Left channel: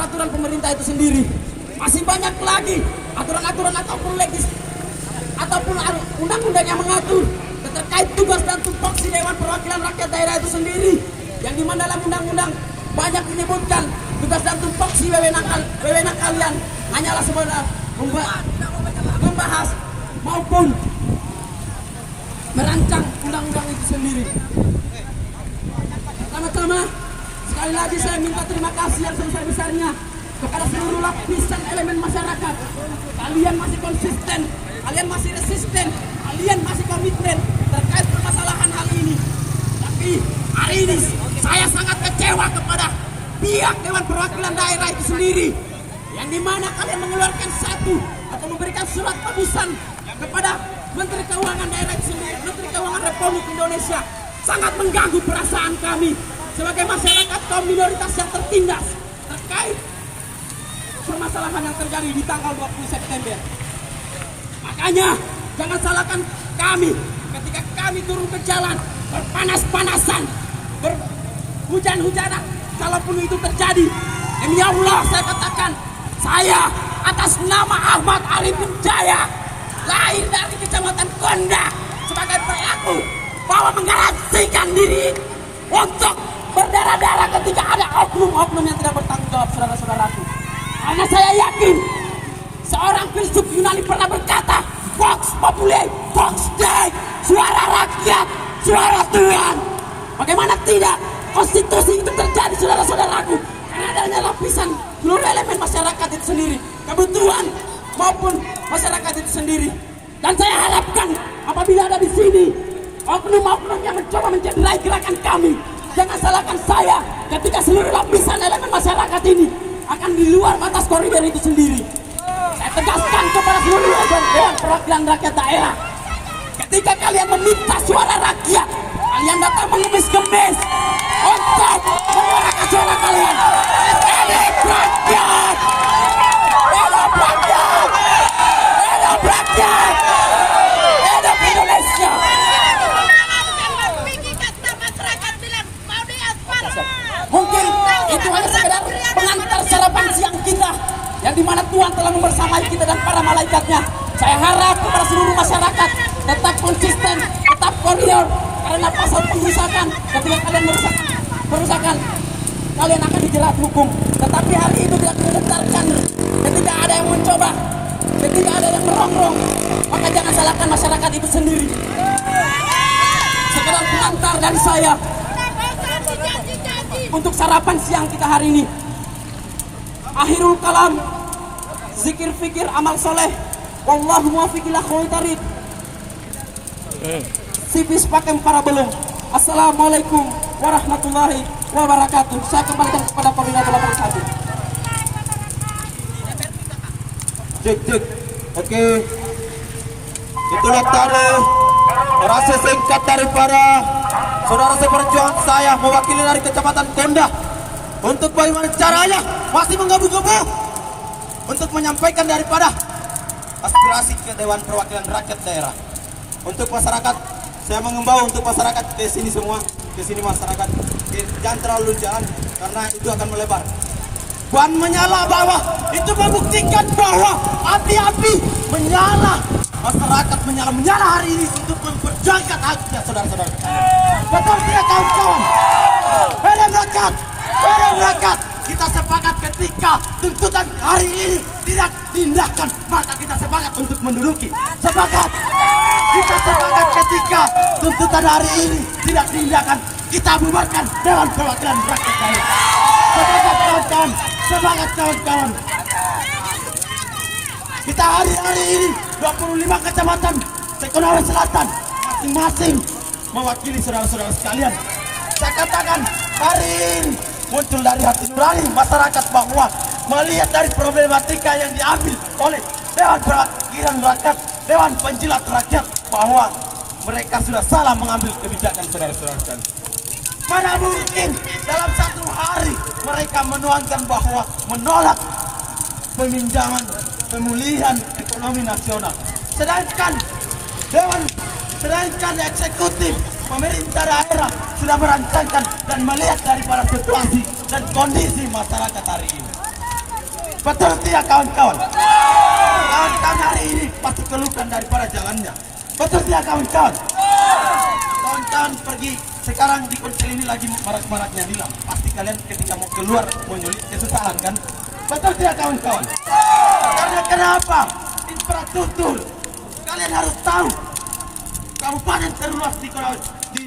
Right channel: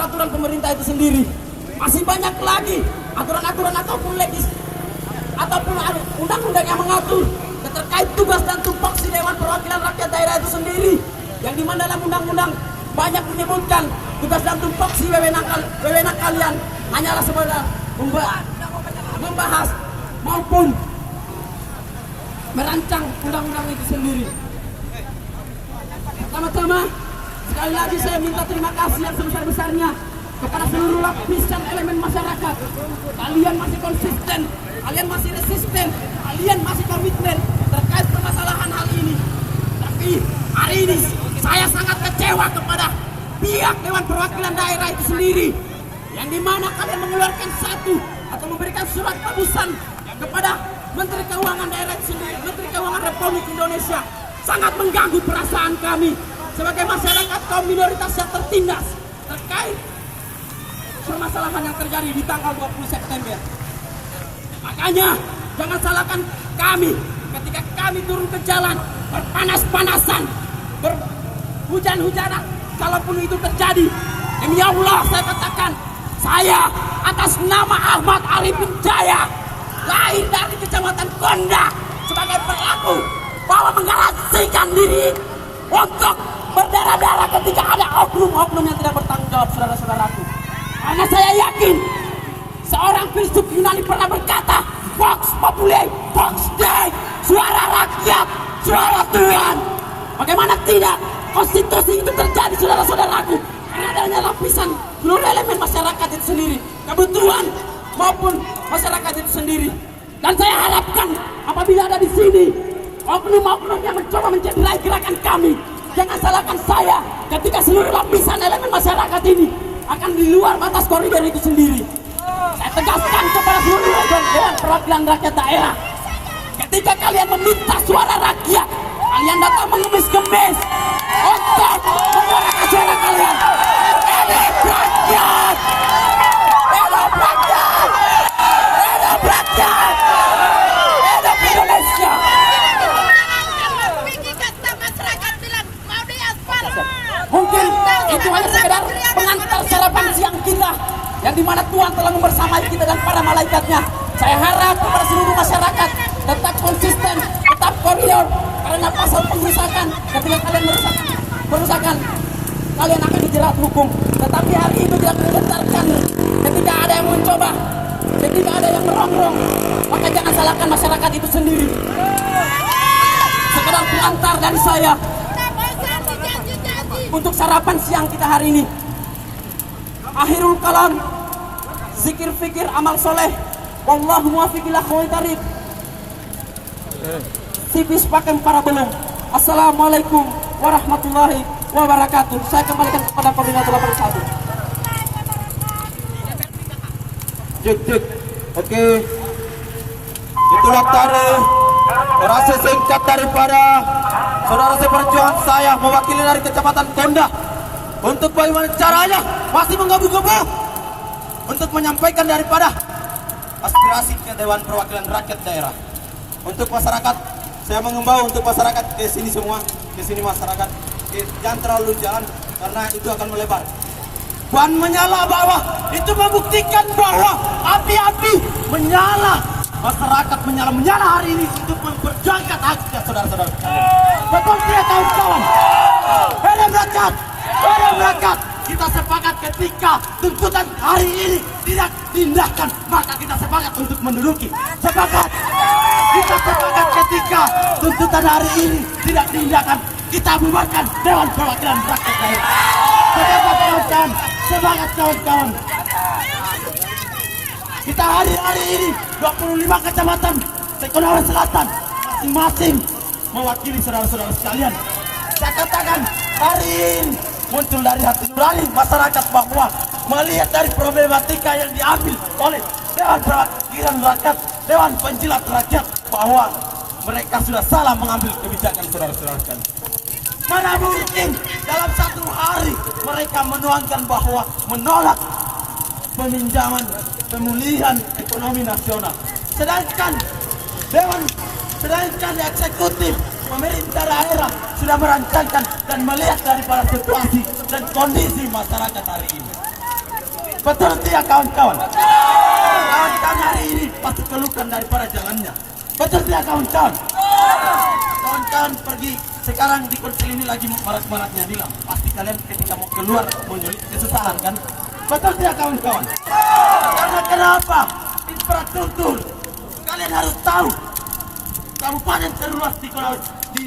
peraturan pemerintah itu sendiri. Masih banyak lagi aturan-aturan ataupun undang-undang yang mengatur terkait tugas dan tupoksi Dewan Perwakilan Rakyat Daerah itu sendiri. Yang dimana dalam undang-undang banyak menyebutkan tugas dan tupoksi wewenang kalian hanyalah sebenarnya membahas maupun merancang undang-undang itu sendiri. Pertama-tama, sekali lagi saya minta terima kasih yang sebesar-besarnya kepada seluruh lapisan elemen masyarakat. Kalian masih konsisten, kalian masih resisten, kalian masih komitmen terkait permasalahan hal ini. Tapi hari ini saya sangat kecewa kepada pihak Dewan Perwakilan Daerah itu sendiri, yang dimana kalian mengeluarkan satu atau memberikan surat tebusan kepada Menteri Keuangan Daerah itu sendiri, Menteri Keuangan Republik Indonesia. Sangat mengganggu perasaan kami sebagai masyarakat kaum minoritas yang tertindas terkait permasalahan yang terjadi di tanggal 20 September. Makanya jangan salahkan kami ketika kami turun ke jalan berpanas-panasan, berhujan-hujanan. Kalaupun itu terjadi, demi Allah saya katakan, saya atas nama Ahmad Arifin Jaya, lahir dari Kecamatan Konda, sebagai pelaku bahwa menggaransikan diri untuk berdarah-darah ketika ada oknum-oknum yang tidak bertanggung jawab, saudara-saudaraku. Karena saya yakin seorang filsuf Yunani pernah berkata, Vox Populi, Vox Dei, suara rakyat, suara Tuhan. Bagaimana tidak konstitusi itu terjadi, saudara-saudaraku, karena adanya lapisan seluruh elemen masyarakat itu sendiri, kebutuhan maupun masyarakat itu sendiri. Dan saya harapkan apabila ada di sini oknum-oknum yang mencoba mencederai gerakan kami, jangan salahkan saya ketika seluruh lapisan elemen masyarakat ini akan di luar batas koridor itu sendiri. Saya tegaskan kepada seluruh Dewan Perwakilan Rakyat Daerah, ketika kalian meminta suara rakyat, kalian datang mengemis-gemis untuk menyuarakan suara kalian. Hidup rakyat! Hidup rakyat! Hidup rakyat! Hidup Indonesia! Mungkin itu hanya sekedar pengantar sarapan siang kita, yang dimana Tuhan telah membersamai kita dan para malaikatnya. Saya harap kepada seluruh masyarakat tetap konsisten, tetap koridor, karena pasal pengerusakan, ketika kalian merusakan, kalian akan dijerat hukum. Tetapi hari itu tidak dibenarkan. Ketika ada yang mencoba, ketika ada yang merongrong, maka jangan salahkan masyarakat itu sendiri. Sekedar pengantar dari saya untuk sarapan siang kita hari ini. Akhirul kalam, zikir fikir amal soleh, wallahu muwaffiq ila aqwamit thariq. Sipis pakem para belum. Assalamualaikum warahmatullahi wabarakatuh. Saya kembalikan kepada koordinator 81. Cek. Oke. Itulah tadi orasi singkat daripada saudara seperjuangan saya mewakili dari Kecamatan Konda, untuk bagaimana caranya masih menggebu-gebu untuk menyampaikan daripada aspirasi ke Dewan Perwakilan Rakyat Daerah. Untuk masyarakat, saya mengimbau untuk masyarakat di sini semua, di sini masyarakat jangan terlalu jalan karena itu akan melebar. Ban menyala bawah itu membuktikan bahwa api-api menyala. Masyarakat menyala hari ini untuk memperjuangkan haknya saudara-saudara sekalian. Betul tidak kawan-kawan? Hei rakyat, kita sepakat ketika tuntutan hari ini tidak diindahkan, maka kita sepakat untuk menduduki. Sepakat. Kita sepakat ketika tuntutan hari ini tidak diindahkan, kita bubarkan Dewan Perwakilan Rakyat Daerah. Sepakat kawan-kawan, sepakat kawan-kawan. Kita hari ini 25 kecamatan Sekonawe Selatan masing-masing mewakili saudara-saudara sekalian. Saya katakan hari ini muncul dari hati nurani masyarakat bahwa melihat dari problematika yang diambil oleh Dewan Perwakilan Rakyat, Dewan Penjilat Rakyat, bahwa mereka sudah salah mengambil kebijakan saudara-saudara sekalian. Mana mungkin dalam satu hari mereka menuangkan bahwa menolak peminjaman pemulihan ekonomi nasional, sedangkan eksekutif pemerintah daerah sudah merancangkan dan melihat daripada situasi dan kondisi masyarakat hari ini. Betul tidak kawan-kawan? Kawan-kawan hari ini pasti keluhkan daripada jalannya. Betul tidak kawan-kawan? Kawan-kawan pergi sekarang di konsel ini lagi marak-maraknya bilang. Pasti kalian ketika mau keluar menyulit kesusahan kan? Betul tidak kawan-kawan? Karena kenapa? Infrastruktur. Kalian harus tahu. Kabupaten terluas di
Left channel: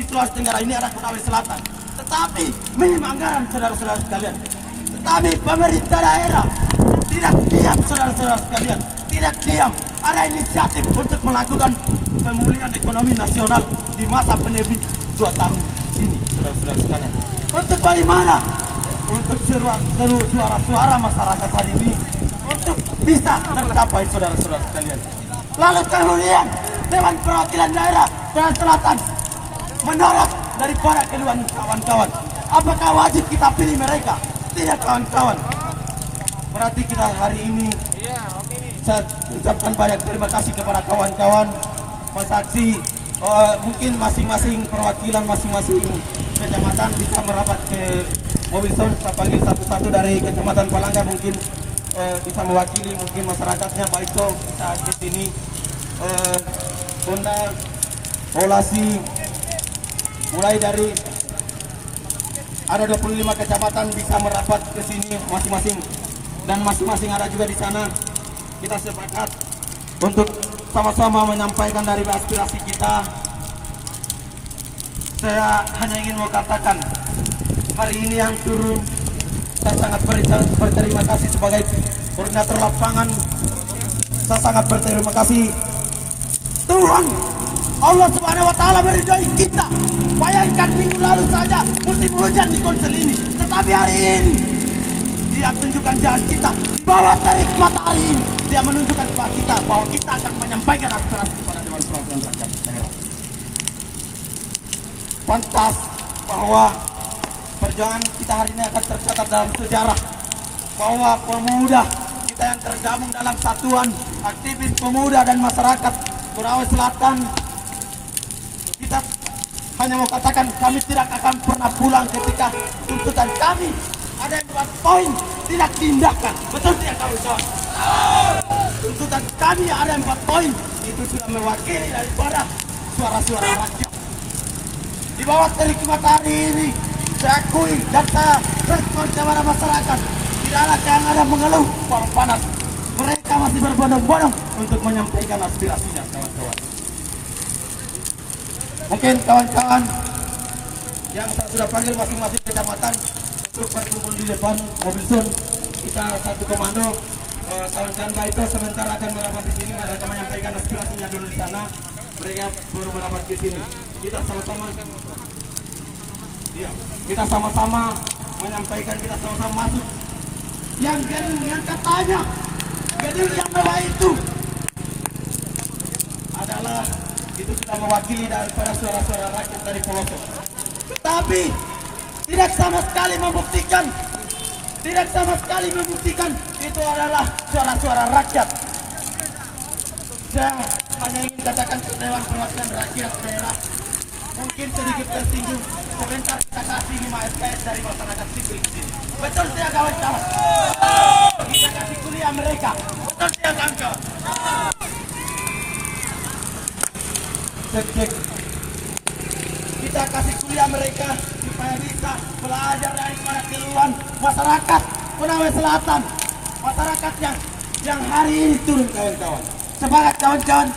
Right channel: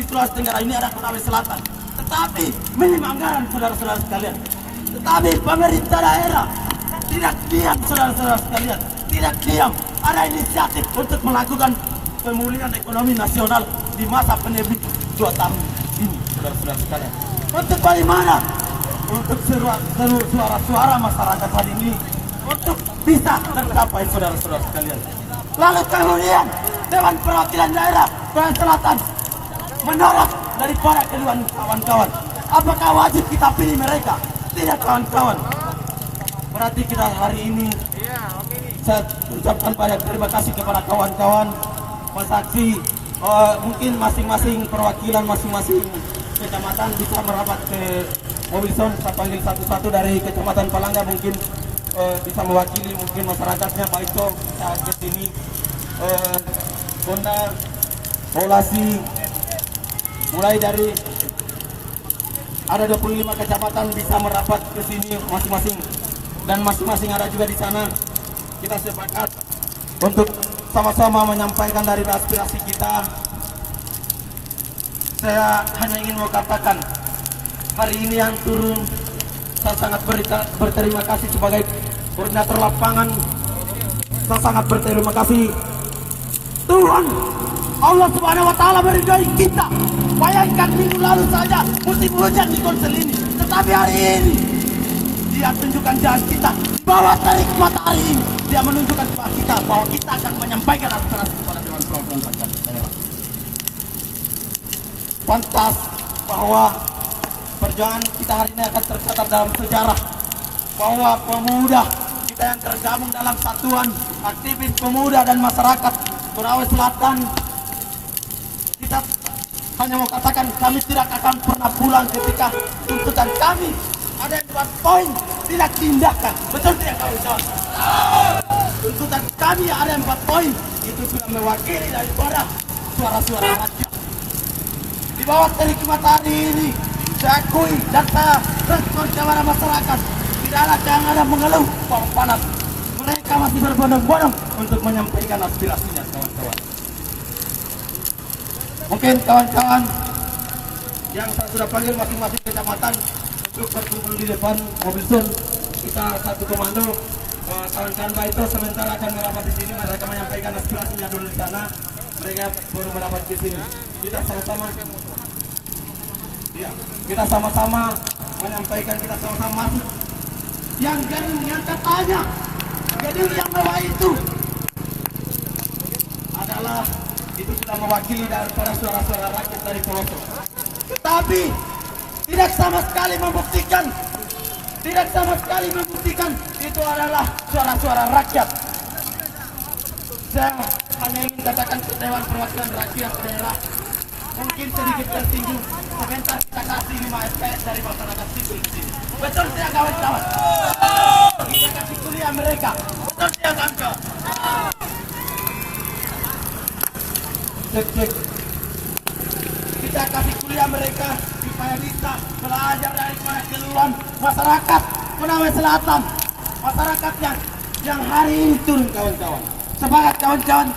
Sulawesi Tenggara ini ada Konawe Selatan. Tetapi minim anggaran saudara-saudara sekalian. Tetapi pemerintah daerah tidak diam saudara-saudara sekalian. Tidak diam. Ada inisiatif untuk melakukan pemulihan ekonomi nasional di masa pandemi 2 tahun ini saudara-saudara sekalian. Untuk bagaimana? Untuk suara-suara masyarakat hari ini untuk bisa tercapai saudara-saudara sekalian. Lalu kemudian Dewan Perwakilan Daerah Sulawesi Selatan menolak daripada kedua kawan-kawan. Apakah wajib kita pilih mereka? Tidak kawan-kawan. Berarti kita hari ini saya ucapkan banyak terima kasih kepada kawan-kawan saksi. Mungkin masing-masing perwakilan masing-masing kecamatan bisa merapat ke mobil sound. Saya panggil satu-satu dari kecamatan Palangga mungkin bisa mewakili mungkin masyarakatnya. Pak Ico bisa ke sini. Konda, Polasi, mulai dari ada 25 kecamatan bisa merapat ke sini masing-masing, dan masing-masing ada juga di sana. Kita sepakat untuk sama-sama menyampaikan dari aspirasi kita. Saya hanya ingin mau katakan hari ini yang turun, saya sangat berterima kasih sebagai koordinator lapangan. Saya sangat berterima kasih Tuhan Allah Subhanahu wa Ta'ala meridai kita. Bayangkan minggu lalu saja musim hujan di konsel ini, tetapi hari ini Dia tunjukkan jalan kita di bawah terik matahari ini. Dia menunjukkan kepada kita bahwa kita akan menyampaikan aspirasi kepada Dewan Perwakilan Rakyat Daerah. Pantas bahwa perjuangan kita hari ini akan tercatat dalam sejarah, bahwa pemuda kita yang tergabung dalam satuan aktivis pemuda dan masyarakat Konawe Selatan, kita hanya mau katakan kami tidak akan pernah pulang ketika tuntutan kami ada 4 poin tidak diindahkan. Betul tidak kawan-kawan? Tuntutan kami ada 4 poin itu sudah mewakili daripada suara-suara rakyat. Di bawah terik matahari ini saya akui dan saya respon kepada masyarakat. Tidaklah yang ada mengeluh bahwa panas. Mereka masih berbondong-bondong untuk menyampaikan aspirasinya kawan-kawan. Mungkin kawan-kawan yang saya sudah panggil masing-masing kecamatan untuk berkumpul di depan mobil sun. Kita satu komando. Kawan-kawan Pak itu sebentar akan merapat di sini. Mereka menyampaikan aspirasinya dulu di sana. Mereka baru merapat di sini. Kita sama-sama. Ya, kita sama-sama menyampaikan, kita sama-sama masuk. Yang gedung yang katanya gedung yang mewah itu adalah itu sudah mewakili daripada suara-suara rakyat dari pelosok. Tetapi tidak sama sekali membuktikan itu adalah suara-suara rakyat. Saya hanya ingin katakan ke Dewan Perwakilan Rakyat Daerah, mungkin sedikit tersinggung. Sebentar kita kasih 5 SKS dari masyarakat sipil di sini. Betul tidak kawan-kawan? Kita kasih kuliah mereka. Betul tidak kawan-kawan? Cek. Kita kasih kuliah mereka supaya bisa belajar dari keluhan masyarakat Konawe Selatan. Masyarakat yang hari ini turun kawan-kawan. Semangat kawan-kawan.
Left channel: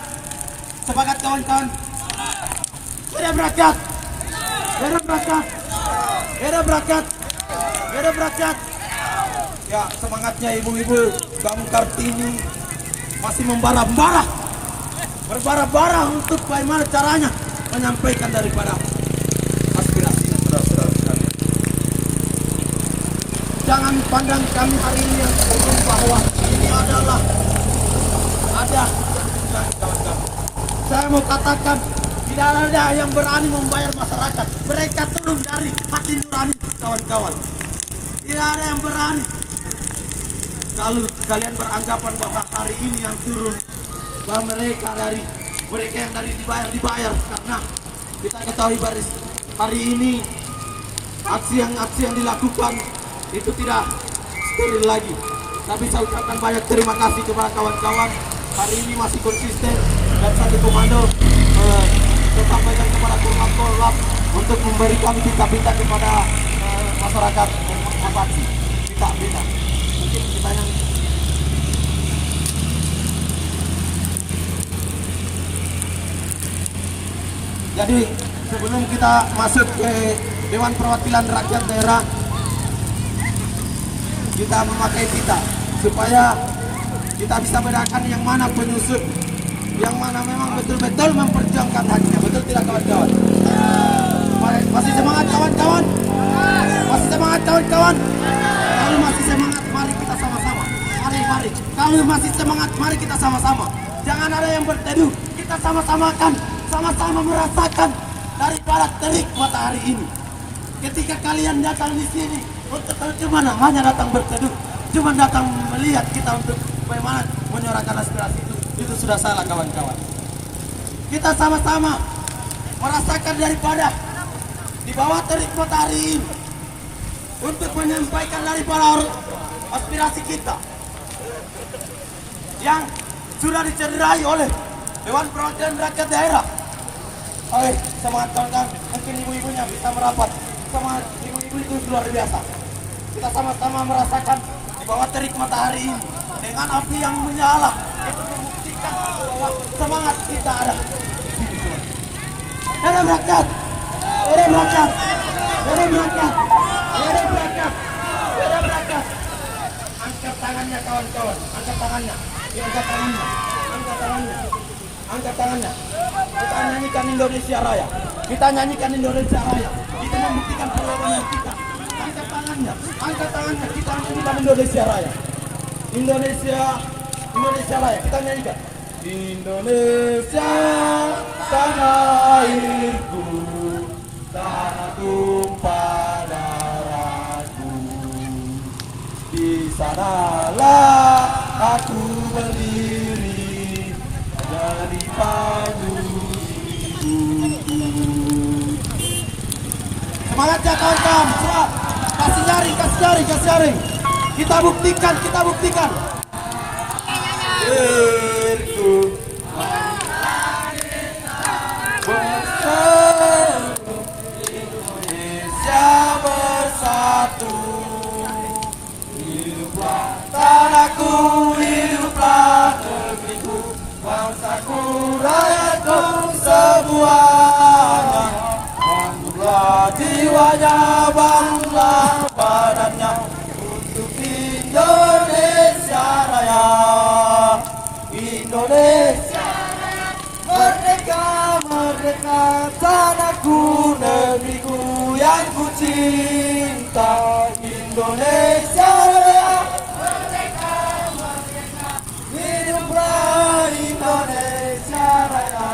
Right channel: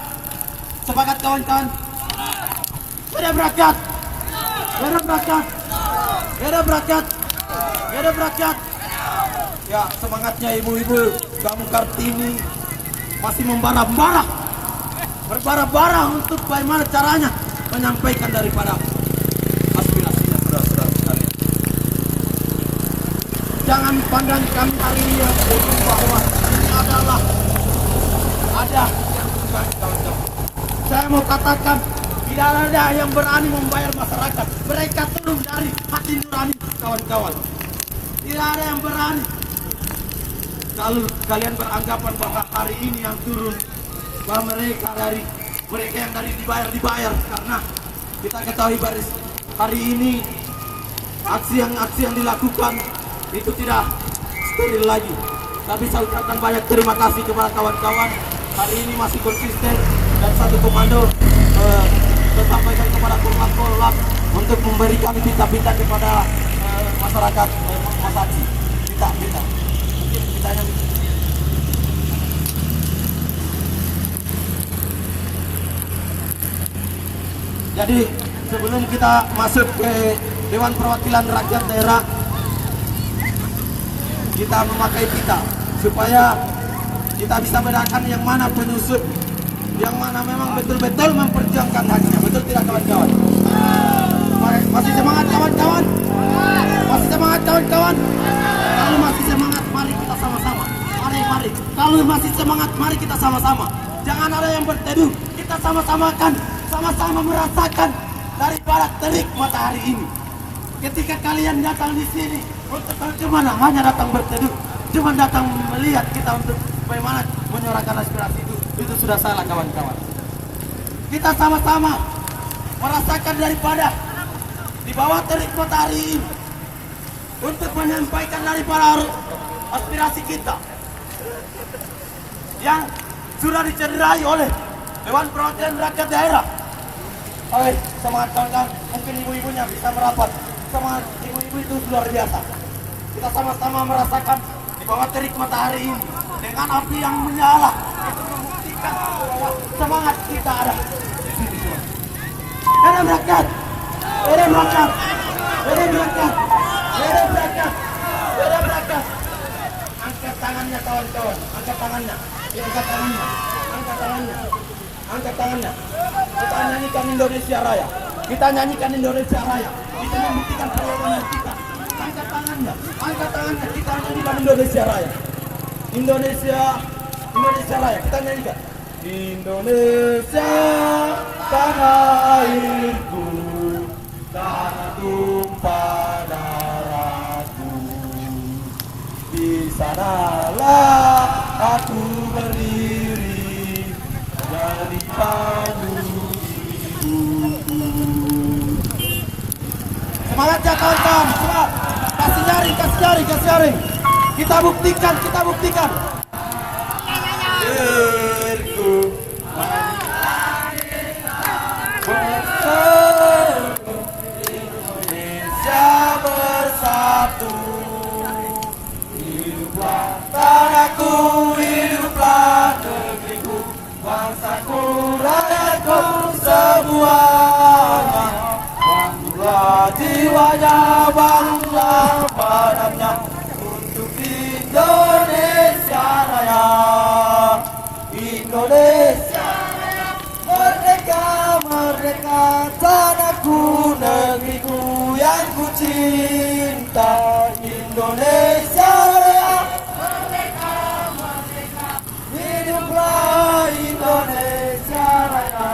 Semangat kawan-kawan. Hidup rakyat. Hidup rakyat. Hidup rakyat. Hidup rakyat. Ya, semangatnya ibu-ibu Kamu Kartini masih membara-bara untuk bagaimana caranya menyampaikan daripada aspirasinya saudara-saudara sekalian. Jangan pandang kami hari ini yang turun bahwa ini adalah ada kawan-kawan. Saya mau katakan tidak ada yang berani membayar masyarakat. Mereka turun dari hati nurani kawan-kawan. Tidak ada yang berani. Kalau kalian beranggapan bahwa hari ini yang turun bahwa mereka yang dari dibayar karena kita ketahui baris hari ini aksi yang dilakukan itu tidak steril lagi. Tapi saya ucapkan banyak terima kasih kepada kawan-kawan. Hari ini masih konsisten dan satu komando saya sampaikan kepada korlap untuk memberikan pita-pita kepada masyarakat Mas Haji. Pita-pita. Mungkin kita yang jadi sebelum kita masuk ke Dewan Perwakilan Rakyat Daerah, kita memakai pita supaya kita bisa bedakan yang mana penyusup, yang mana memang betul-betul memperjuangkan haknya. Betul tidak kawan-kawan? Masih semangat kawan-kawan? Masih semangat kawan-kawan? Kalau masih semangat, mari kita sama-sama. Mari. Kalau masih semangat, mari kita sama-sama. Jangan ada yang berteduh. Kita sama-sama kan, sama-sama merasakan daripada terik matahari ini. Ketika kalian datang di sini untuk cuma hanya datang berteduh, cuma datang melihat kita untuk bagaimana menyuarakan aspirasi itu sudah salah kawan-kawan. Kita sama-sama merasakan daripada di bawah terik matahari ini untuk menyampaikan daripada aspirasi kita yang sudah dicederai oleh Dewan Perwakilan Rakyat Daerah. Semangat kawan-kawan, mungkin ibu-ibunya bisa merapat. Semangat ibu-ibu itu luar biasa. Kita sama-sama merasakan di bawah terik matahari ini dengan api yang menyala untuk membuktikan bahwa semangat kita ada. Hidup rakyat, hidup rakyat, hidup rakyat, hidup rakyat, hidup rakyat. Angkat tangannya kawan-kawan, angkat tangannya, angkat tangannya, angkat tangannya, angkat tangannya. Kita nyanyikan Indonesia Raya, kita nyanyikan Indonesia Raya. Kita membuktikan perlawanan kita. Angkat tangannya, kita nyanyikan Indonesia Raya. Indonesia Raya, kita nyanyikan. Indonesia, tanah airku, tanah tumpah darahku. Di sanalah aku berdiri, jadi pandu ibuku. Semangat ya kawan-kawan, semangat. Kasih jaring. Kita buktikan. Bersatu, Indonesia bersatu. Hiduplah tanahku, hiduplah negeriku, bangsaku, rakyatku semuanya. Bangga jiwanya, bangga badannya untuk Indonesia Raya. Indonesia Raya, merdeka, merdeka, tanahku, negeriku yang ku cinta. Indonesia Raya, merdeka, merdeka, hiduplah Indonesia Raya.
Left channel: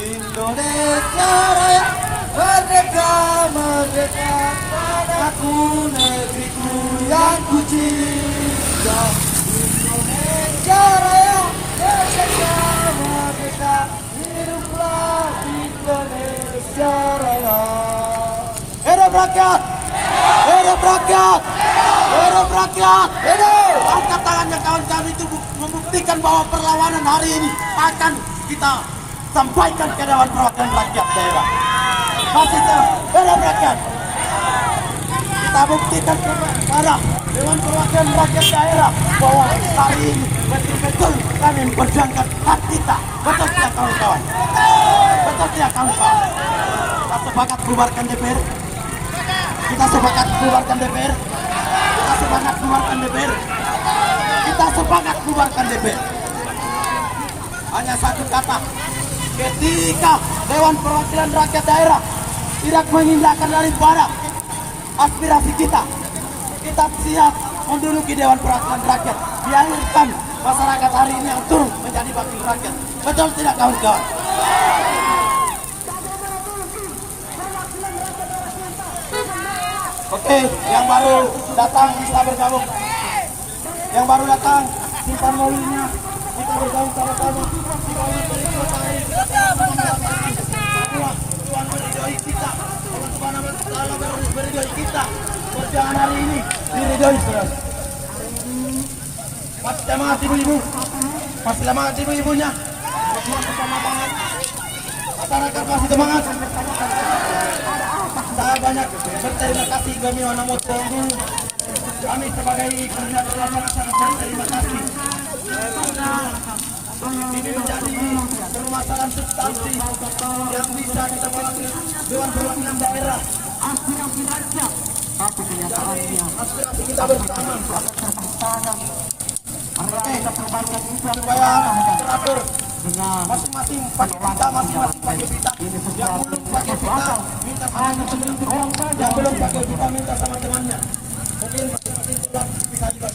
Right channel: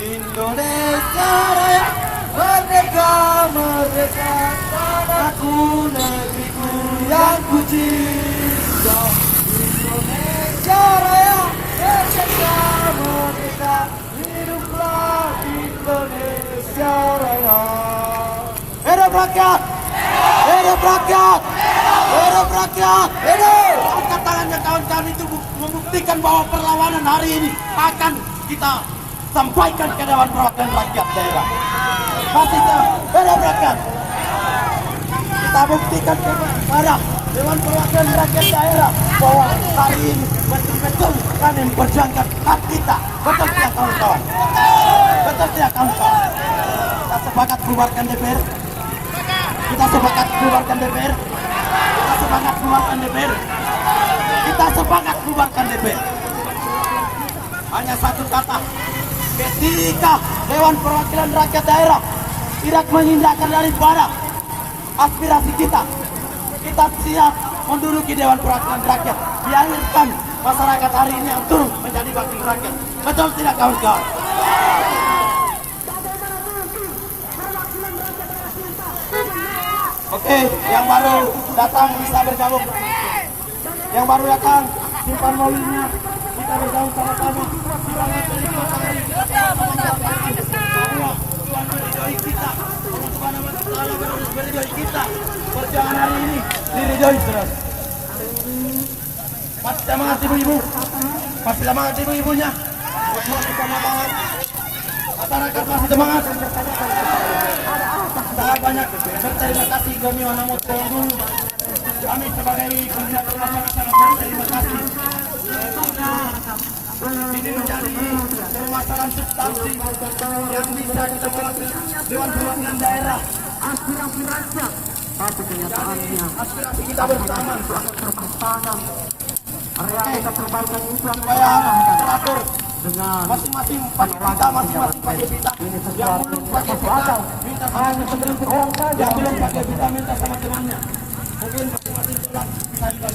Indonesia Raya, merdeka, merdeka, tanahku, negeriku yang ku cinta. Indonesia Raya, merdeka, merdeka, hiduplah Indonesia Raya. Hidup rakyat, hidup rakyat, hidup rakyat, hidup. Angkat tangannya kawan-kawan, itu membuktikan bahwa perlawanan hari ini akan kita sampaikan ke Dewan Perwakilan Rakyat Daerah. Masih hidup rakyat. Kita buktikan kepada Dewan Perwakilan Rakyat Daerah bahwa hari ini betul-betul kami memperjuangkan hak kita. Betul tidak kawan-kawan? Betul tidak kawan-kawan? Kita sepakat bubarkan DPR. Kita sepakat bubarkan DPR. Kita sepakat bubarkan DPR. Kita sepakat bubarkan DPR. Hanya satu kata. Ketika Dewan Perwakilan Rakyat Daerah tidak mengindahkan daripada aspirasi kita, kita siap menduduki Dewan Perwakilan Rakyat. Biarkan masyarakat hari ini yang turun menjadi wakil rakyat. Betul tidak kawan-kawan? Oke, yang baru datang bisa bergabung. Yang baru datang simpan mobilnya, kita bergabung sama-sama. Kita terus matahari, kita sama-sama bahwa Tuhan meridhoi kita. Allah Subhanahu wa Ta'ala meridhoi kita. Perjuangan hari ini diridhoi, saudara. Masih semangat ibu-ibu. Masih semangat ibu-ibunya. Masyarakat masih semangat. Saya banyak berterima kasih kami Wanamot Tunggu. Kami sebagai koordinator lapangan sangat berterima kasih. Karena ini menjadi permasalahan substansi yang bisa kita bawa ke Dewan Perwakilan Daerah. Jadi aspirasi kita bersama. Oke, supaya teratur masing-masing pakai pita, masing-masing pakai pita. Yang belum pakai pita minta sama teman-teman, yang belum pakai pita minta sama temannya. Mungkin masing-masing sudah bisa dibantu.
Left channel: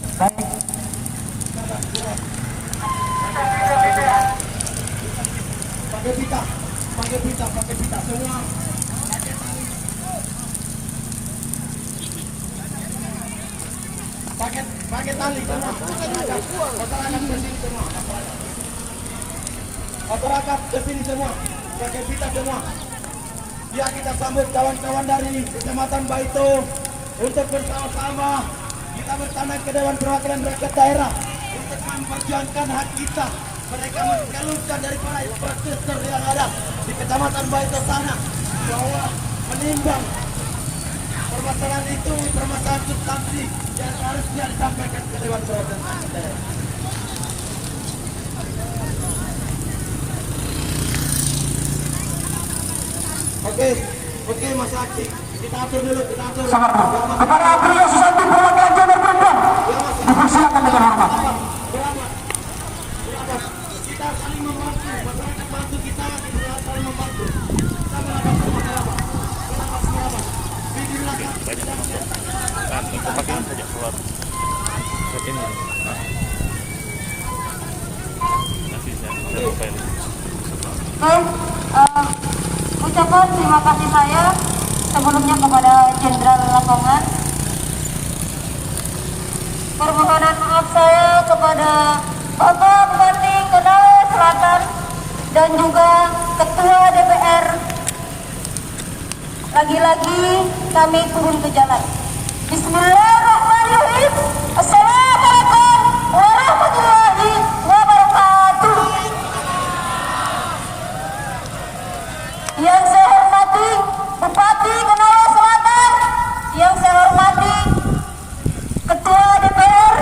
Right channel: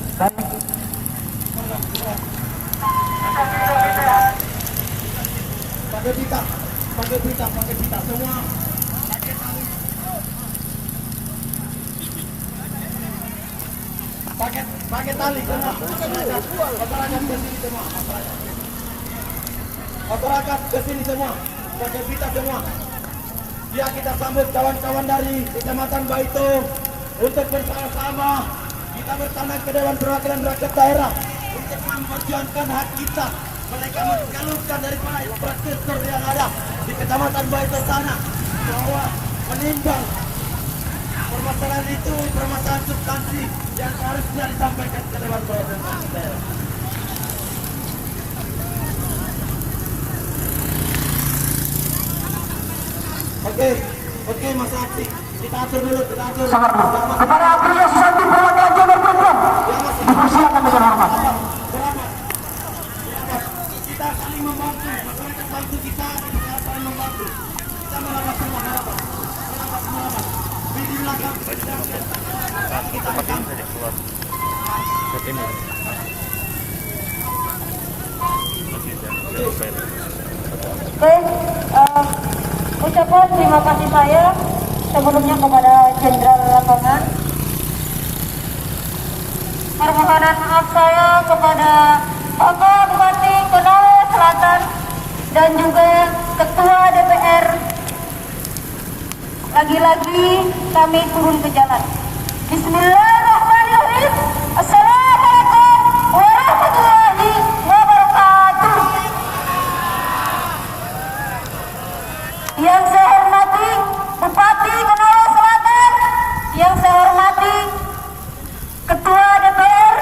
Pakai pita, pakai pita, pakai pita semua. Pakai tali semua. Masyarakat ke sini semua. Masyarakat ke sini semua. Pakai pita semua. Biar kita sambut kawan-kawan dari Kecamatan Baito untuk bersama-sama kita bertandang ke Dewan Perwakilan Rakyat Daerah untuk memperjuangkan hak kita. Mereka mengeluhkan daripada infrastruktur yang ada di Kecamatan Baito sana bahwa menimbang permasalahan itu permasalahan substansi yang harusnya disampaikan ke Dewan Perwakilan Rakyat Daerah. Oke, Mas Aksi, kita atur dulu, kita atur. Kepada Aprilia Susanti perwakilan Jabar Perempuan, dipersilakan dengan hormat. Kita saling membantu, masyarakat bantu kita saling membantu. Kita merapat. Di belakang kita rekam. Ucapan terima kasih saya sebelumnya kepada Jenderal Lapangan. Permohonan maaf saya kepada Bapak Bupati Konawe Selatan dan juga Ketua DPR. Lagi-lagi kami turun ke jalan. Bismillahirrahmanirrahim. Assalamualaikum warahmatullahi wabarakatuh. Yang saya hormati Bupati Konawe Selatan, yang saya hormati Ketua DPR,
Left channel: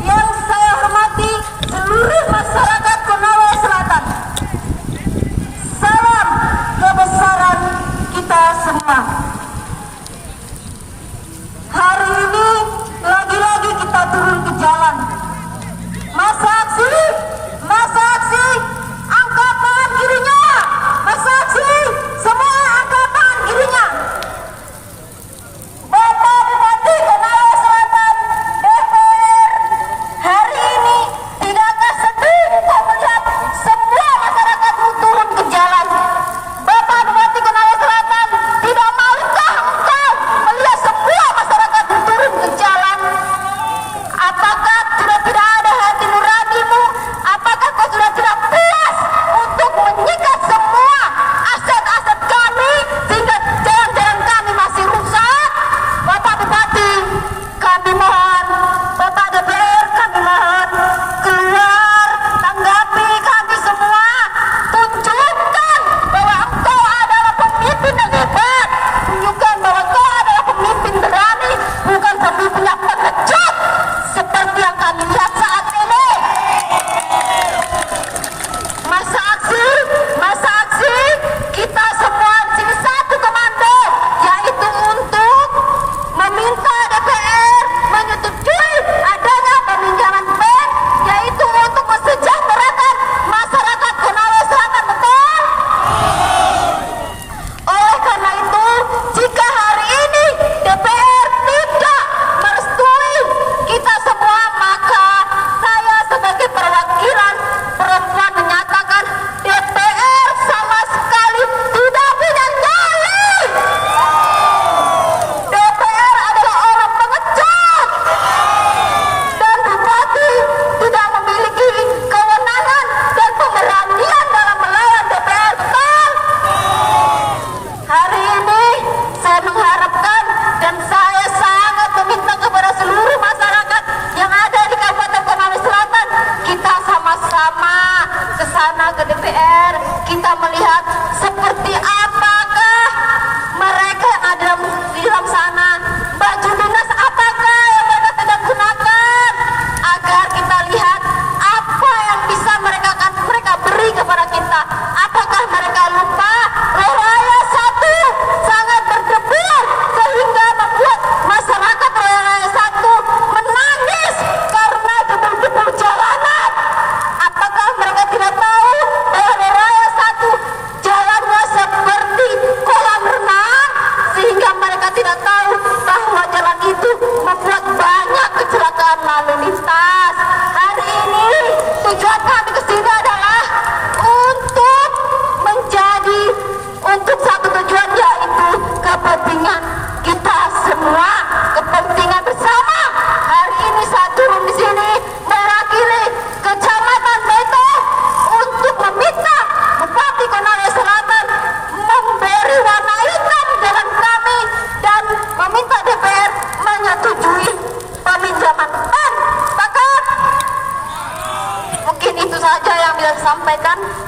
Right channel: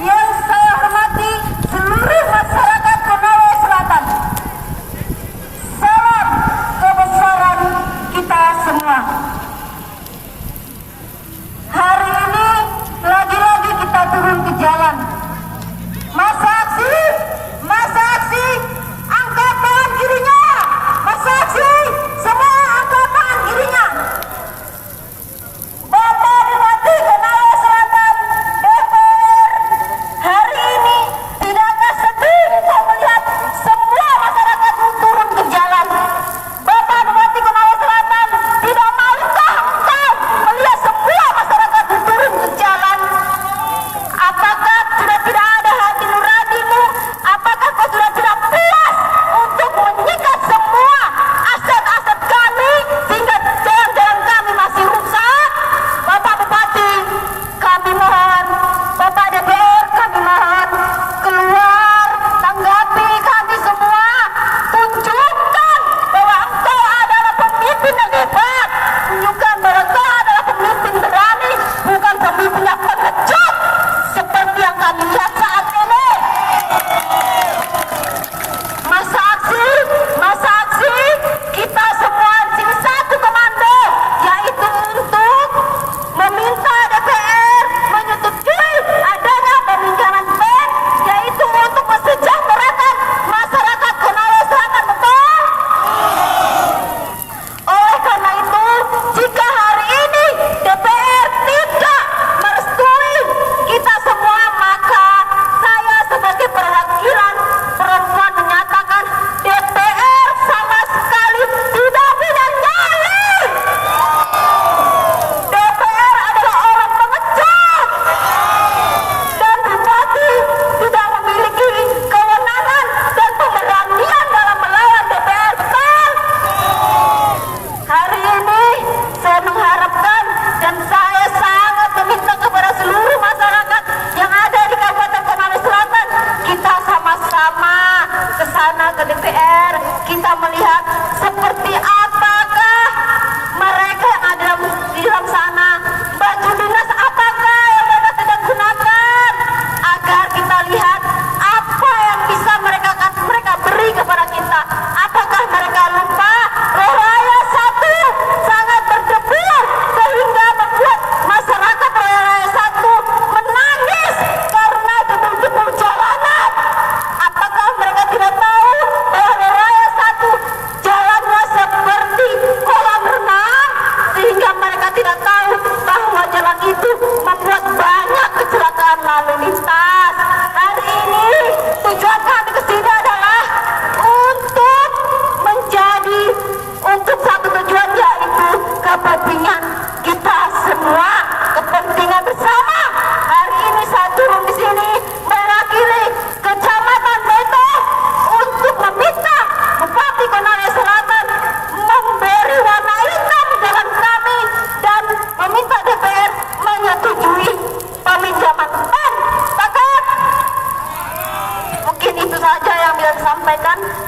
yang saya hormati seluruh masyarakat Konawe Selatan. Salam kebesaran kita semua. Hari ini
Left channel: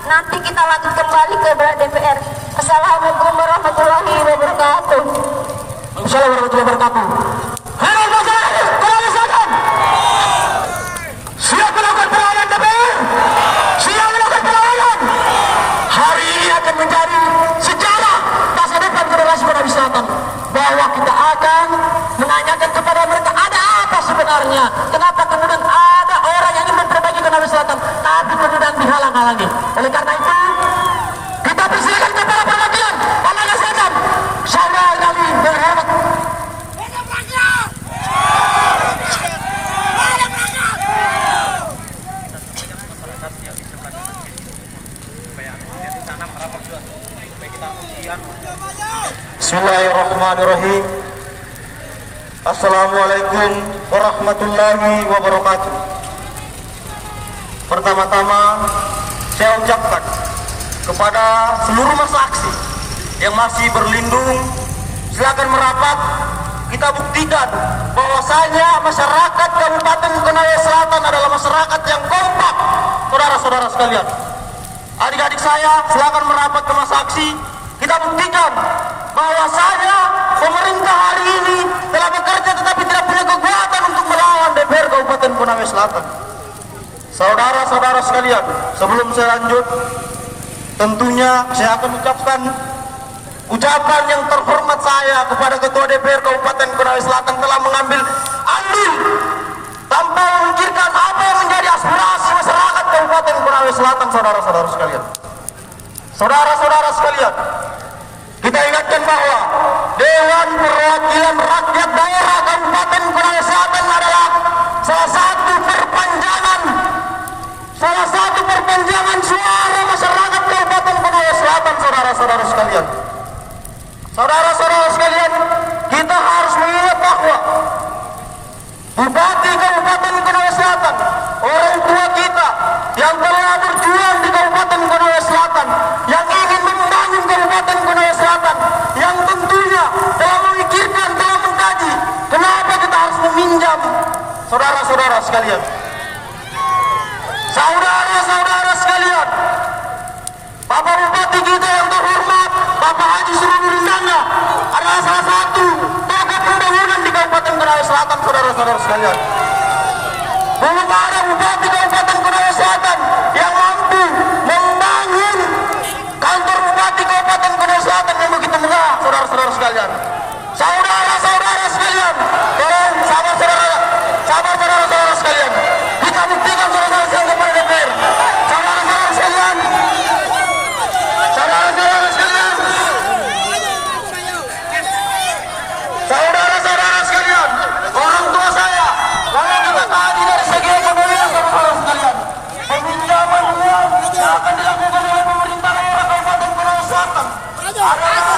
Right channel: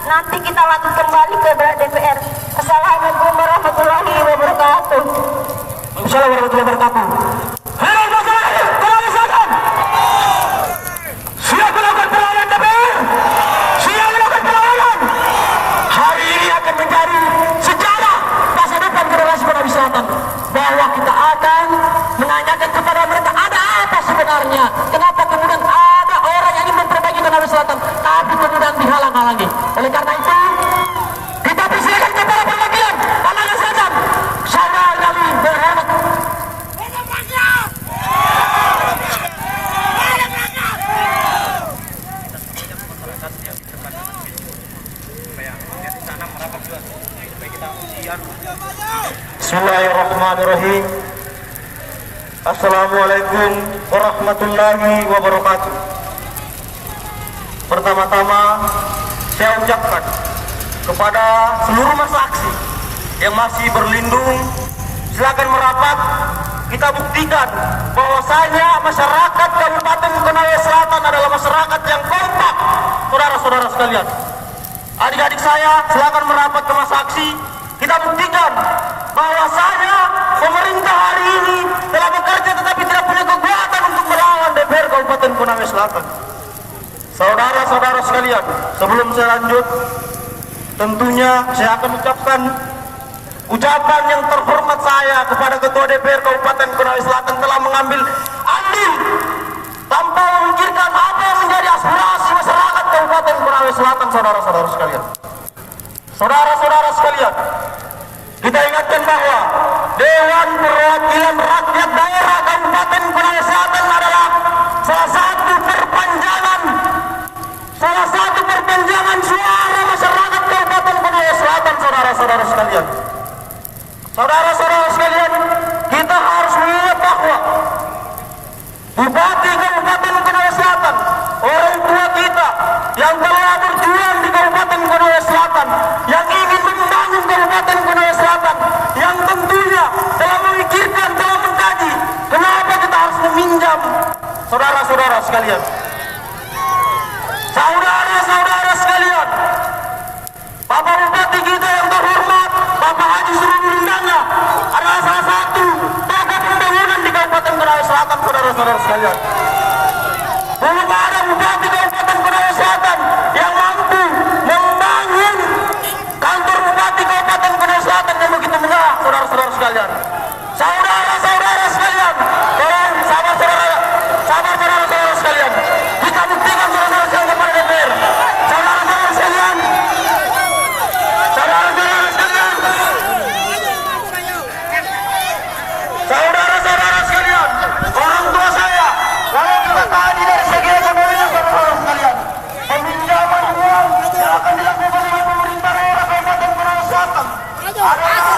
nanti kita lanjut kembali ke DPR. Assalamualaikum warahmatullahi wabarakatuh. Assalamualaikum warahmatullahi wabarakatuh. Halo masyarakat, kembali saja. Siap melakukan perlawanan DPR? Siap melakukan perlawanan? Hari ini akan menjadi sejarah masa depan generasi Konawe Selatan, bahwa kita akan menanyakan kepada mereka ada apa sebenarnya, kenapa kemudian ada orang yang ingin memperbaiki Konawe Selatan tapi kemudian dihalang-halangi. Oleh karena itu kita persilakan kepada perwakilan Konawe Selatan, saudara kami berhormat. Bismillahirrahmanirrahim. Assalamualaikum warahmatullahi wabarakatuh. Pertama-tama saya ucapkan kepada seluruh masa aksi yang masih berlindung, silakan merapat. Kita buktikan bahwasanya masyarakat Kabupaten Konawe Selatan adalah masyarakat yang kompak. Saudara-saudara sekalian, adik-adik saya silakan merapat ke masa aksi. Kita buktikan bahwasanya pemerintah hari ini telah bekerja tetapi tidak punya kekuatan untuk melawan DPR Kabupaten Konawe Selatan. Saudara-saudara sekalian, sebelum saya lanjut, tentunya saya akan ucapkan ucapan yang terhormat saya kepada Ketua DPR Kabupaten Konawe Selatan telah mengambil andil tanpa memikirkan apa yang menjadi aspirasi masyarakat Kabupaten Konawe Selatan. Saudara-saudara sekalian, saudara-saudara sekalian, kita ingatkan bahwa Dewan Perwakilan Rakyat Daerah Kabupaten Konawe Selatan adalah salah satu perpanjangan suara masyarakat Kabupaten Konawe Selatan. Saudara-saudara sekalian, saudara-saudara sekalian, kita harus mengingat bahwa Bupati Kabupaten Konawe Selatan, orang tua kita yang telah berjuang di Kabupaten Konawe Selatan, yang ingin membangun Kabupaten Konawe Selatan, yang tentunya telah memikirkan, telah mengkaji kenapa kita harus meminjam. Saudara-saudara sekalian, saudara-saudara sekalian, Bapak Bupati kita yang terhormat, Bapak Haji Surudi Lindana adalah salah satu tokoh pembangunan di Kabupaten Konawe Selatan. Saudara-saudara sekalian, belum ada Bupati Kabupaten Konawe Selatan yang mampu membangun kantor Bupati Kabupaten Konawe Selatan yang begitu megah. Saudara-saudara sekalian, saudara-saudara sekalian, tolong saudara-saudara sekalian, kita buktikan saudara-saudara sekalian kepada DPR. Saudara-saudara sekalian, saudara-saudara sekalian, saudara-saudara sekalian, orang tua saya, kalau kita tadi dari segi ekonomi, saudara-saudara sekalian, peminjaman uang yang akan dilakukan oleh pemerintah daerah Kabupaten Konawe Selatan. Saudara-saudara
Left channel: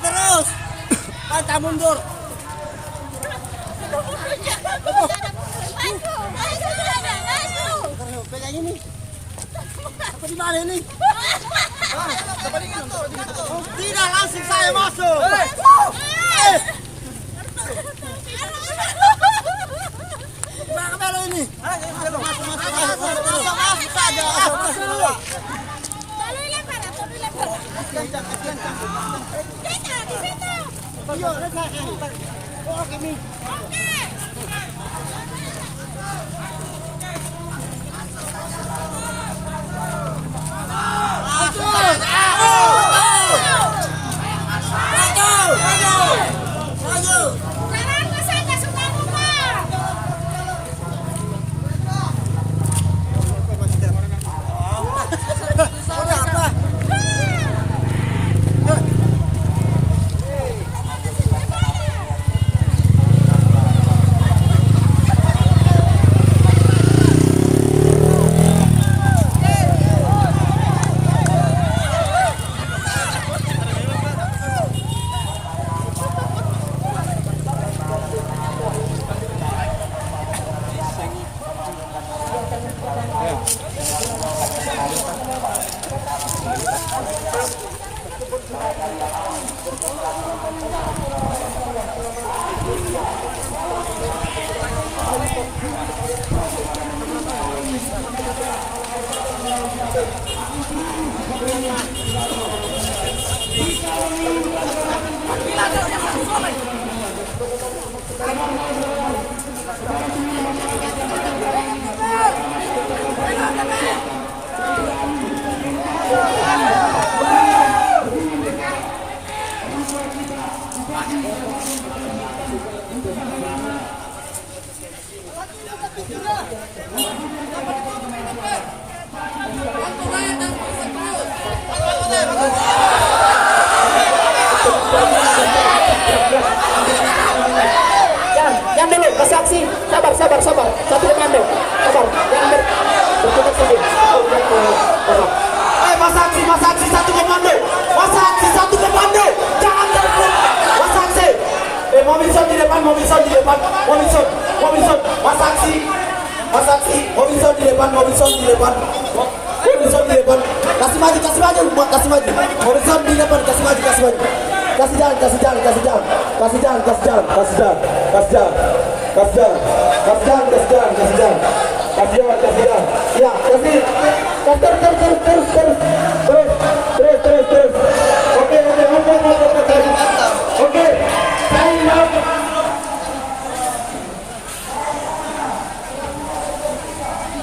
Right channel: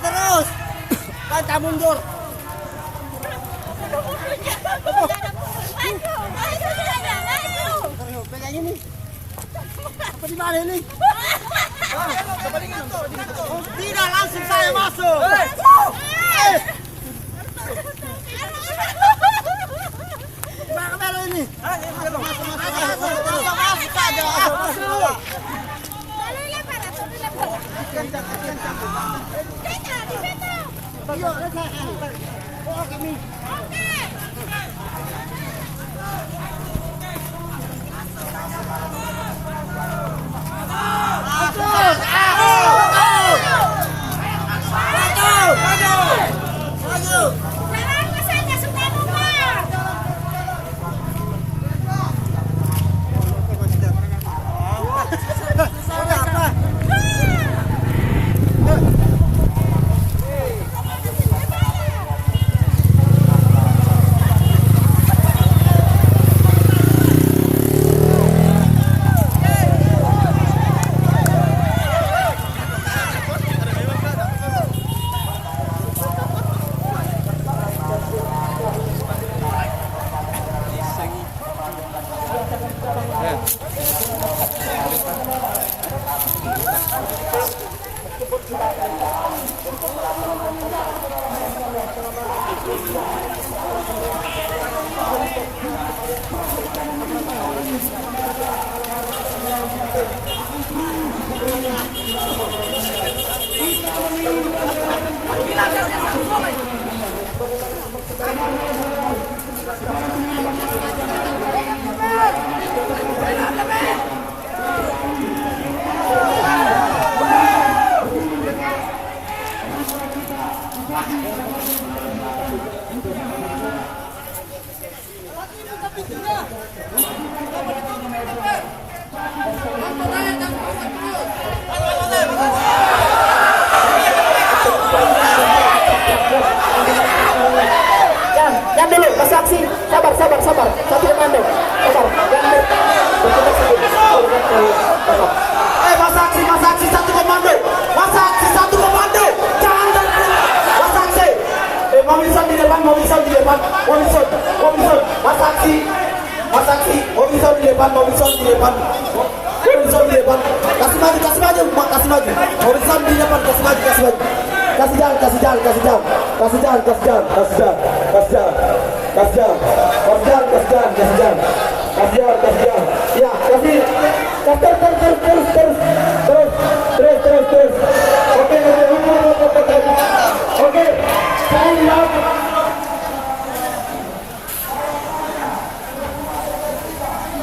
terus, kita mundur. Pegang ini. Apa di mana ini? Tidak, langsung saya masuk. Kamera ini. Masuk saja.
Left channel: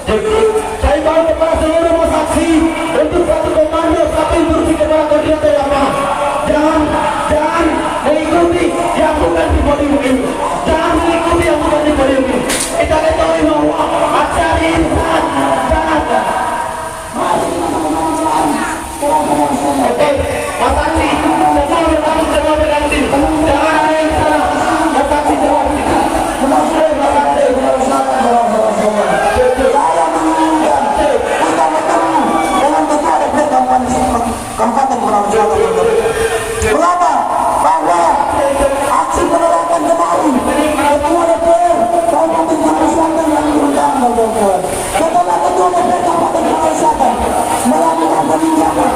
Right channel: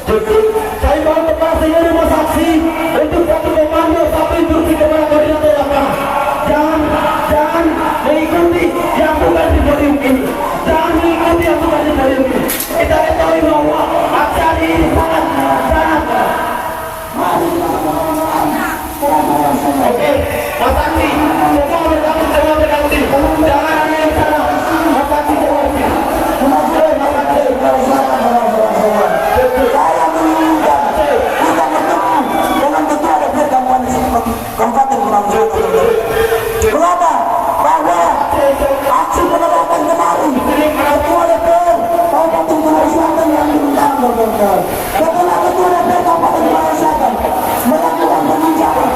Saya mau kepada seluruh masa aksi untuk satu komando, satu instruksi kepada koordinator lapangan. Jangan mengikuti yang bukan di podium ini. Jangan mengikuti yang bukan di podium ini. Kita ketahui bahwa acara ini sangat. Oke, Mas Aksi, semua berkamu diri. Jangan ada yang salah. Mas Aksi jawab diri. Mas Aksi, saya menginginkan kita bertemu dengan ketua DPR Kabupaten Gunung Selatan. Mengapa? Bahwa aksi penolakan kemarin ketua DPR Kabupaten Gunung Selatan yang diundang setelah ketua DPR Kabupaten Gunung Selatan melakukan peninjauan.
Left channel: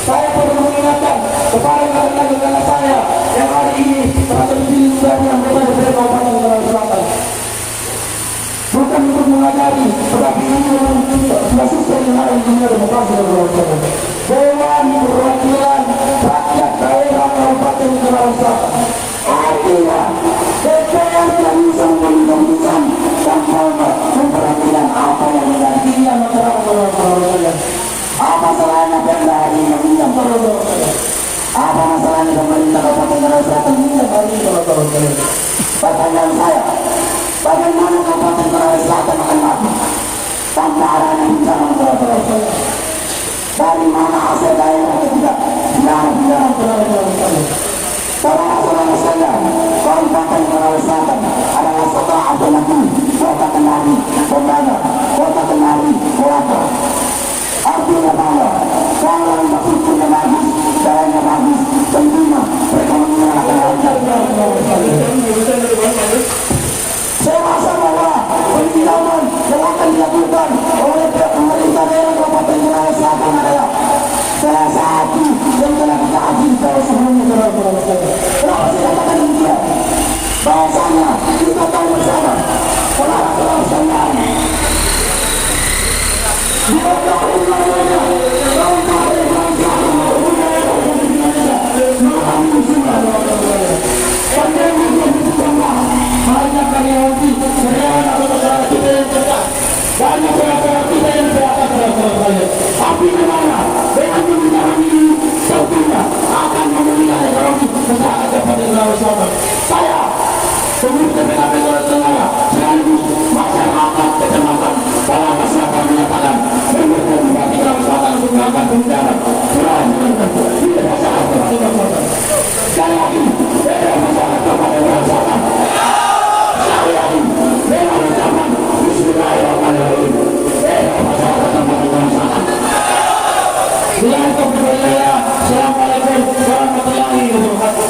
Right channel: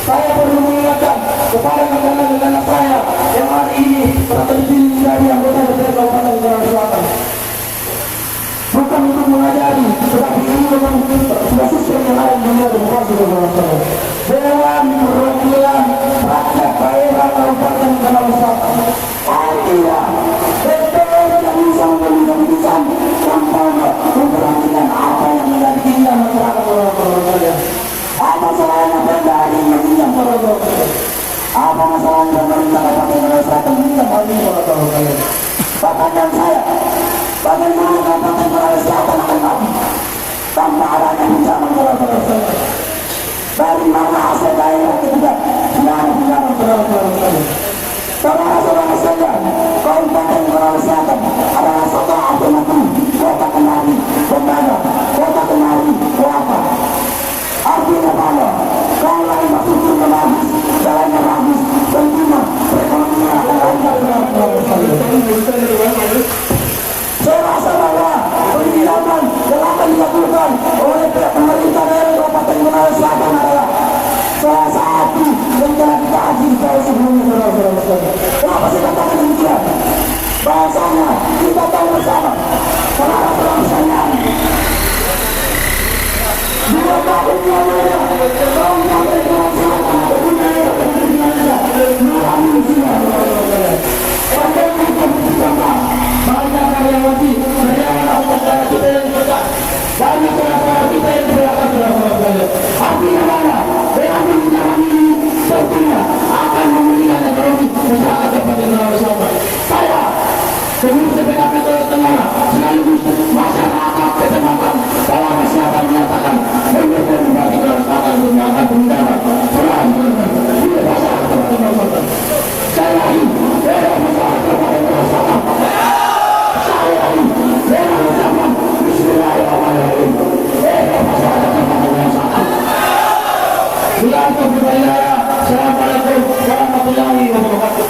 Saya perlu mengingatkan kepada negara saya yang hari ini terpilih menjadi anggota DPR Kabupaten Gunung Selatan. Bukan untuk mengajari, tetapi ini memang sudah sistem yang ada di dunia demokrasi dan demokrasi. Dewan Perwakilan Rakyat Daerah Kabupaten Gunung Selatan. Artinya, DPR tidak bisa memperhatikan tanpa memperhatikan apa yang menjadi keinginan masyarakat Gunung Selatan. Apa salahnya Pemda ini meminjam Gunung Selatan? Apa masalahnya pemerintah Kabupaten Gunung Selatan meminjam hal ini Gunung Selatan? Pertanyaan saya, bagaimana Kabupaten Gunung Selatan akan maju tanpa adanya pinjaman Gunung Selatan? Dari mana aset daerah itu tidak ada pinjaman Gunung Selatan? Saudara-saudara sekalian, Kabupaten Gunung Selatan adalah satu alternatif kota Kendari, kota Kendari, Kelapa. Artinya bahwa kalau infrastrukturnya bagus, jalannya bagus, tentunya perekonomian akan lancar. Saya rasa bahwa pendidikan yang akan dilakukan oleh pemerintah daerah Kabupaten Gunung Selatan adalah salah satu yang telah kita ajukan tahu sebelumnya saudara-saudara sekalian. Kenapa saya katakan demikian? Bahasanya kita tahu bersama saudara-saudara sekalian. Dua tahun lamanya, tahun-tahun yang sama, budaya dan dunia mengalami musibah. Pandai untuk bersama, banyak karyawati, karyawan atau masyarakat kita yang cerdas, banyak karyawati kita yang berada saudara-saudara. Artinya mana? Dengan menjalankan ini, tentunya akan memberikan ekonomi masyarakat kepada saudara-saudara. Saya sebelum PKP Sulawesi Tenggara sekaligus masyarakat kecamatan bahwa masyarakat menyatakan mendukung bagi Selatan untuk melakukan penunjukan selama menentukan tidak masyarakat kepada Selatan. Saya ini tidak masyarakat kepada Selatan. Saya ini tidak masyarakat Bismillahirrahmanirrahim. Tidak masyarakat kepada Selatan. Dengan kepercayaan, Assalamualaikum warahmatullahi wabarakatuh.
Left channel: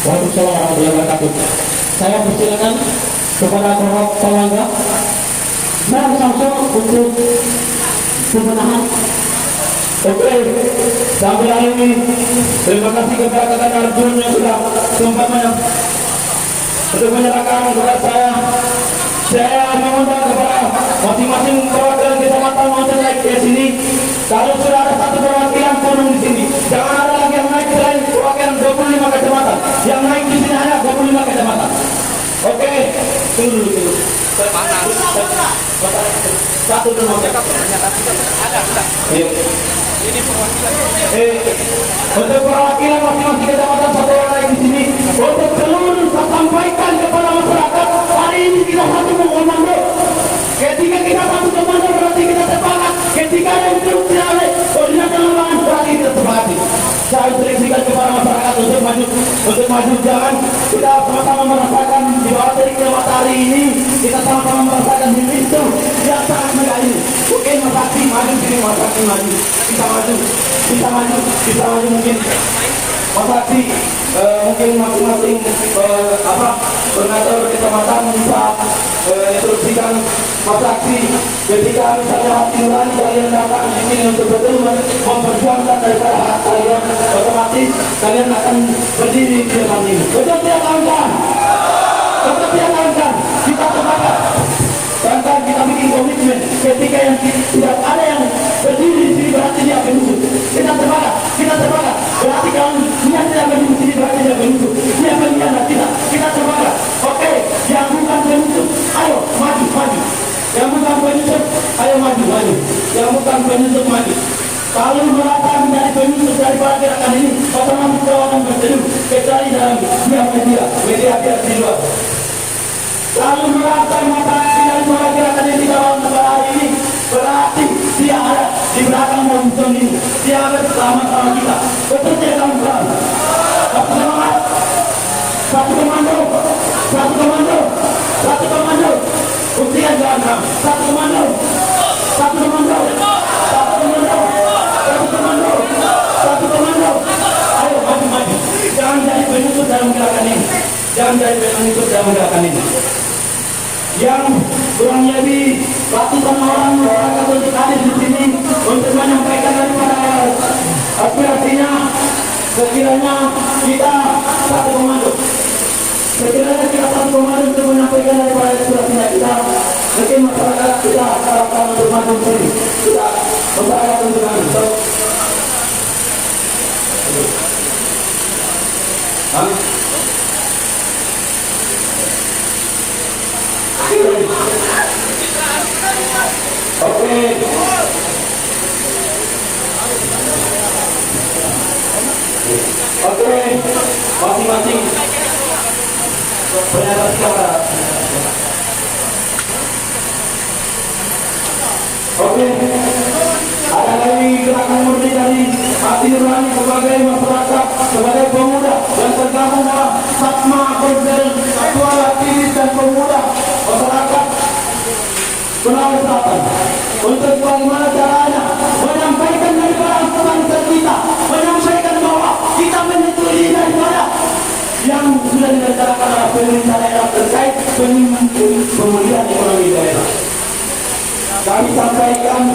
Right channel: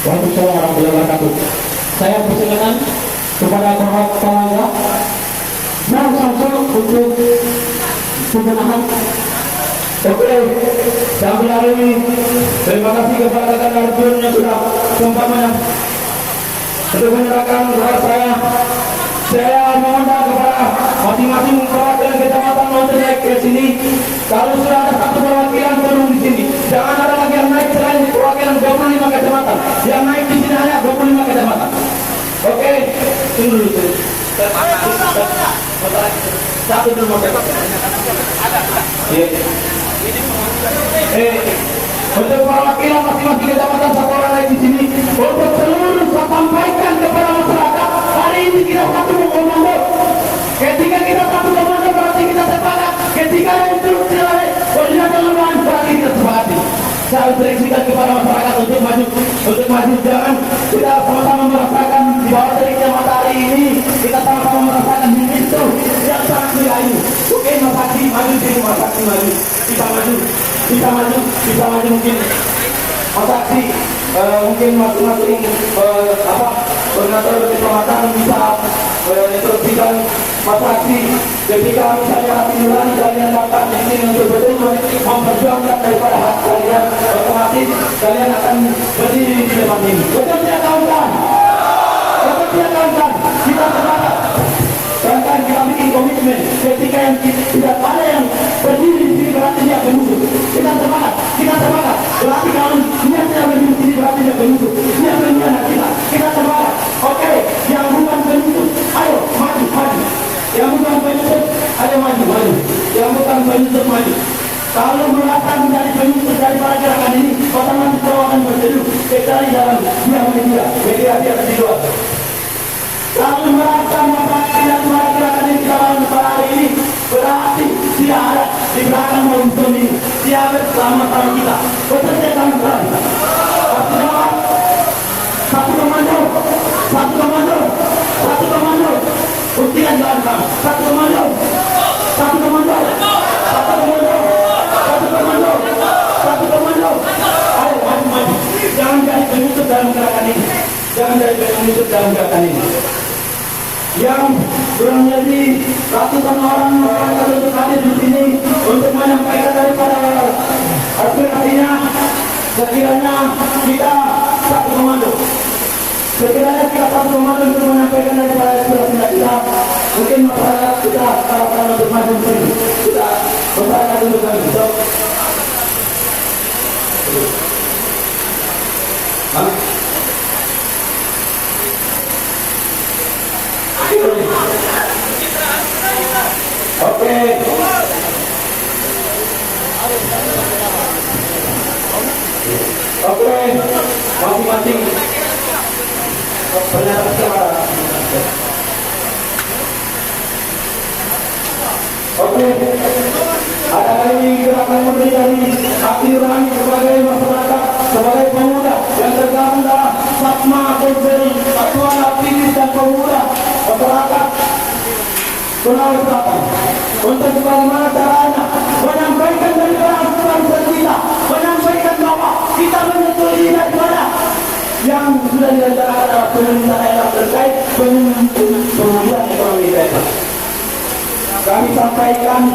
Waalaikumsalam warahmatullahi wabarakatuh. Saya persilakan kepada Bapak Palangga dan Samsul untuk pembenahan. Oke, sampai hari ini terima kasih kepada rekan Arjun yang sudah seumpamanya untuk menyerahkan kepada saya. Saya meminta kepada masing-masing perwakilan kecamatan untuk naik ke sini. Kalau sudah ada satu perwakilan turun di sini, jangan ada lagi yang naik selain perwakilan 25 kecamatan. Yang naik di sini hanya 25 kecamatan. Oke, tunggu dulu. Satu dulu. Untuk perwakilan masing-masing kecamatan satu orang naik di sini. Untuk seluruh saya sampaikan kepada masyarakat, hari ini kita satu komando. Ketika kita satu komando berarti kita sepakat. Ketika ada instruksi oleh koordinator lawan berarti kita sepakati. Saya instruksikan kepada masyarakat untuk maju jangan kita sama-sama merasakan di bawah teriknya matahari ini, kita sama-sama merasakan di pintu yang sangat mulia ini. Oke, Masakti maju sini, Masakti maju, bisa maju mungkin Masakti mungkin masing-masing koordinator kecamatan bisa instruksikan Masakti ketika misalnya hati nurani kalian datang ini untuk betul memperjuangkan daripada hak kalian, otomatis kalian akan berdiri di depan ini. Betul tidak kawan-kawan? Betul tidak kawan-kawan? Kita sepakat. Bahkan kita bikin komitmen ketika yang tidak ada yang berdiri di sini berarti dia penutup. Kita sepakat. Berarti kalau dia tidak berdiri di sini berarti dia penutup. Dia mengkhianati kita. Kita sepakat. Oke, yang bukan penutup, ayo maju. Yang bukan penutup, ayo maju. Yang bukan penutup maju. Kalau merasa menjadi penutup daripada gerakan ini, otomatis kau akan berteduh kecuali dalam media di luar. Kalau merasa tidak suara gerakan ini dalam hari ini, berarti dia ada di belakang momentum ini. Dia ada bersama-sama kita. Betul tidak kawan-kawan? Satu komando. Buktikan kawan-kawan. Satu komando. Ayo maju. Jangan jadi penutup dalam gerakan ini. Yang kurang lebih ratusan orang untuk hadir di sini untuk menyampaikan daripada aspirasinya. Sekiranya kita satu komando untuk menyampaikan daripada aspirasinya kita, mungkin masyarakat kita harapkan untuk maju sendiri. Kita masyarakat untuk maju. Oke, masing-masing pernyataan siapa? Oke, ada lagi gerakan merdeka dari hati nurani sebagai masyarakat, sebagai pemuda yang tergabung dalam Satma Korsel, Satuan Aktivis dan Pemuda Masyarakat Sulawesi Selatan. Untuk bagaimana caranya menyampaikan dari peran kita, menyampaikan bahwa kita menyetujui daripada yang sudah direncanakan oleh pemerintah daerah terkait pemulihan ekonomi daerah. Kami sampaikan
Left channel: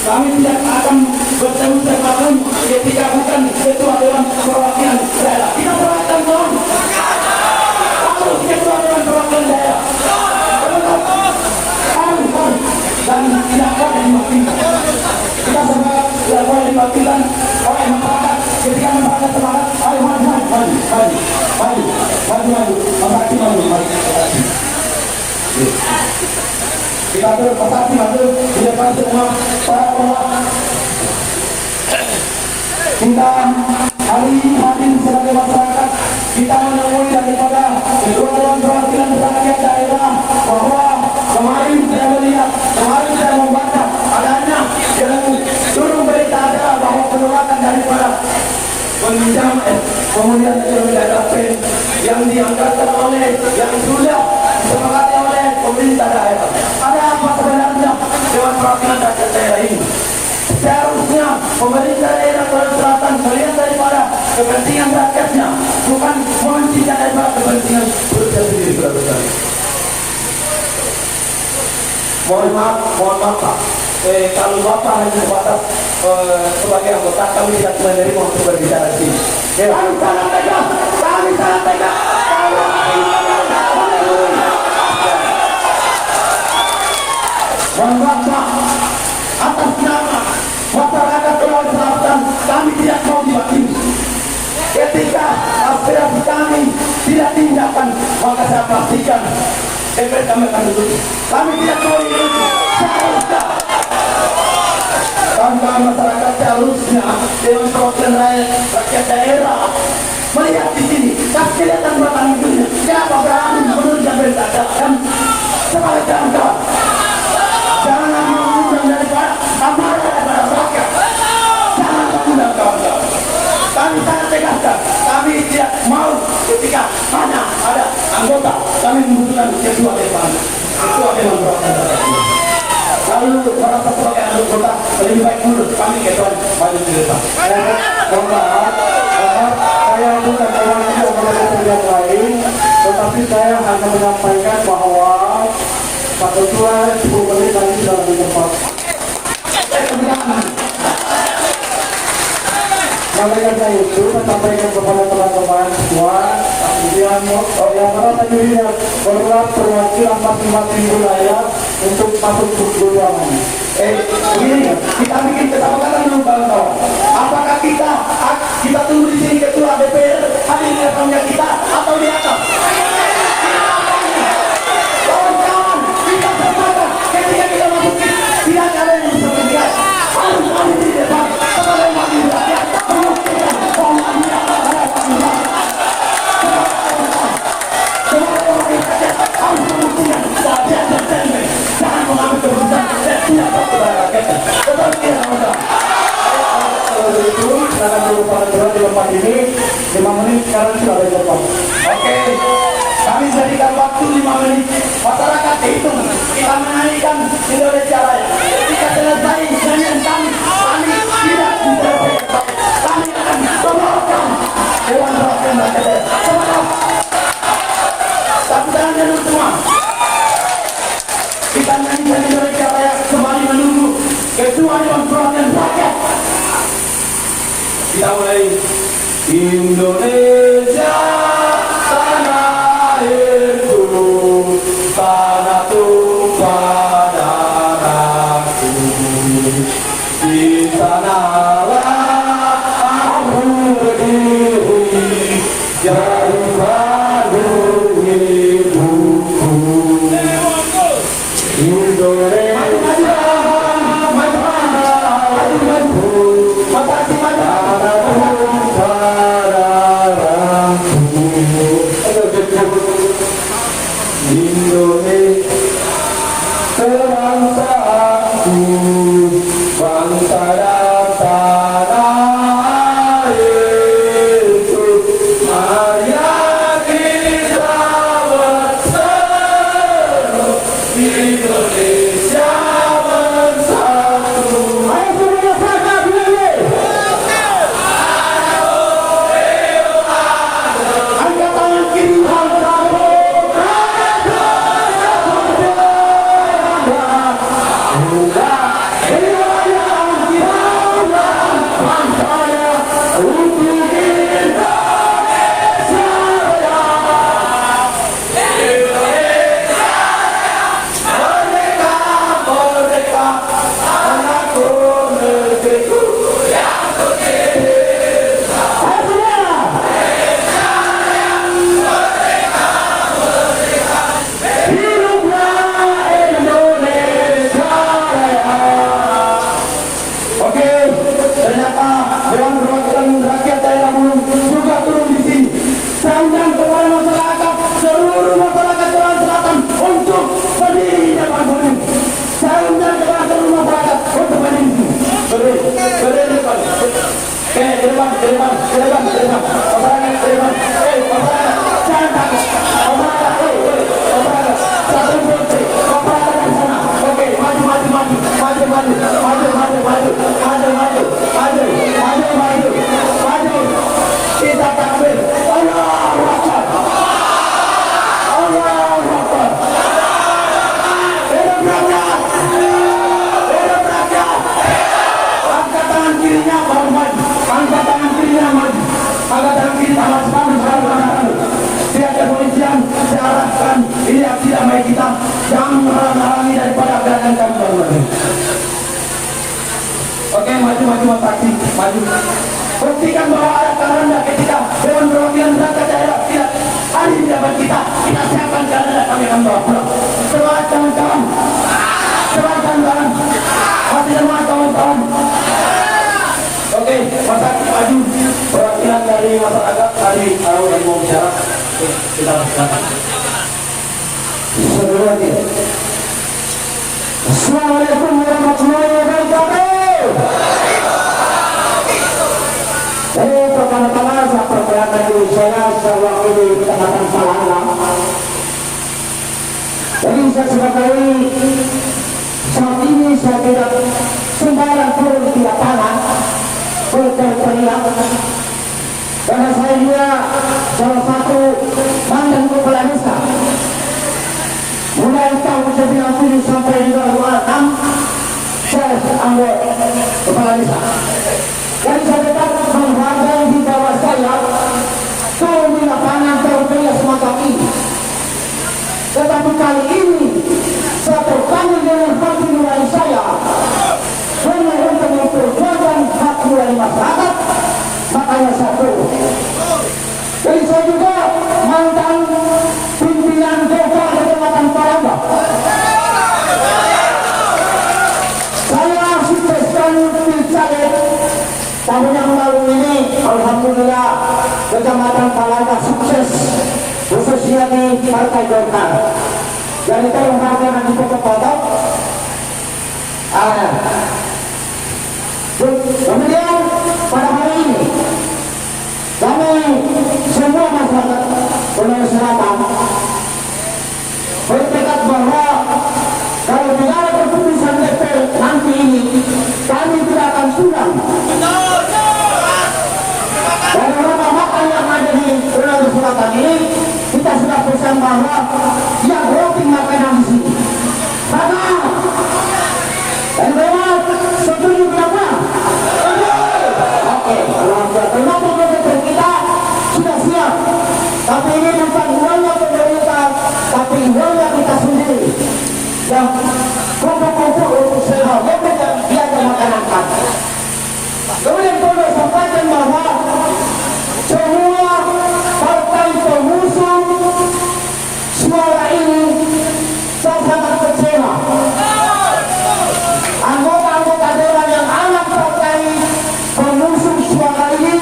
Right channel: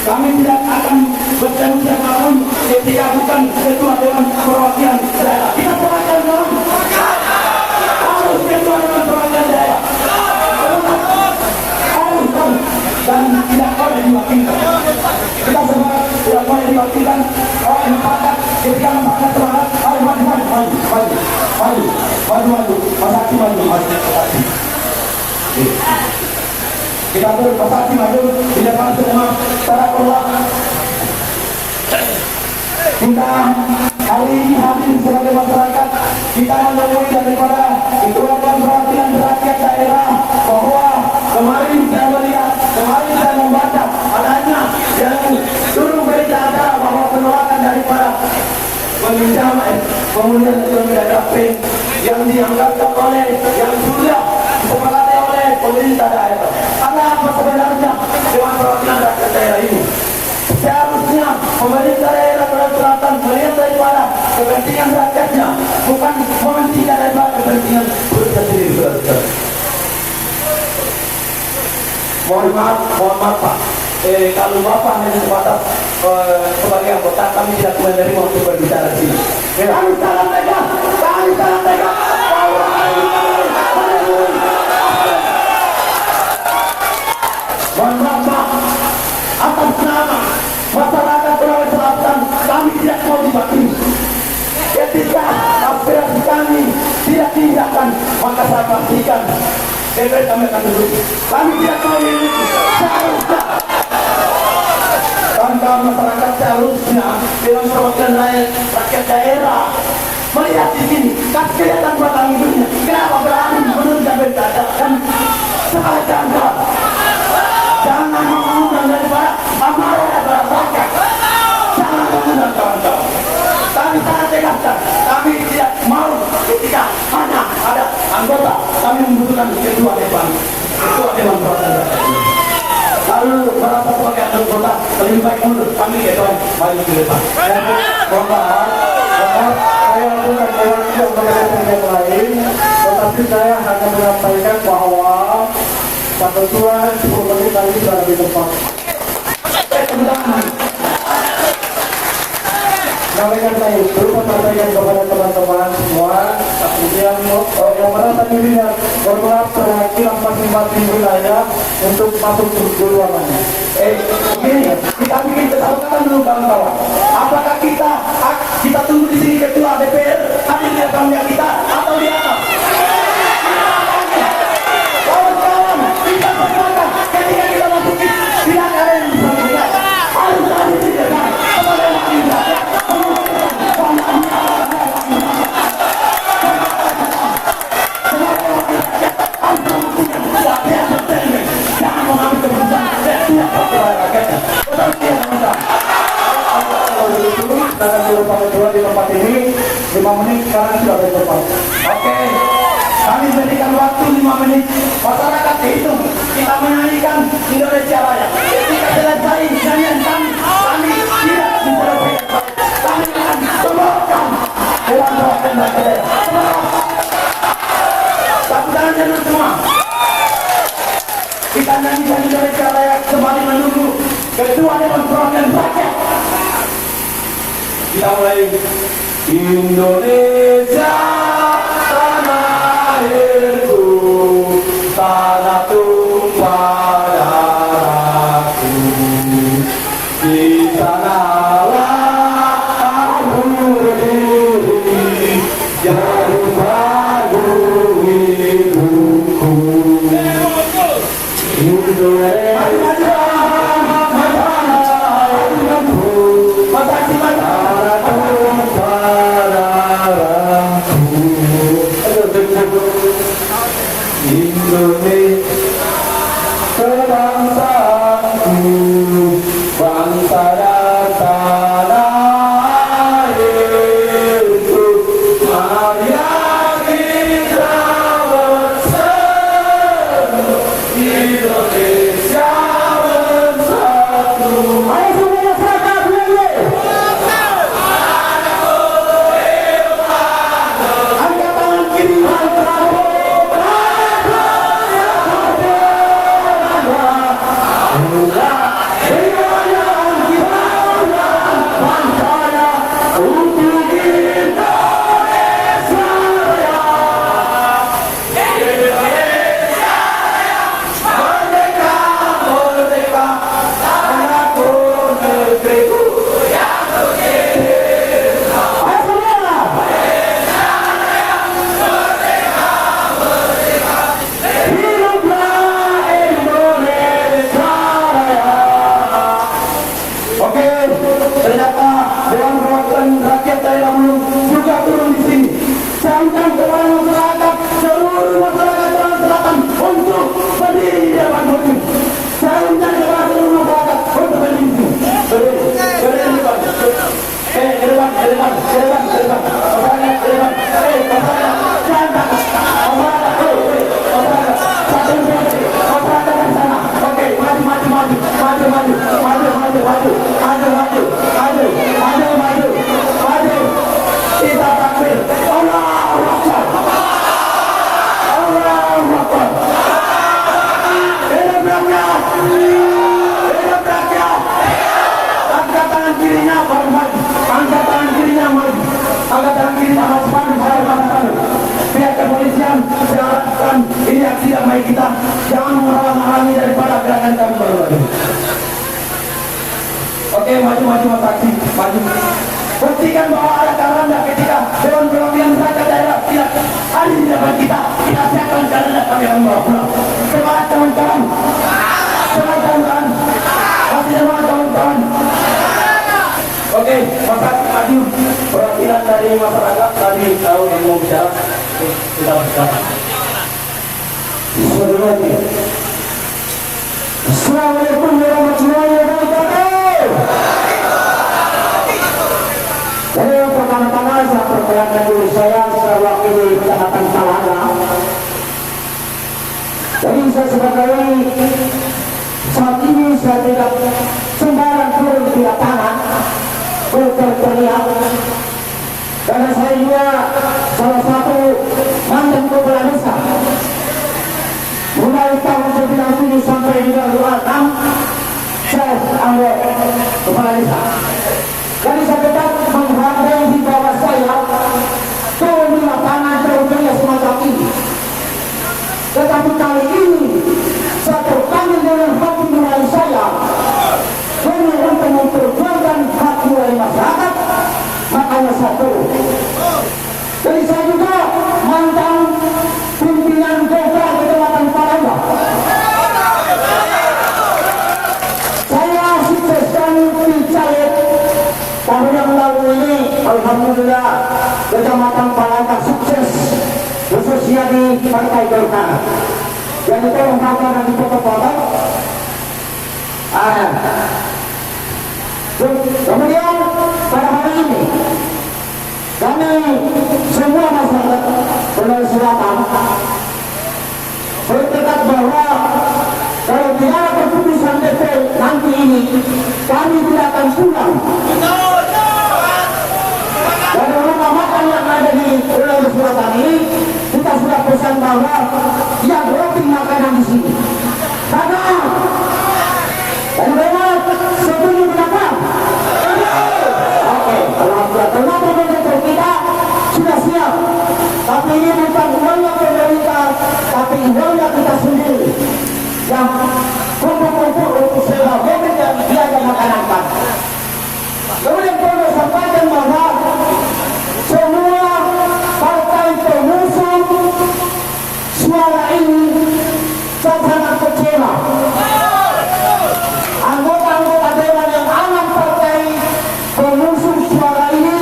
kami tidak akan bertemu sama kamu ketika bukan ketua Dewan Perwakilan Daerah. Kita perwakilan kawan. Kamu ketua Dewan Perwakilan Daerah. Dan tidak boleh diwakilkan. Kita semua tidak boleh diwakilkan oleh masyarakat. Ketika masyarakat semangat, ayo maju, maju. Kita turun pasti maju di depan semua para penguat. Kita hari ini hadir sebagai masyarakat. Kita menemui daripada Ketua Dewan Perwakilan Rakyat Daerah bahwa kemarin saya melihat, kemarin saya membaca adanya dalam seluruh berita acara bahwa penolakan daripada peminjaman kemudian print yang dianggarkan oleh yang sudah disepakati oleh pemerintah daerah. Ada apa sebenarnya Dewan Perwakilan Rakyat Daerah ini? Seharusnya pemerintah daerah Sulawesi Selatan melihat daripada kepentingan rakyatnya, bukan mementingkan daripada kepentingan perusahaan sendiri. Mohon maaf Pak. Kalau Bapak hanya sebatas sebagai anggota, kami tidak menerima untuk berbicara di sini. Kami sangat tegas. Mohon maaf Pak. Atas nama masyarakat Sulawesi Selatan, kami tidak mau diwakili. Ketika aspirasi kami tidak diindahkan, maka saya pastikan DPR kami akan duduk. Kami tidak mau duduk. Seharusnya bangga masyarakat, seharusnya Dewan Perwakilan Rakyat Daerah melihat di sini. Tapi kelihatan batang hidungnya. Kenapa berani menunjukkan berkata dan sebagai kawan-kawan. Jangan mengundang daripada amarah daripada rakyat. Jangan mengundang kawan-kawan. Kami sangat tegaskan. Kami tidak mau ketika hanya ada anggota. Kami membutuhkan ketua Dewan Perwakilan Rakyat. Lalu merasa sebagai anggota lebih baik mundur. Kami ketua maju ke depan. Saya bukan mewakili yang lain, tetapi saya hanya menyampaikan bahwa Pak Ketua 10 menit lagi sudah di tempat. Sampaikan saya itu, sampaikan kepada teman-teman semua, kemudian yang merasa dirinya bergerak perwakilan masing-masing wilayah untuk masuk ke ruangan. Ini kita bikin kesepakatan dulu kawan-kawan. Apakah kita tunggu di sini ketua DPR hadir di depannya kita atau di atas? Kawan-kawan, kita sepakat ketika kita masuk tidak ada yang bisa bergerak. Harus hadir di depan kepada wakil rakyat. Jangan mengambil keputusan dan tidak kepada rakyatnya. Kalau begitu, silakan dulu Pak Ketua di tempat ini 5 menit sekarang sudah di depan. Oke, kami berikan waktu 5 menit. Masyarakat itu kita menyanyikan Indonesia Raya. Ketika selesai nyanyian kami tidak diselesaikan. Kami akan membawakan Dewan Perwakilan Rakyat Daerah. Satu tangan dulu semua. Kita nyanyikan Indonesia Raya kembali menunggu ketua Dewan Perwakilan Rakyat. Kita mulai. Indonesia tanah airku, tanah tumpah darahku, di sanalah aku berdiri, jauh baru hidupku. Indonesia Indonesia bangsaku, bangsa dan tanah airku, marilah kita bersatu, Indonesia bersatu. Ayo semua bersatu dulu. Angkat tangan kiri, Indonesia lagi. Buktikan bahwa ada karanda ketika Dewan Perwakilan Rakyat Daerah tidak hadir di depan kita. Kita siapkan karanda kami hamba Allah. Semangat kawan-kawan. Semangat kawan-kawan. Masih semangat kawan-kawan. Oke, masyarakat maju. Perwakilan dari masyarakat dari tahu yang mau bicara. Kita lakukan. Assalamualaikum warahmatullahi wabarakatuh. Jadi pertama-tama saya perkenalkan diri saya sewakili Kecamatan Palangga. Jadi saya sebagai saat ini saya tidak sembarang turun di tanah berteriak karena saya juga salah satu mantan kepala desa. Mulai tahun 97 sampai 2006 saya anggota kepala desa. Jadi saya tetap menghargai di bawah saya turun di lapangan teritorial semacam ini. Tetapi kali ini saya terpanggil dengan hati nurani saya untuk memperjuangkan hak nurani masyarakat, makanya saya turun. Jadi saya juga mantan pimpinan desa Kecamatan Palangga. Saya sukseskan pilcaleg tahun yang lalu ini, alhamdulillah Kecamatan Palangga sukses, khususnya di Partai Golkar. Jadi tolong kawan dan foto-foto. Kemudian pada hari ini kami semua masyarakat Sulawesi Selatan bertekad bahwa kalau tidak ada keputusan DPR nanti ini kami tidak akan pulang. Dari rumah makan yang ada di Sulawesi Selatan ini kita sudah pesan bahwa dia roti makanan di sini. Karena dan memang setuju berapa? Oke, alhamdulillah. Kita sudah siap. Tapi ini bukan uangnya pemerintah, tapi uangnya kita sendiri. Yang kumpul-kumpul untuk sewa mobil dan biaya makanan kami. Kemudian perlu sampaikan bahwa semua partai pengusung suara ini saya sangat kecewa. Anggota-anggota dewan yang anak partai pengusung suara ini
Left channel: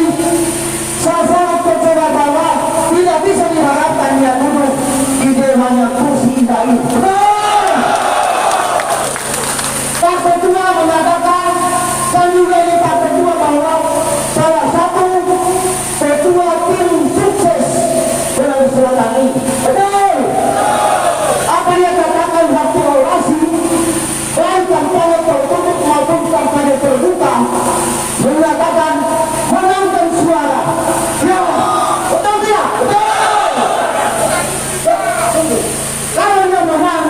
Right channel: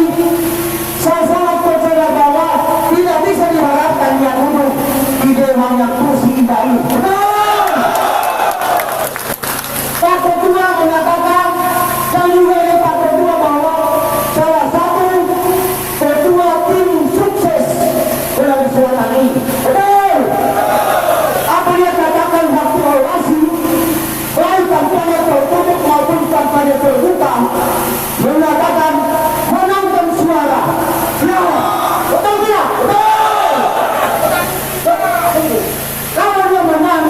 saya sangat kecewa bahwa tidak bisa diharapkan yang duduk di dewan yang kursi indah ini. Pak Ketua mengatakan dan juga ini Pak Ketua bahwa salah satu ketua tim sukses Sulawesi Selatan ini. Betul. Apa dia katakan waktu orasi, baik kampanye tertutup maupun kampanye terbuka, mengatakan menangkan suara. Ya, betul tidak? Betul. Kalau dia menang,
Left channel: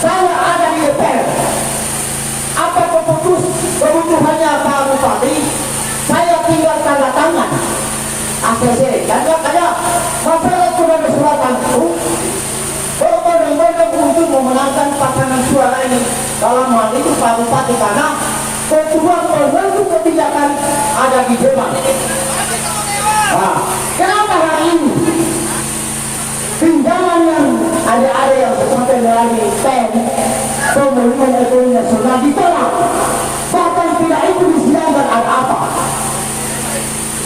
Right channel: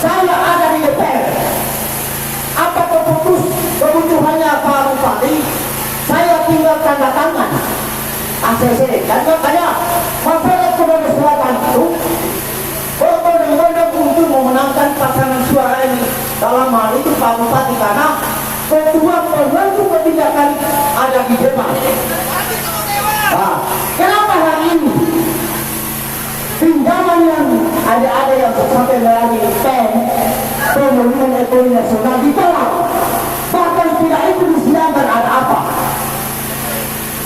saya ada di DPR. Apa kebutuhannya Pak Bupati? Saya tinggal tanda tangan ACC. Dan makanya masyarakat Sulawesi Selatan itu berbondong-bondong untuk memenangkan pasangan suara ini. Dalam hal itu Pak Bupati karena ketua pembentuk kebijakan ada di depan. Nah, kenapa hari ini pinjaman yang ada yang sampai melalui PEN pemulihan ekonomi nasional ditolak, bahkan tidak itu disidangkan ada apa.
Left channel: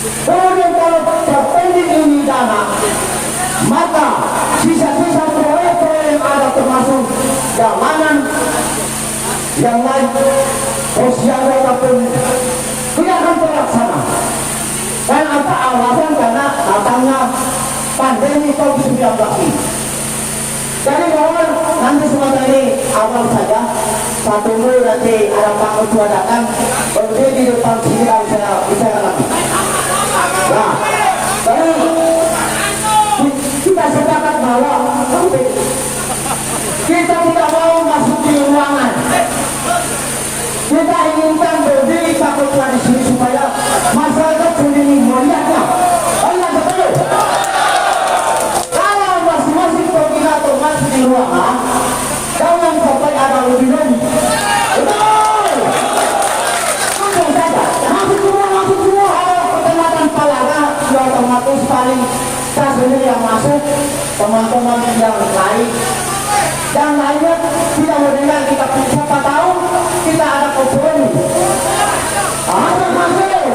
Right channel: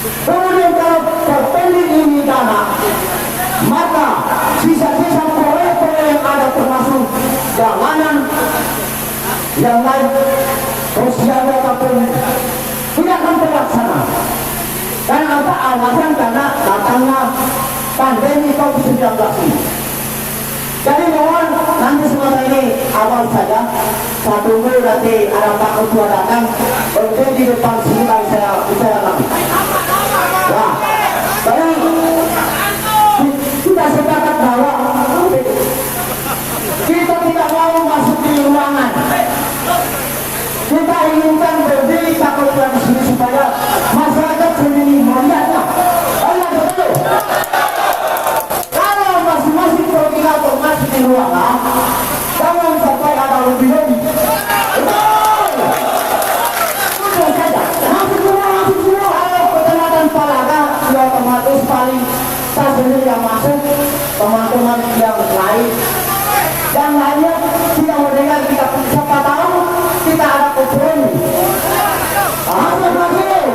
Kemudian kalau terpendek ini dana, maka sisa-sisa proyek-proyek yang ada termasuk jalanan yang lain sosial ataupun tidak akan terlaksana. Dan ada alasan karena datangnya pandemi COVID-19 ini. Jadi kawan, nanti semua ini awal saja. Satu dulu nanti Arab Pak Ketua datang, baru di depan sini baru saya bicara lagi. Nah, jadi kita sepakat bahwa kita tidak mau masuk di ruangan. Kita inginkan berdiri takutlah di sini supaya masyarakat sendiri melihatnya. Oh iya betul. Kalau masing-masing koordinator masuk di ruangan, jangan sampai ada lebih. Betul. Sudah saja. Masuk ke ruangan. kita sendiri yang masuk, teman-teman yang lainnya tidak mendengar kita, siapa tahu kita ada kompromi. Masuk, masuk.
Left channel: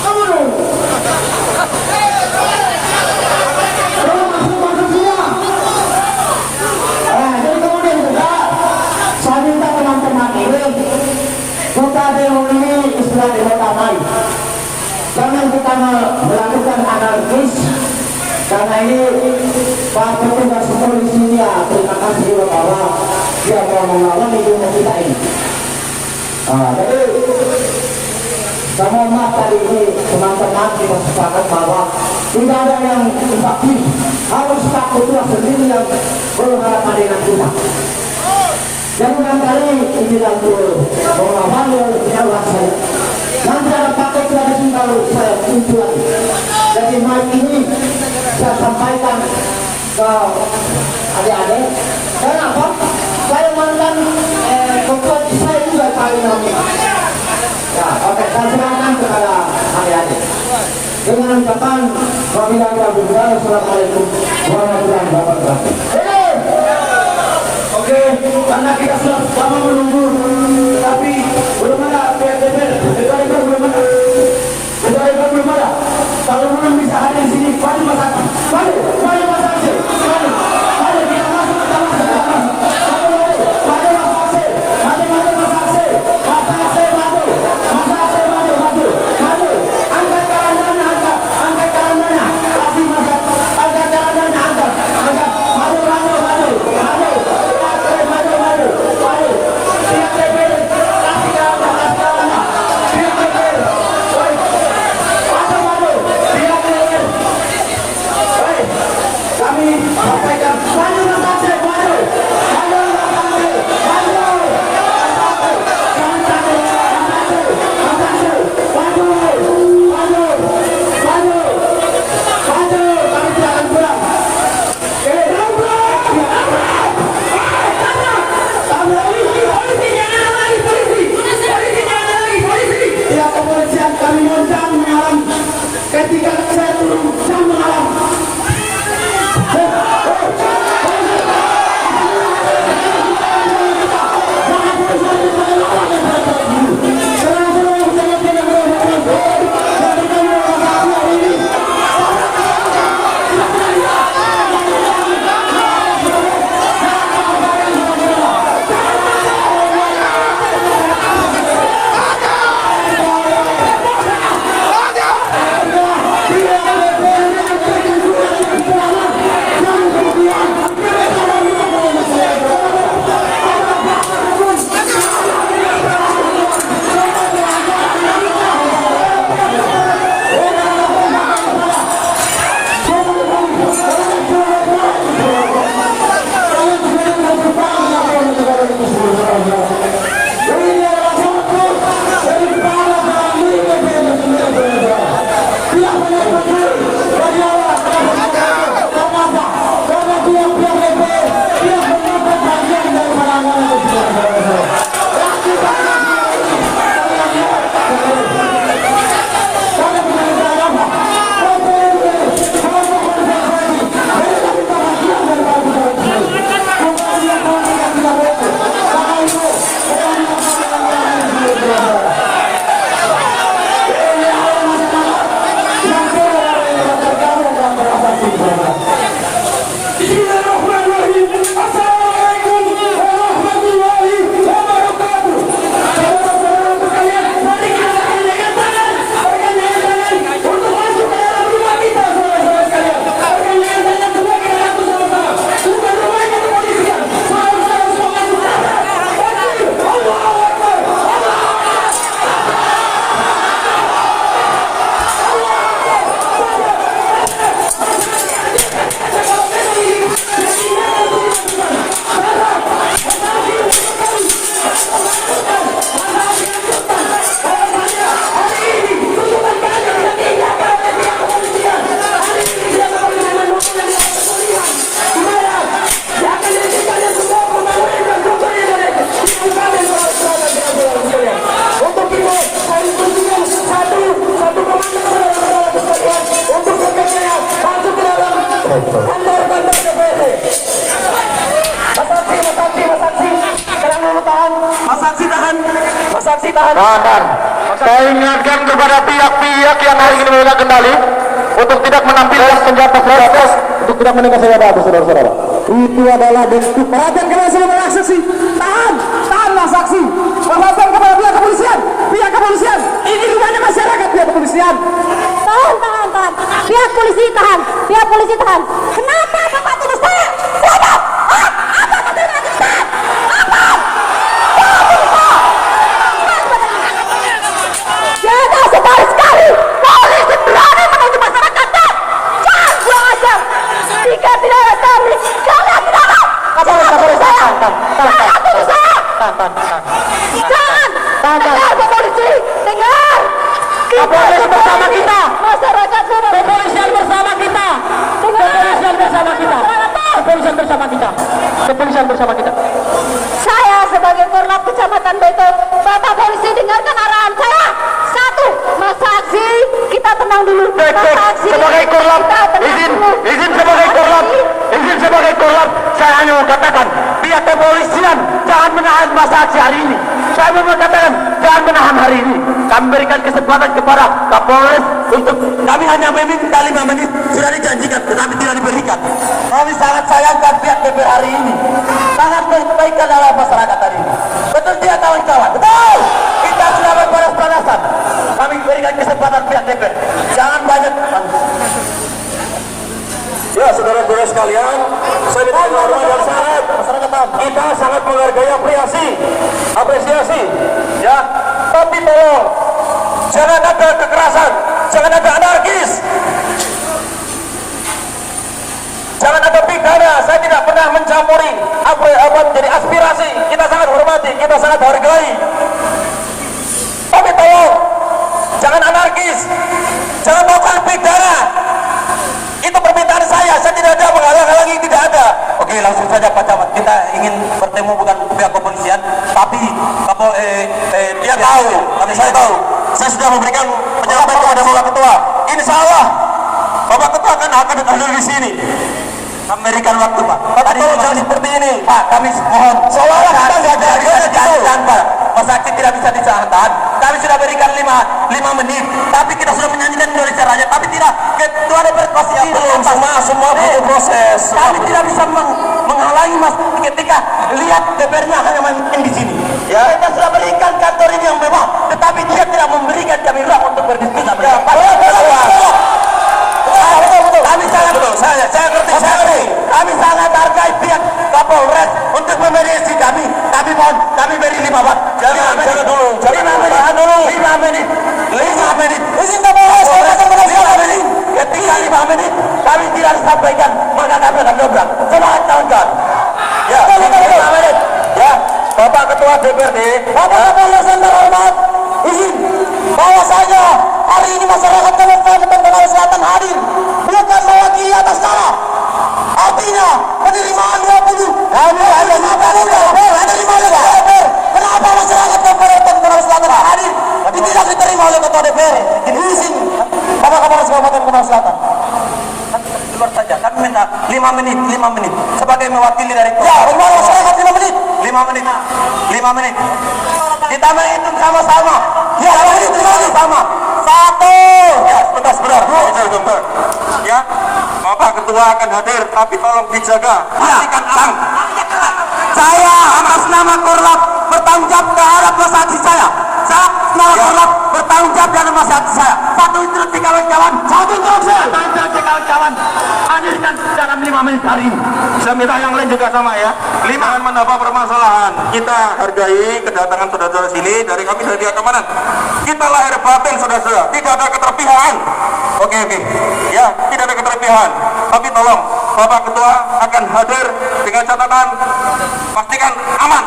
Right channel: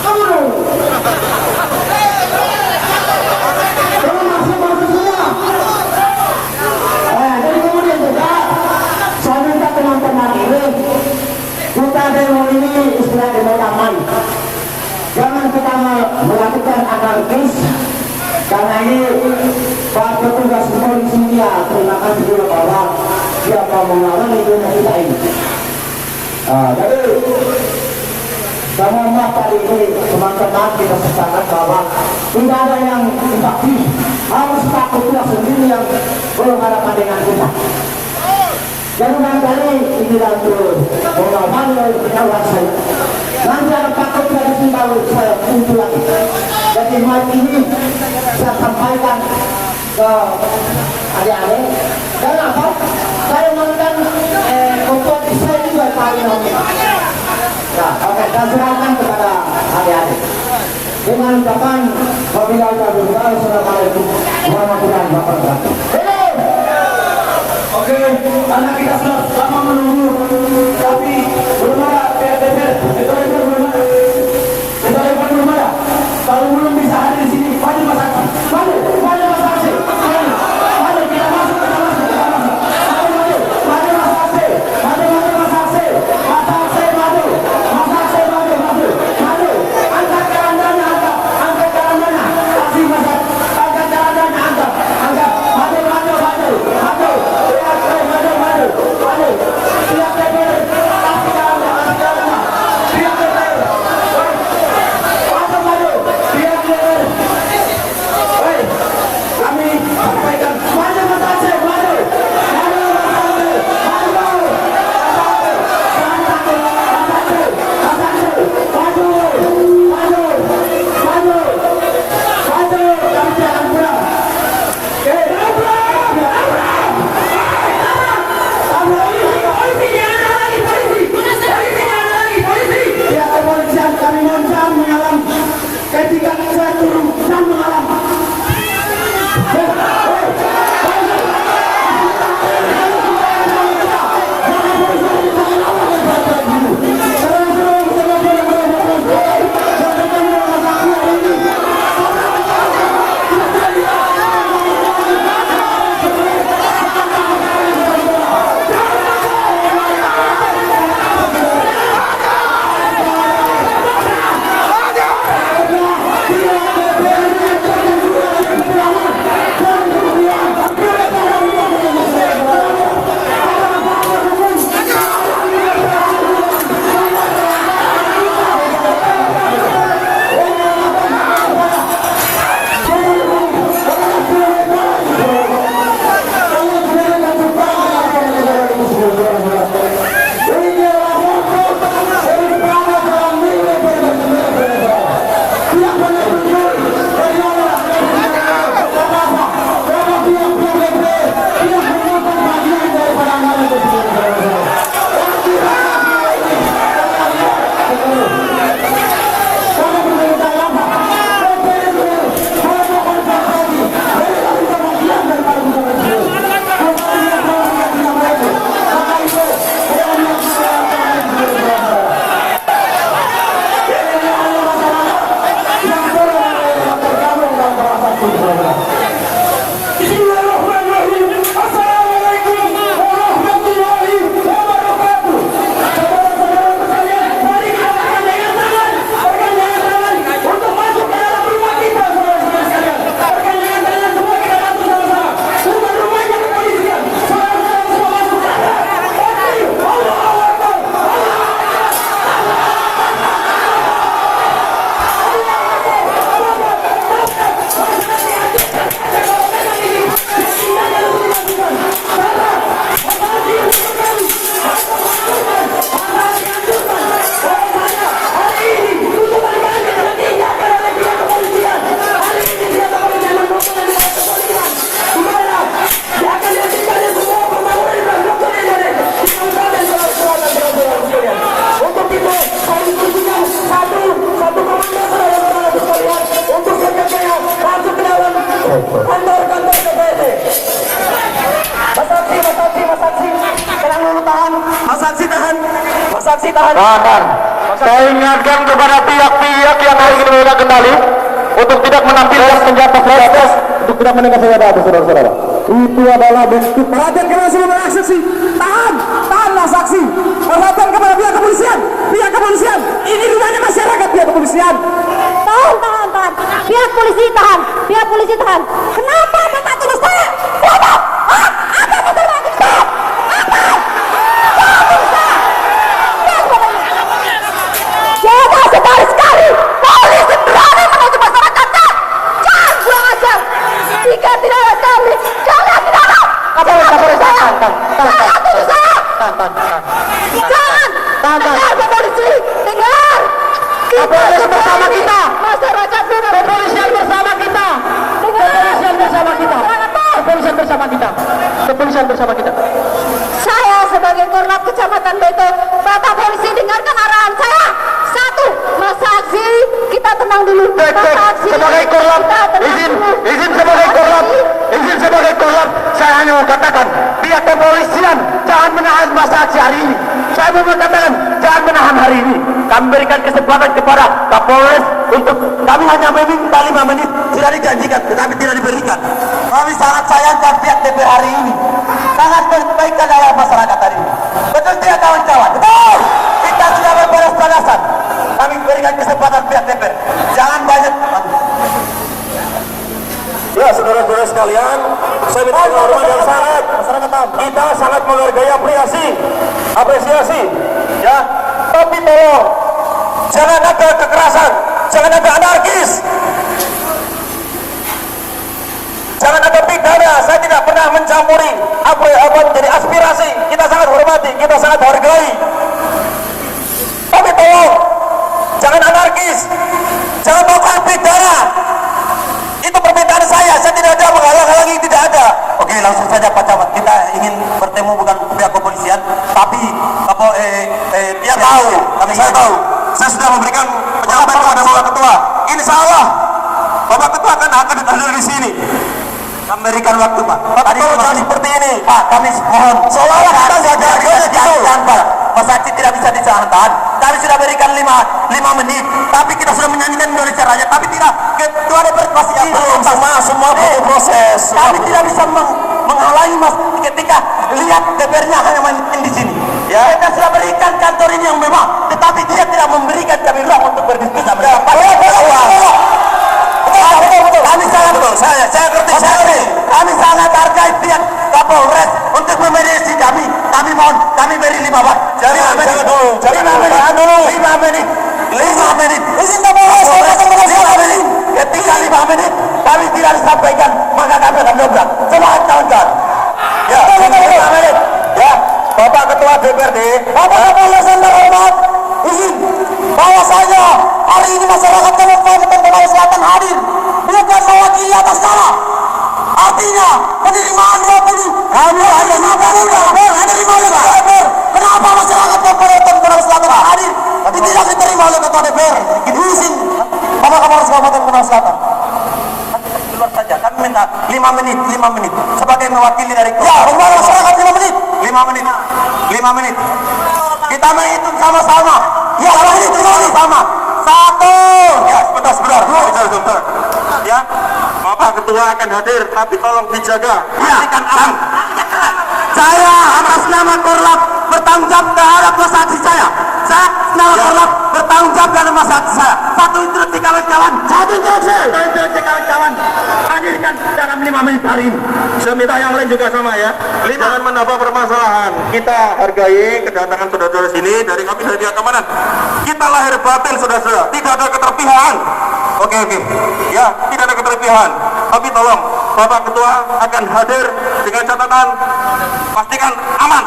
Kamu dulu. Masuk semua. Jadi kemudian juga saya minta teman-teman ini, kita demo ini istilah demo damai. Jangan kita melakukan anarkis, karena ini Pak petugas polisi ya, terima kasih juga bahwa dia akan mengulangi dunia kita ini. Jadi semua tadi ini teman-teman kita sepakat bahwa tidak ada yang tapi harus takut sendiri yang berhadapan dengan kita. Jangan kali ini lalu mengamalkan nyawa saya. Nanti ada paket lagi kalau saya kumpul lagi. Jadi malam ini saya sampaikan ke adik-adik. Dan apa? Saya mantan ketua saya juga tahu namanya. Ya, oke, saya serahkan kepada adik-adik. Dengan ucapan wabillahi taufiq wal hidayah. Assalamualaikum warahmatullahi wabarakatuh. Oke, karena kita sudah lama menunggu, tapi belum ada PRTP, belum ada. Kalau belum bisa hadir di sini, wajib masak, wajib masak, wajib kita masuk, angkat karangannya, angkat karangannya, kasih masak, angkat karangannya, angkat, maju, siap. Kantor DPRD. Masaksi. Jangan dulu tahan. Masaksi tahan. Tahan. Saya ingatkan kepada pihak-pihak yang hari ini memegang kendali untuk tidak menampilkan senjata keras, untuk tidak menekan senjata, saudara-saudara. Itu adalah bentuk perhatian kepada seluruh saksi. Tahanlah saksi. Perhatian kepada pihak kepolisian. Ini gimana masyarakat pihak kepolisian? Tahan. Pihak polisi tahan. Kenapa Bapak tulis saya? Siapa? Apa betul Pak? Stop! Apa? Jangan sekali-sekali polisi berani menuju masyarakatnya. Jangan kurang ajar. Jika tidak ada kami, kalian tidak ada. Jangan. Bapak polisi, dengar. Kita bersama kita. Masyarakat kepolisian bersama kita. Kepolisian bersama kita. Saya sebagai Korlap Kecamatan Beto, Bapak polisi dengarkan arahan saya. Satu, Mas Saksi, kita tenang dulu. Sebagai Korlap, izin sebagai Korlap, saya hanya katakan pihak kepolisian jangan menahan Mas Saksi hari ini. Saya mau katakan jangan menahan hari ini. Kami berikan kesempatan kepada Kapolres untuk kami hanya meminta 5 menit sudah dijanjikan, tetapi tidak diberikan. Kami sangat sayangkan pihak DPR hari ini sangat berkebaikan dalam masyarakat hari ini. Betul tidak kawan-kawan? Betul. Kita sudah berbalas-balasan. Kami berikan kesempatan pihak DPR. Jangan banyak. Ya, saudara-saudara sekalian, saya minta hormat dan sangat kita sangat menghargai apresiasi, ya. Tapi tolong jangan ada kekerasan, jangan ada anarkis, jangan ada pidana. Saya tidak pernah mencampuri apa menjadi aspirasi. Kita sangat hormati, kita sangat hargai. Tapi tolong jangan anarkis, jangan melakukan pidana. Itu permintaan saya tidak ada menghalang-halangi, tidak ada. Oke, langsung saja Pak Camat, kita ingin bertemu bukan pihak kepolisian, tapi dia tahu, saya tahu. Saya sudah memberikan penyampaian kepada Bapak Ketua. Insya Allah, Bapak Ketua akan hadir di sini. Memberikan waktu Pak. Tadi jangan seperti ini Pak, kami mohon. Seolah-olah kita sudah jangan Pak. Mas Saksi tidak bisa ditahan. Kami sudah berikan 5 menit, tapi kita sudah menyanyikan melalui caranya, tapi tidak. Ketua DPR pasti belum semua butuh proses. Kami tidak bisa menghalangi Mas ketika lihat DPR-nya hanya main di sini. Ya, kita sudah berikan kantor ini yang memang, tetapi dia tidak memberikan kami hak untuk berdiskusi. Kami sangat kami sangat hargai pihak Kapolres untuk memediasi kami. Kami mohon, kami beri 5 menit. Jangan dulu. 5 menit. Izin Kapolres. 5 menit. Ketika 5 menit kami tidak disampaikan, maka kami akan berat. Semangat kawan-kawan. Ya, 5 menit. Ya, Bapak Ketua DPRD, Bapak Kapolres yang terhormat, izin bahwasanya hari ini masyarakat Kabupaten Bengkulu Selatan hadir bukan mewakili atas nama. Artinya penerimaan 20 kami hanya kenapa masyarakat Kabupaten Bengkulu Selatan hadir tapi tidak diterima oleh Ketua DPR? Izin Bapak Kapolres Kabupaten Bengkulu Selatan. Saja kami minta 5 menit sebagai mewakili dari masyarakat 5 menit. Kita menghitung sama-sama. Ya, kita sama. 1. Ya, sebentar. Ya, Bapak Ketua akan hadir, tapi tolong dijaga. Pastikan aman. Saya atas nama Korlap bertanggung jawab terhadap saksi saya. Saya nama Korlap bertanggung jawab terhadap saksi saya. Satu instruksi kawan-kawan. Hadirkan dalam 5 menit hari ini. Saya minta yang lain juga sama ya. Jangan menambah permasalahan. Kita hargai kedatangan saudara-saudara sini dari kami dari keamanan. Kita lahir batin saudara-saudara. Tidak ada keterpihakan. Oke. Ya, tidak ada keterpihakan. Tapi tolong Bapak Ketua akan hadir dengan catatan pastikan aman.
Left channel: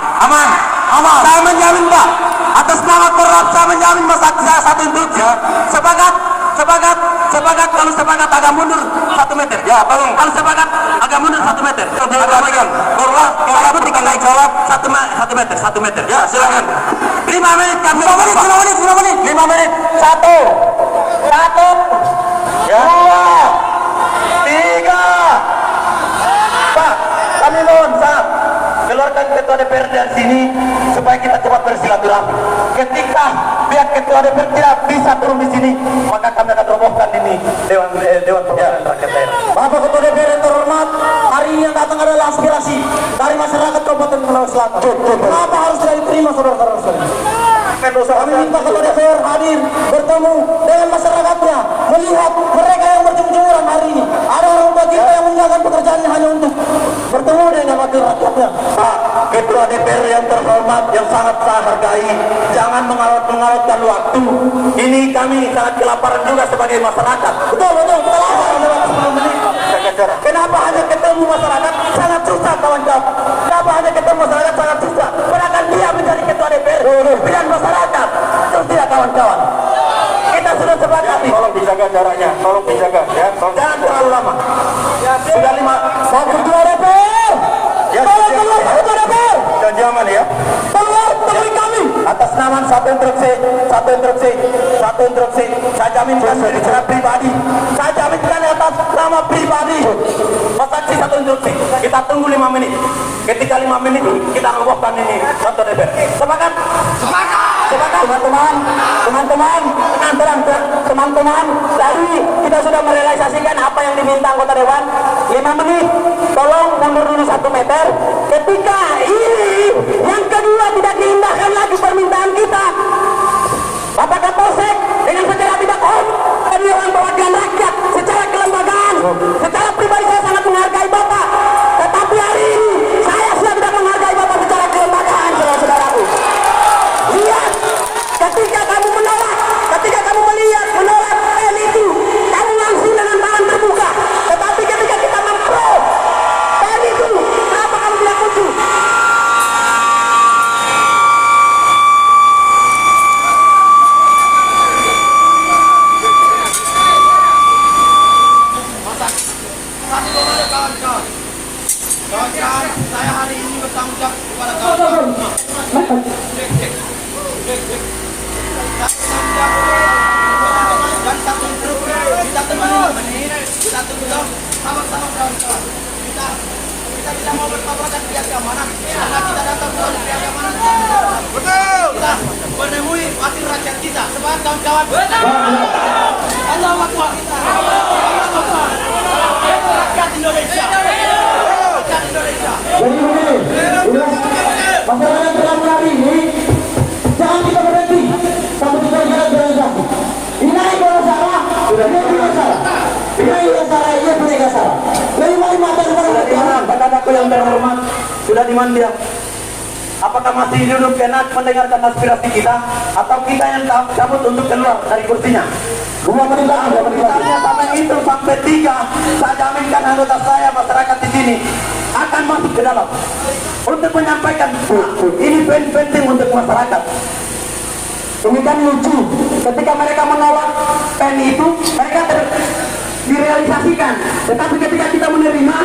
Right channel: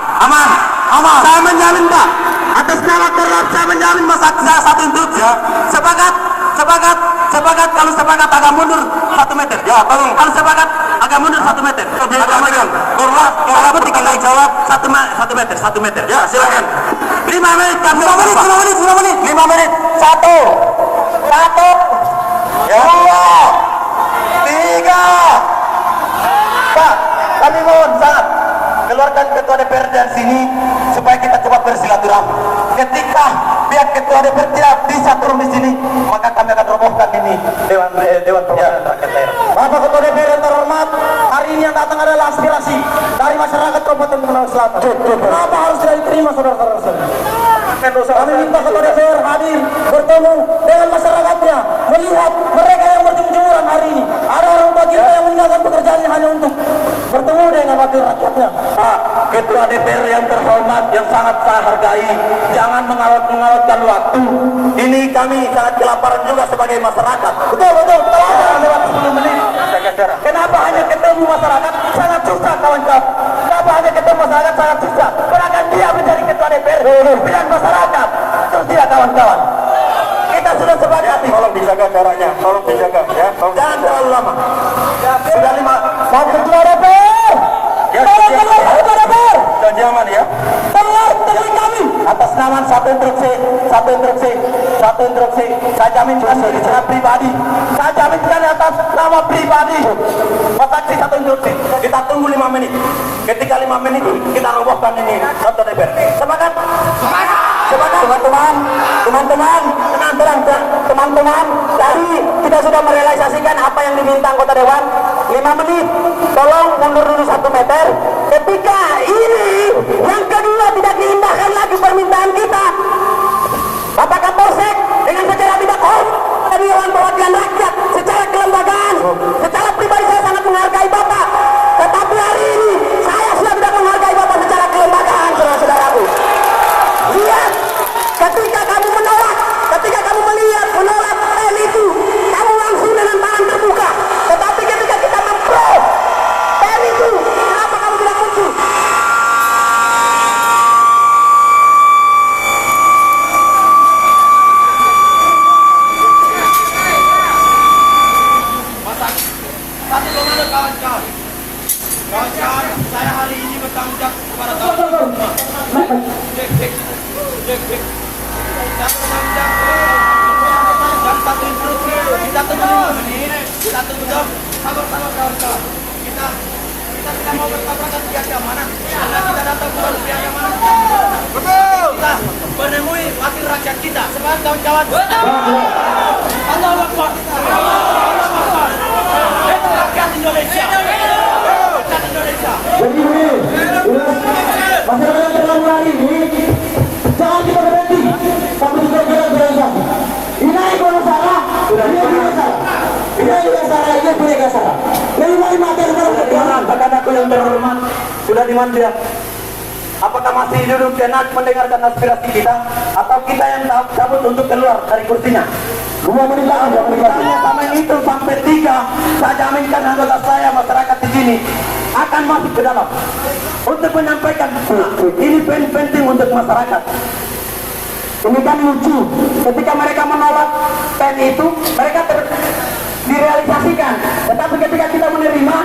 Saya menjamin Pak. Atas nama Korlap saya menjamin saya satu instruksi ya. Sepakat kalau sepakat agak mundur 1 meter. Ya, tolong. Kalau sepakat agak mundur 1 meter. Korlap tinggal naik jawab 1 meter. Ya, silakan. 5 menit kan. 5 menit. 1. Ya. 2. 3. keluarkan ketua DPR dari sini supaya kita cepat bersilaturahmi. Ketika pihak ketua DPR tidak bisa turun di sini, maka kami akan robohkan ini Dewan Perwakilan Rakyat Daerah. Bapak Ketua DPR yang terhormat, hari ini yang datang adalah aspirasi dari masyarakat Kabupaten Sulawesi Selatan. Kenapa harus tidak diterima, saudara-saudara? Kami minta Ketua DPR hadir bertemu dengan masyarakatnya, melihat mereka yang berjemur-jemuran hari ini. Ada orang tua kita yang meninggalkan pekerjaannya hanya untuk bertemu dengan wakil rakyatnya. Pak Ketua DPR yang terhormat, yang sangat saya hargai, jangan mengawat-ngawatkan waktu. Ini kami sangat kelaparan juga sebagai masyarakat. Betul, kita lapar lewat 10 menit. Kenapa hanya ketemu masyarakat sangat susah, kawan-kawan? Kenapa hanya ketemu masyarakat sangat susah? Bahkan dia menjadi Ketua DPR bidang masyarakat. Terus tidak, kawan-kawan? Kita sudah sepakati. Tolong dijaga caranya, tolong dijaga ya. Jangan terlalu lama. Sudah 5. Mau Ketua DPR. Tolong keluar Ketua DPR. Janji aman ya. Keluar, temui kami. Atas nama satu instruksi. Saya jaminkan secara pribadi. Saya jaminkan atas nama pribadi. Saksi satu instruksi. Kita tunggu 5 menit. Ketika 5 menit kita robohkan ini Ketua DPR. Semangat. Teman-teman, tadi kita sudah merealisasikan apa yang diminta anggota Dewan. 5 menit, tolong mundur dulu 1 meter. Ketika ini yang kedua tidak diindahkan lagi permintaan kita, Bapak Kapolsek dengan secara tidak hormat kami Dewan Perwakilan Rakyat secara kelembagaan, secara pribadi saya sangat menghargai Bapak, tetapi hari ini saya sudah tidak menghargai Bapak secara kelembagaan, saudara-saudaraku. Lihat, ketika kamu menolak, ketika kamu melihat menolak pen itu, kamu langsung dengan tangan terbuka. Tetapi ketika kita mempro pen itu, kenapa kamu tidak muncul? Kasih komando kawan-kawan. Kawan-kawan, saya hari ini bertanggung jawab kepada kawan-kawan semua. Cek. Saya bertanggung jawab kepada kawan-kawan. Dan satu instruksi, kita tunggu 5 menit. Kita tunggu dong. Sama-sama kawan-kawan. Kita tidak mau bertabrakan pihak keamanan. Karena kita datang bukan pihak keamanan. Betul. Kita menemui wakil rakyat kita. Semangat kawan-kawan. Allahu Akbar. Allahu Akbar. Rakyat Indonesia. Rakyat Indonesia. Jadi masyarakat terlalu hari ini jangan kita berhenti. Kamu juga berhenti. Ini kalau salah, dia punya salah. Ini salah, dia punya salah. Lima Kakak-kakakku yang terhormat, sudah di mana dia? Apakah masih duduk enak mendengarkan aspirasi kita, atau kita yang cabut untuk keluar dari kursinya? 2 menit aja, sama itu sampai 3. Saya jaminkan anggota saya, masyarakat di sini akan masuk ke dalam untuk menyampaikan ini penting untuk masyarakat. Ini kan lucu, ketika mereka menolak pen itu, mereka direalisasikan, tetapi ketika kita menerima,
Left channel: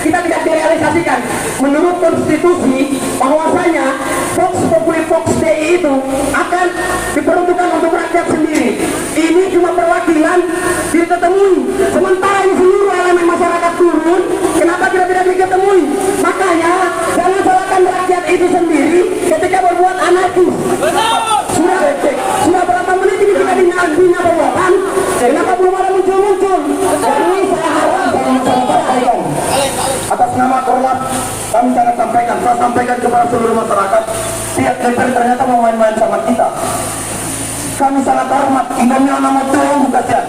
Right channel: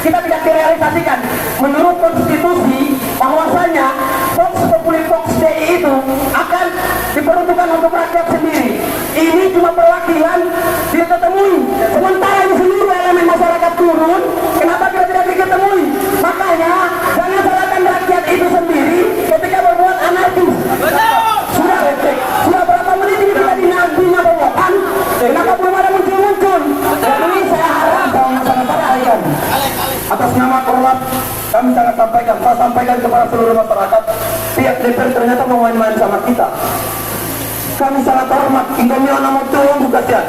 kita tidak direalisasikan. Menurut konstitusi, bahwasanya Vox Populi Vox Dei itu akan diperuntukkan untuk rakyat sendiri. Ini cuma perwakilan dia ketemui. Sementara seluruh elemen masyarakat turun, kenapa kita tidak diketemui? Makanya jangan salahkan rakyat itu sendiri ketika membuat anarkis. Sudah berapa menit ini kita dinantinya perbuatan, kenapa belum ada muncul-muncul? Ini saya harap dalam masyarakat. Atas nama Korlat, kami sangat sampaikan kepada seluruh masyarakat, pihak DPR ternyata mau main-main sama kita. Kami sangat hormat, Indonesia nama Tuhan kasihan.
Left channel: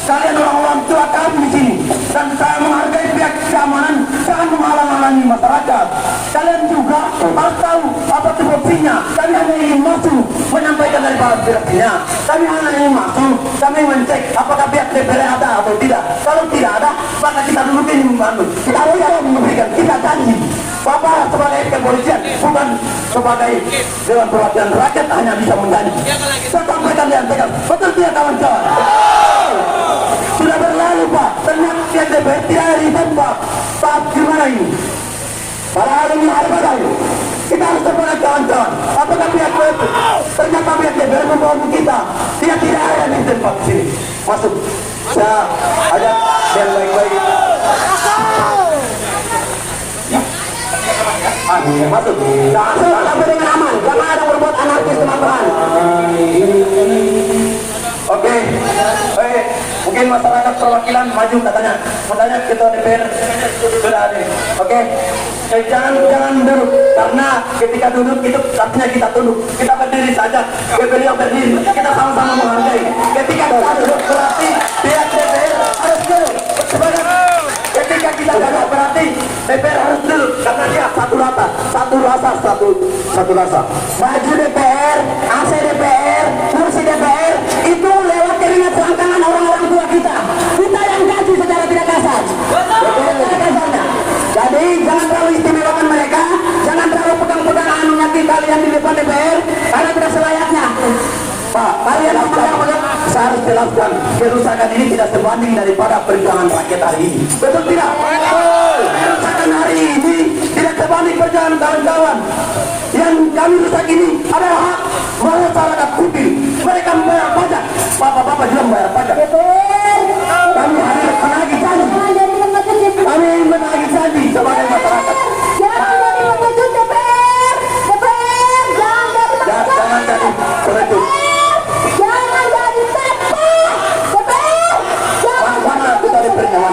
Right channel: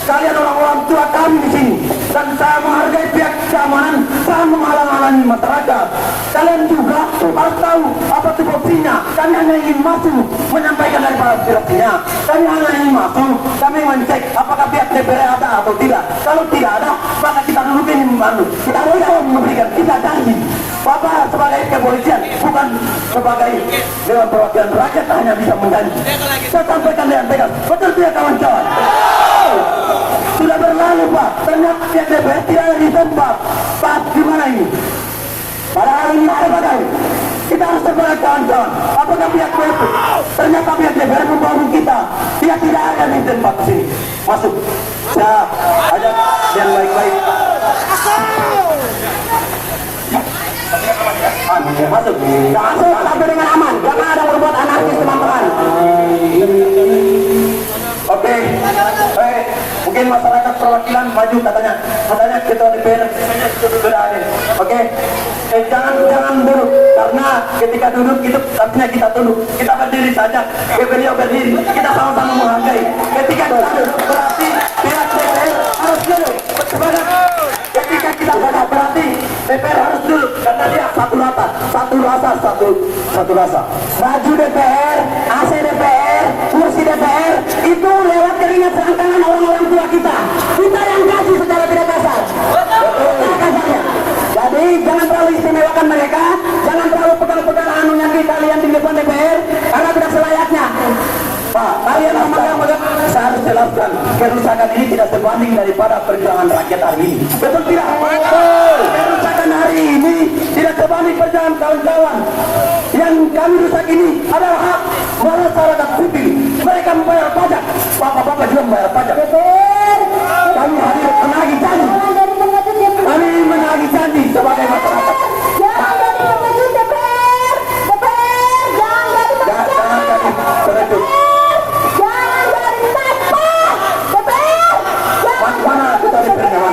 Kalian orang-orang tua kami di sini, dan saya menghargai pihak keamanan, jangan menghalang-halangi masyarakat. Kalian juga harus tahu apa tupoksinya. Kami hanya ingin masuk menyampaikan dari aspirasinya. Kami hanya ingin masuk, kami mencek apakah pihak DPR ada atau tidak. Kalau tidak ada, maka kita duduk ini membantu. Kita tidak memberikan, kita janji. Bapak sebagai kepolisian, bukan sebagai Dewan Perwakilan Rakyat, hanya bisa menjanji. Saya sampaikan dengan tegas, betul tidak kawan-kawan? Sudah berlalu Pak, ternyata pihak DPR tidak ada di tempat. Saat gimana ini? Pada hari ini harus ada. Kita harus terbuka kawan-kawan. Apakah pihak DPR? Ternyata pihak DPR membantu kita. Dia tidak ada di tempat sini. Masuk. Saya ajak yang baik-baik. Tapi dengan aman, jangan ada berbuat anarkis teman-teman. Oke, mungkin masyarakat perwakilan maju katanya kita DPR sudah ada. Oke, jangan duduk karena ketika duduk itu artinya kita tunduk. Kita berdiri saja, beliau berdiri, kita sama-sama menghargai. Ketika kita duduk berarti pihak DPR harus duduk. Ketika kita banyak berarti DPR harus duduk karena dia satu rasa. Maju DPR, AC DPR, kursi DPR itu lewat keringat tangan orang-orang tua kita. Kita yang kasih secara tidak kasar. Jadi jangan terlalu istimewakan mereka, jangan terlalu pegang-pegang anunya kalian di depan DPR karena tidak selayaknya. Pak, kalian saya harus jelaskan kerusakan ini tidak sebanding daripada perjuangan rakyat hari ini. Betul tidak? Kerusakan hari ini tidak sebanding perjuangan kawan-kawan. Yang kami rusak ini adalah hak masyarakat sipil. Mereka membayar pajak. Bapak-bapak juga membayar pajak. Kami harus menagih janji. Kami menagih janji sebagai masyarakat. Jangan jadi peredup. Mana kita DPR-nya?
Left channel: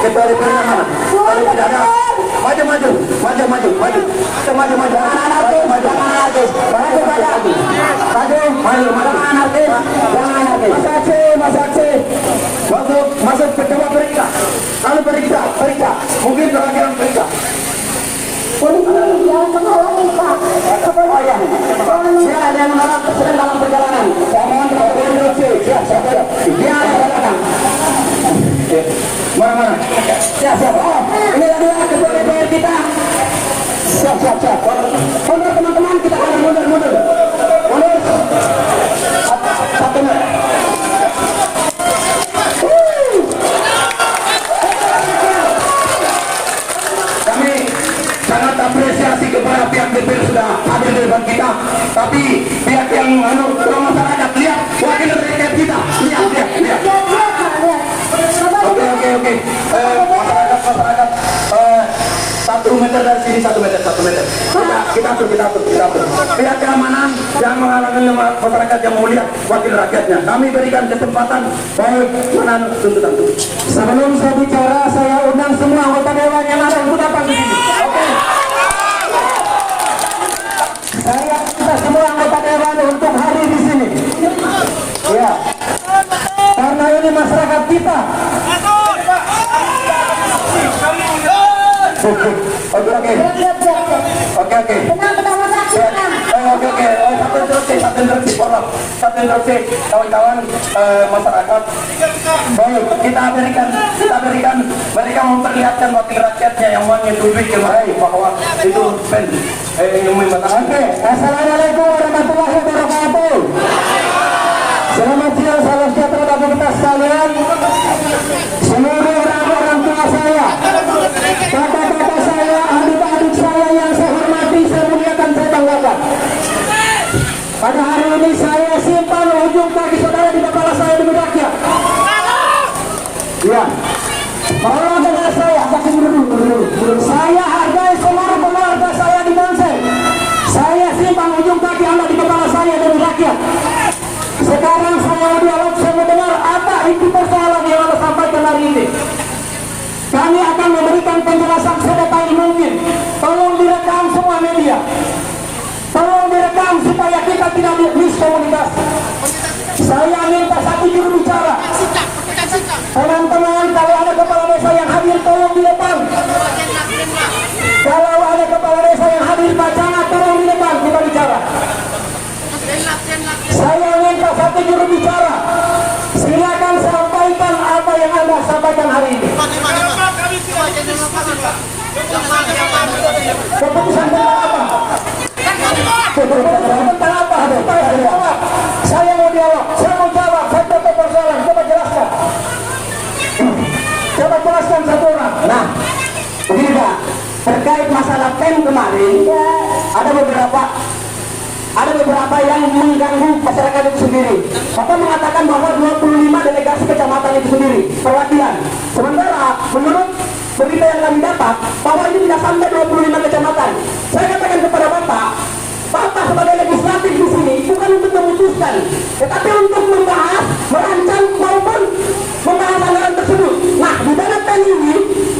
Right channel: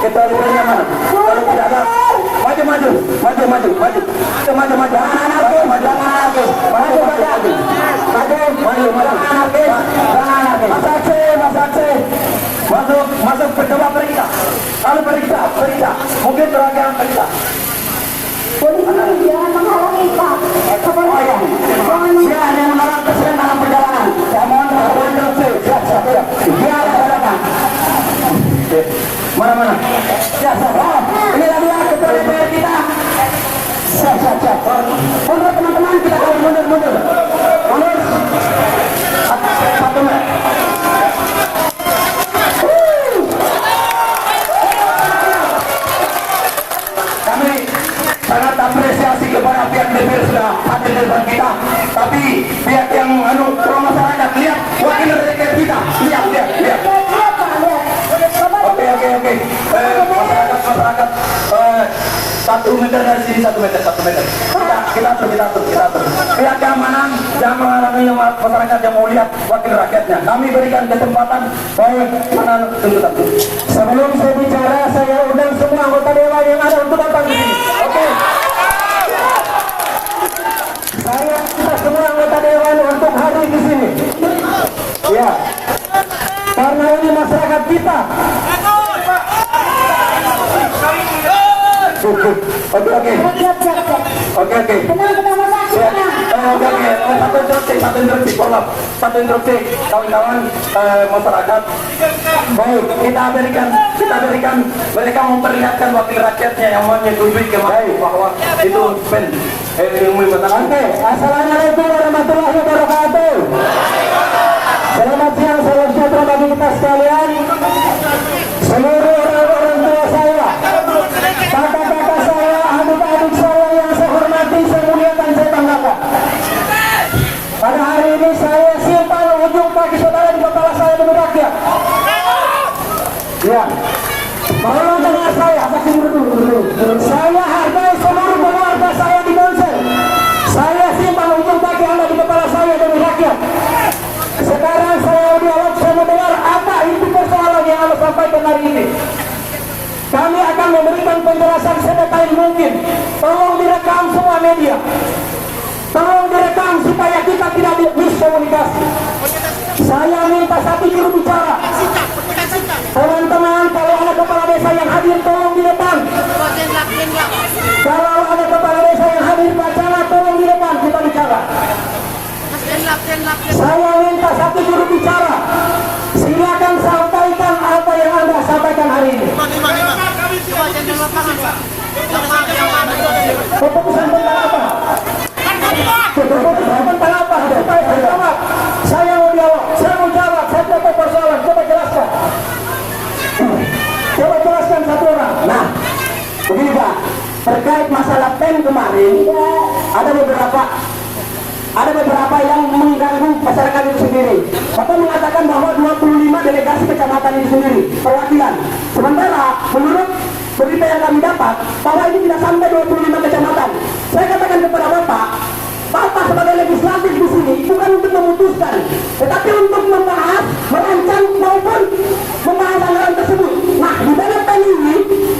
Kita DPR-nya mana? Kalau tidak ada, maju. Masuk percoba periksa. Lalu periksa. Mungkin terakhir periksa. Jangan menghalangi Pak. Siapa yang menghalang presiden dalam perjalanan? Jangan melakukan korupsi. Siapa datang? Mana? Siapa? Ini adalah ketua DPR kita. Siap. Mundur teman-teman, kita akan mundur. Satu menit. Kami sangat apresiasi kepada pihak DPR sudah hadir di depan kita. Tapi pihak yang masyarakat lihat wakil rakyat kita. Lihat. Oke. Masyarakat. 1 meter dari sini, 1 meter. Kita atur. Pihak keamanan yang menghalangi masyarakat yang mau lihat wakil rakyatnya. Kami berikan kesempatan tuntutan. Sebelum saya bicara, saya undang semua anggota dewan yang ada untuk datang di sini. Oke. Saya undang semua anggota dewan untuk hadir di sini. Ya. Karena ini masyarakat kita. Oke. Satu instruksi kawan-kawan masyarakat. Baik, kita berikan mereka memperlihatkan wakil rakyatnya yang menyetujui kembali bahwa itu ilmu masyarakat. Oke, assalamualaikum warahmatullahi wabarakatuh. Selamat siang, salam sejahtera bagi kita sekalian. Seluruh orang tua saya, kakak-kakak saya, adik-adik saya yang saya hormati, saya muliakan, saya banggakan. Pada hari ini saya simpan ujung kaki saudara di kepala saya demi rakyat. Ya, tolong dengar saya, dulu. Saya hargai seluruh keluarga saya di Monsel. Saya simpan ujung kaki Anda di kepala saya demi rakyat. Sekarang saya dialog, saya mendengar apa inti persoalan yang Anda sampaikan hari ini. Kami akan memberikan penjelasan sedetail mungkin. Tolong direkam semua media. Tolong direkam supaya kita tidak miskomunikasi. Saya minta satu juru bicara. Teman-teman, kalau ada kepala desa yang hadir, tolong di depan. Kalau ada kepala desa yang hadir, bacanya tolong di depan, kita bicara. Saya minta satu juru bicara. Silakan sampaikan apa yang Anda sampaikan hari ini. Keputusan tentang apa? Keputusan tentang apa? Saya mau dialog, saya mau jawab, saya tidak persoalan. Coba jelaskan. Coba jelaskan satu orang. Nah, begini Pak, terkait masalah PEN kemarin, ada beberapa yang mengganggu masyarakat itu sendiri. Bapak mengatakan bahwa 25 delegasi kecamatan itu sendiri perwakilan. Sementara menurut berita yang kami dapat bahwa ini tidak sampai 25 kecamatan. Saya katakan kepada Bapak sebagai legislatif di sini bukan untuk memutuskan, tetapi untuk membahas, merancang maupun membahas anggaran tersebut. Nah, di dalam pen ini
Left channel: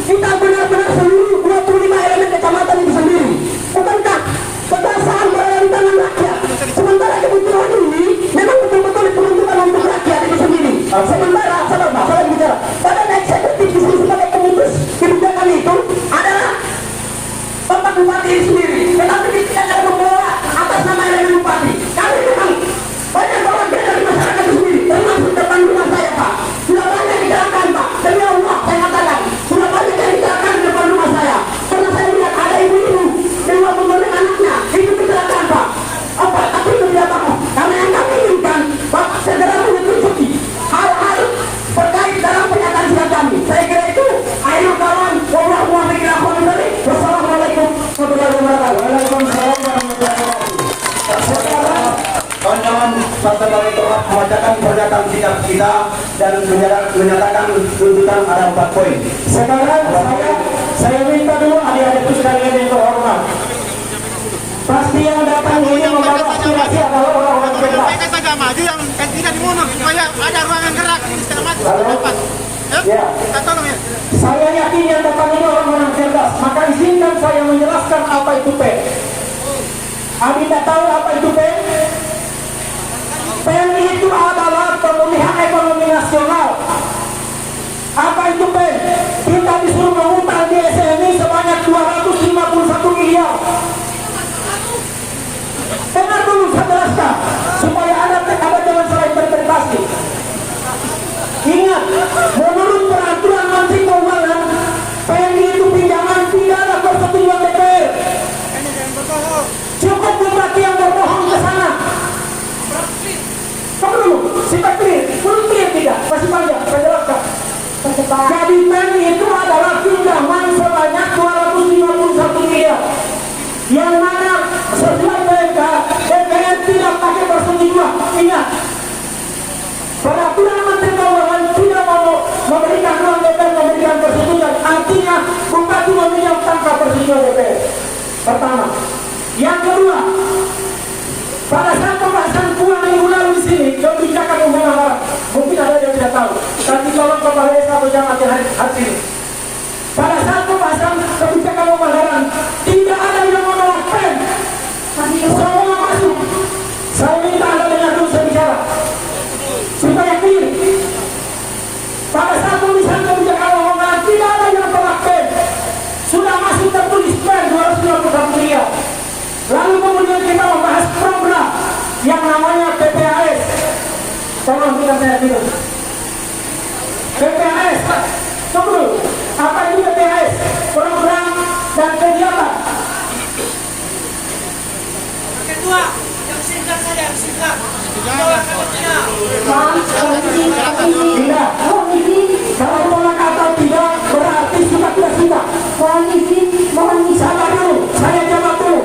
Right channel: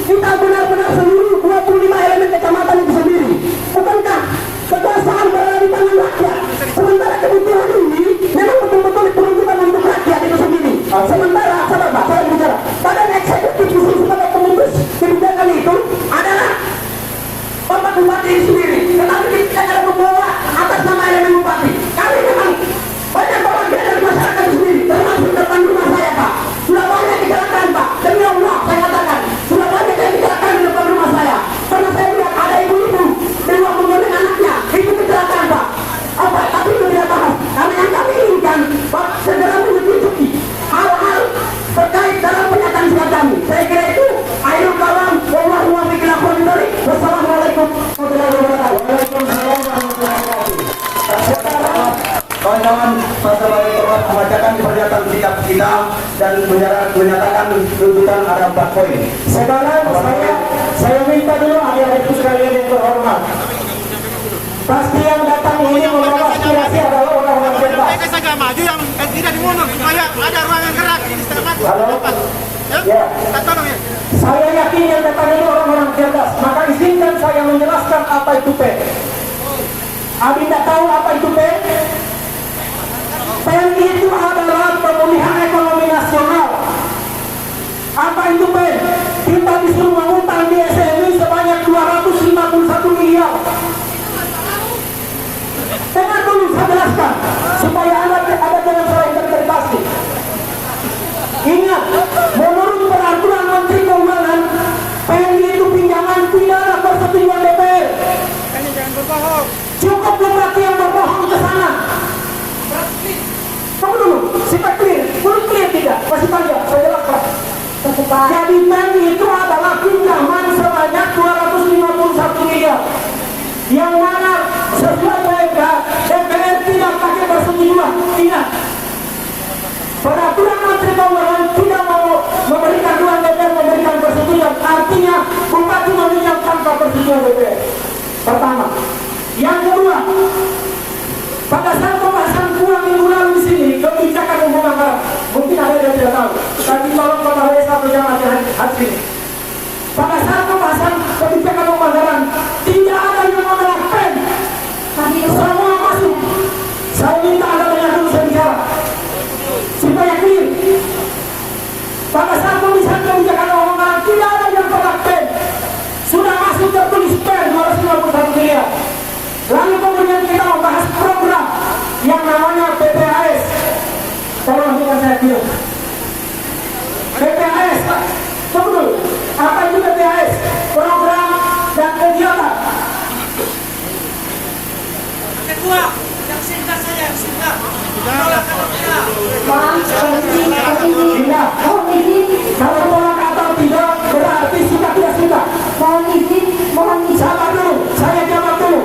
kita benar-benar seluruh 25 elemen kecamatan itu sendiri. Bukankah kekuasaan berada di tangan rakyat? Sementara kebutuhan ini memang betul-betul diperuntukkan untuk rakyat itu sendiri. Sementara, saya bicara, badan eksekutif di sini sebagai pemutus kebijakan itu adalah Bapak Bupati sendiri. Tetapi kita tidak membawa atas nama elemen Bupati. Kami memang banyak bagian dari masyarakat itu sendiri, termasuk depan rumah saya, Pak. Sudah banyak kecelakaan, Pak. Demi Allah, saya katakan, sudah banyak yang kecelakaan di depan rumah saya. Karena saya lihat ada ibu-ibu dengan menggunakan anaknya, itu kecelakaan, Pak. Apa? Tapi itu tidak tahu. Karena yang kami inginkan, Pak, segera menyetujui hal-hal terkait dalam pernyataan sikap kami. Saya kira itu, ayo kawan, wallahu a'lam bishawab. Wassalamualaikum warahmatullahi wabarakatuh. Waalaikumsalam warahmatullahi wabarakatuh. Kawan-kawan, saya sebagai terhormat membacakan pernyataan sikap kita dan menyatakan tuntutan ada 4 poin. Sekarang saya minta dulu adik-adikku sekalian yang terhormat. Pasti yang datang ini membawa aspirasi adalah orang-orang cerdas. Yang tidak dimonong supaya ada ruang yang gerak di setengah. Ya. Saya yakin yang datang ini orang-orang cerdas. Maka izinkan saya menjelaskan apa itu PEN. Abi tidak tahu apa itu PEN? PEN itu adalah pemulihan ekonomi nasional. Apa itu PEN? Kita disuruh mengutang di SMI sebanyak 251 miliar. Dengar dulu saya jelaskan supaya Anda jangan salah interpretasi. Ingat, menurut peraturan Menteri Keuangan, PNI itu pinjaman tidak ada persetujuan DPR. Cukup bupati yang berbohong ke sana. Tunggu dulu, kita clear. Belum clear tidak? Masih panjang, saya jelaskan. Jadi PNI itu adalah pinjaman sebanyak 251 miliar. Yang mana sesuai PMK, DPR tidak pakai persetujuan. Ingat, peraturan Menteri Keuangan tidak mau memberikan ruang DPR memberikan persetujuan. Artinya bupati meminjam tanpa persetujuan DPR. Pertama. Yang kedua, pada saat pembahasan 2 minggu lalu di sini kebijakan umum anggaran, mungkin ada yang tidak tahu. Tapi tolong kepala desa berjamaah hari ini. Pada saat pembahasan kebijakan umum anggaran tidak ada yang menolak PEN. Semua masuk. Saya minta Anda dengar dulu saya bicara supaya clear. Pada saat pembahasan kebijakan umum anggaran tidak ada yang menolak PEN. Sudah masuk tertulis PEN 251 miliar. Lalu kemudian kita membahas program yang namanya PPAS. Tolong dengar saya dulu. PPAS, Pak. Tunggu dulu. Apa itu PPAS? Program dan kegiatan. Kedua, yang singkat saja, yang singkat. Tidak. Kalau tolak atau tidak berarti suka tidak suka. Mohon izin, mohon sabar dulu. Saya jawab dulu.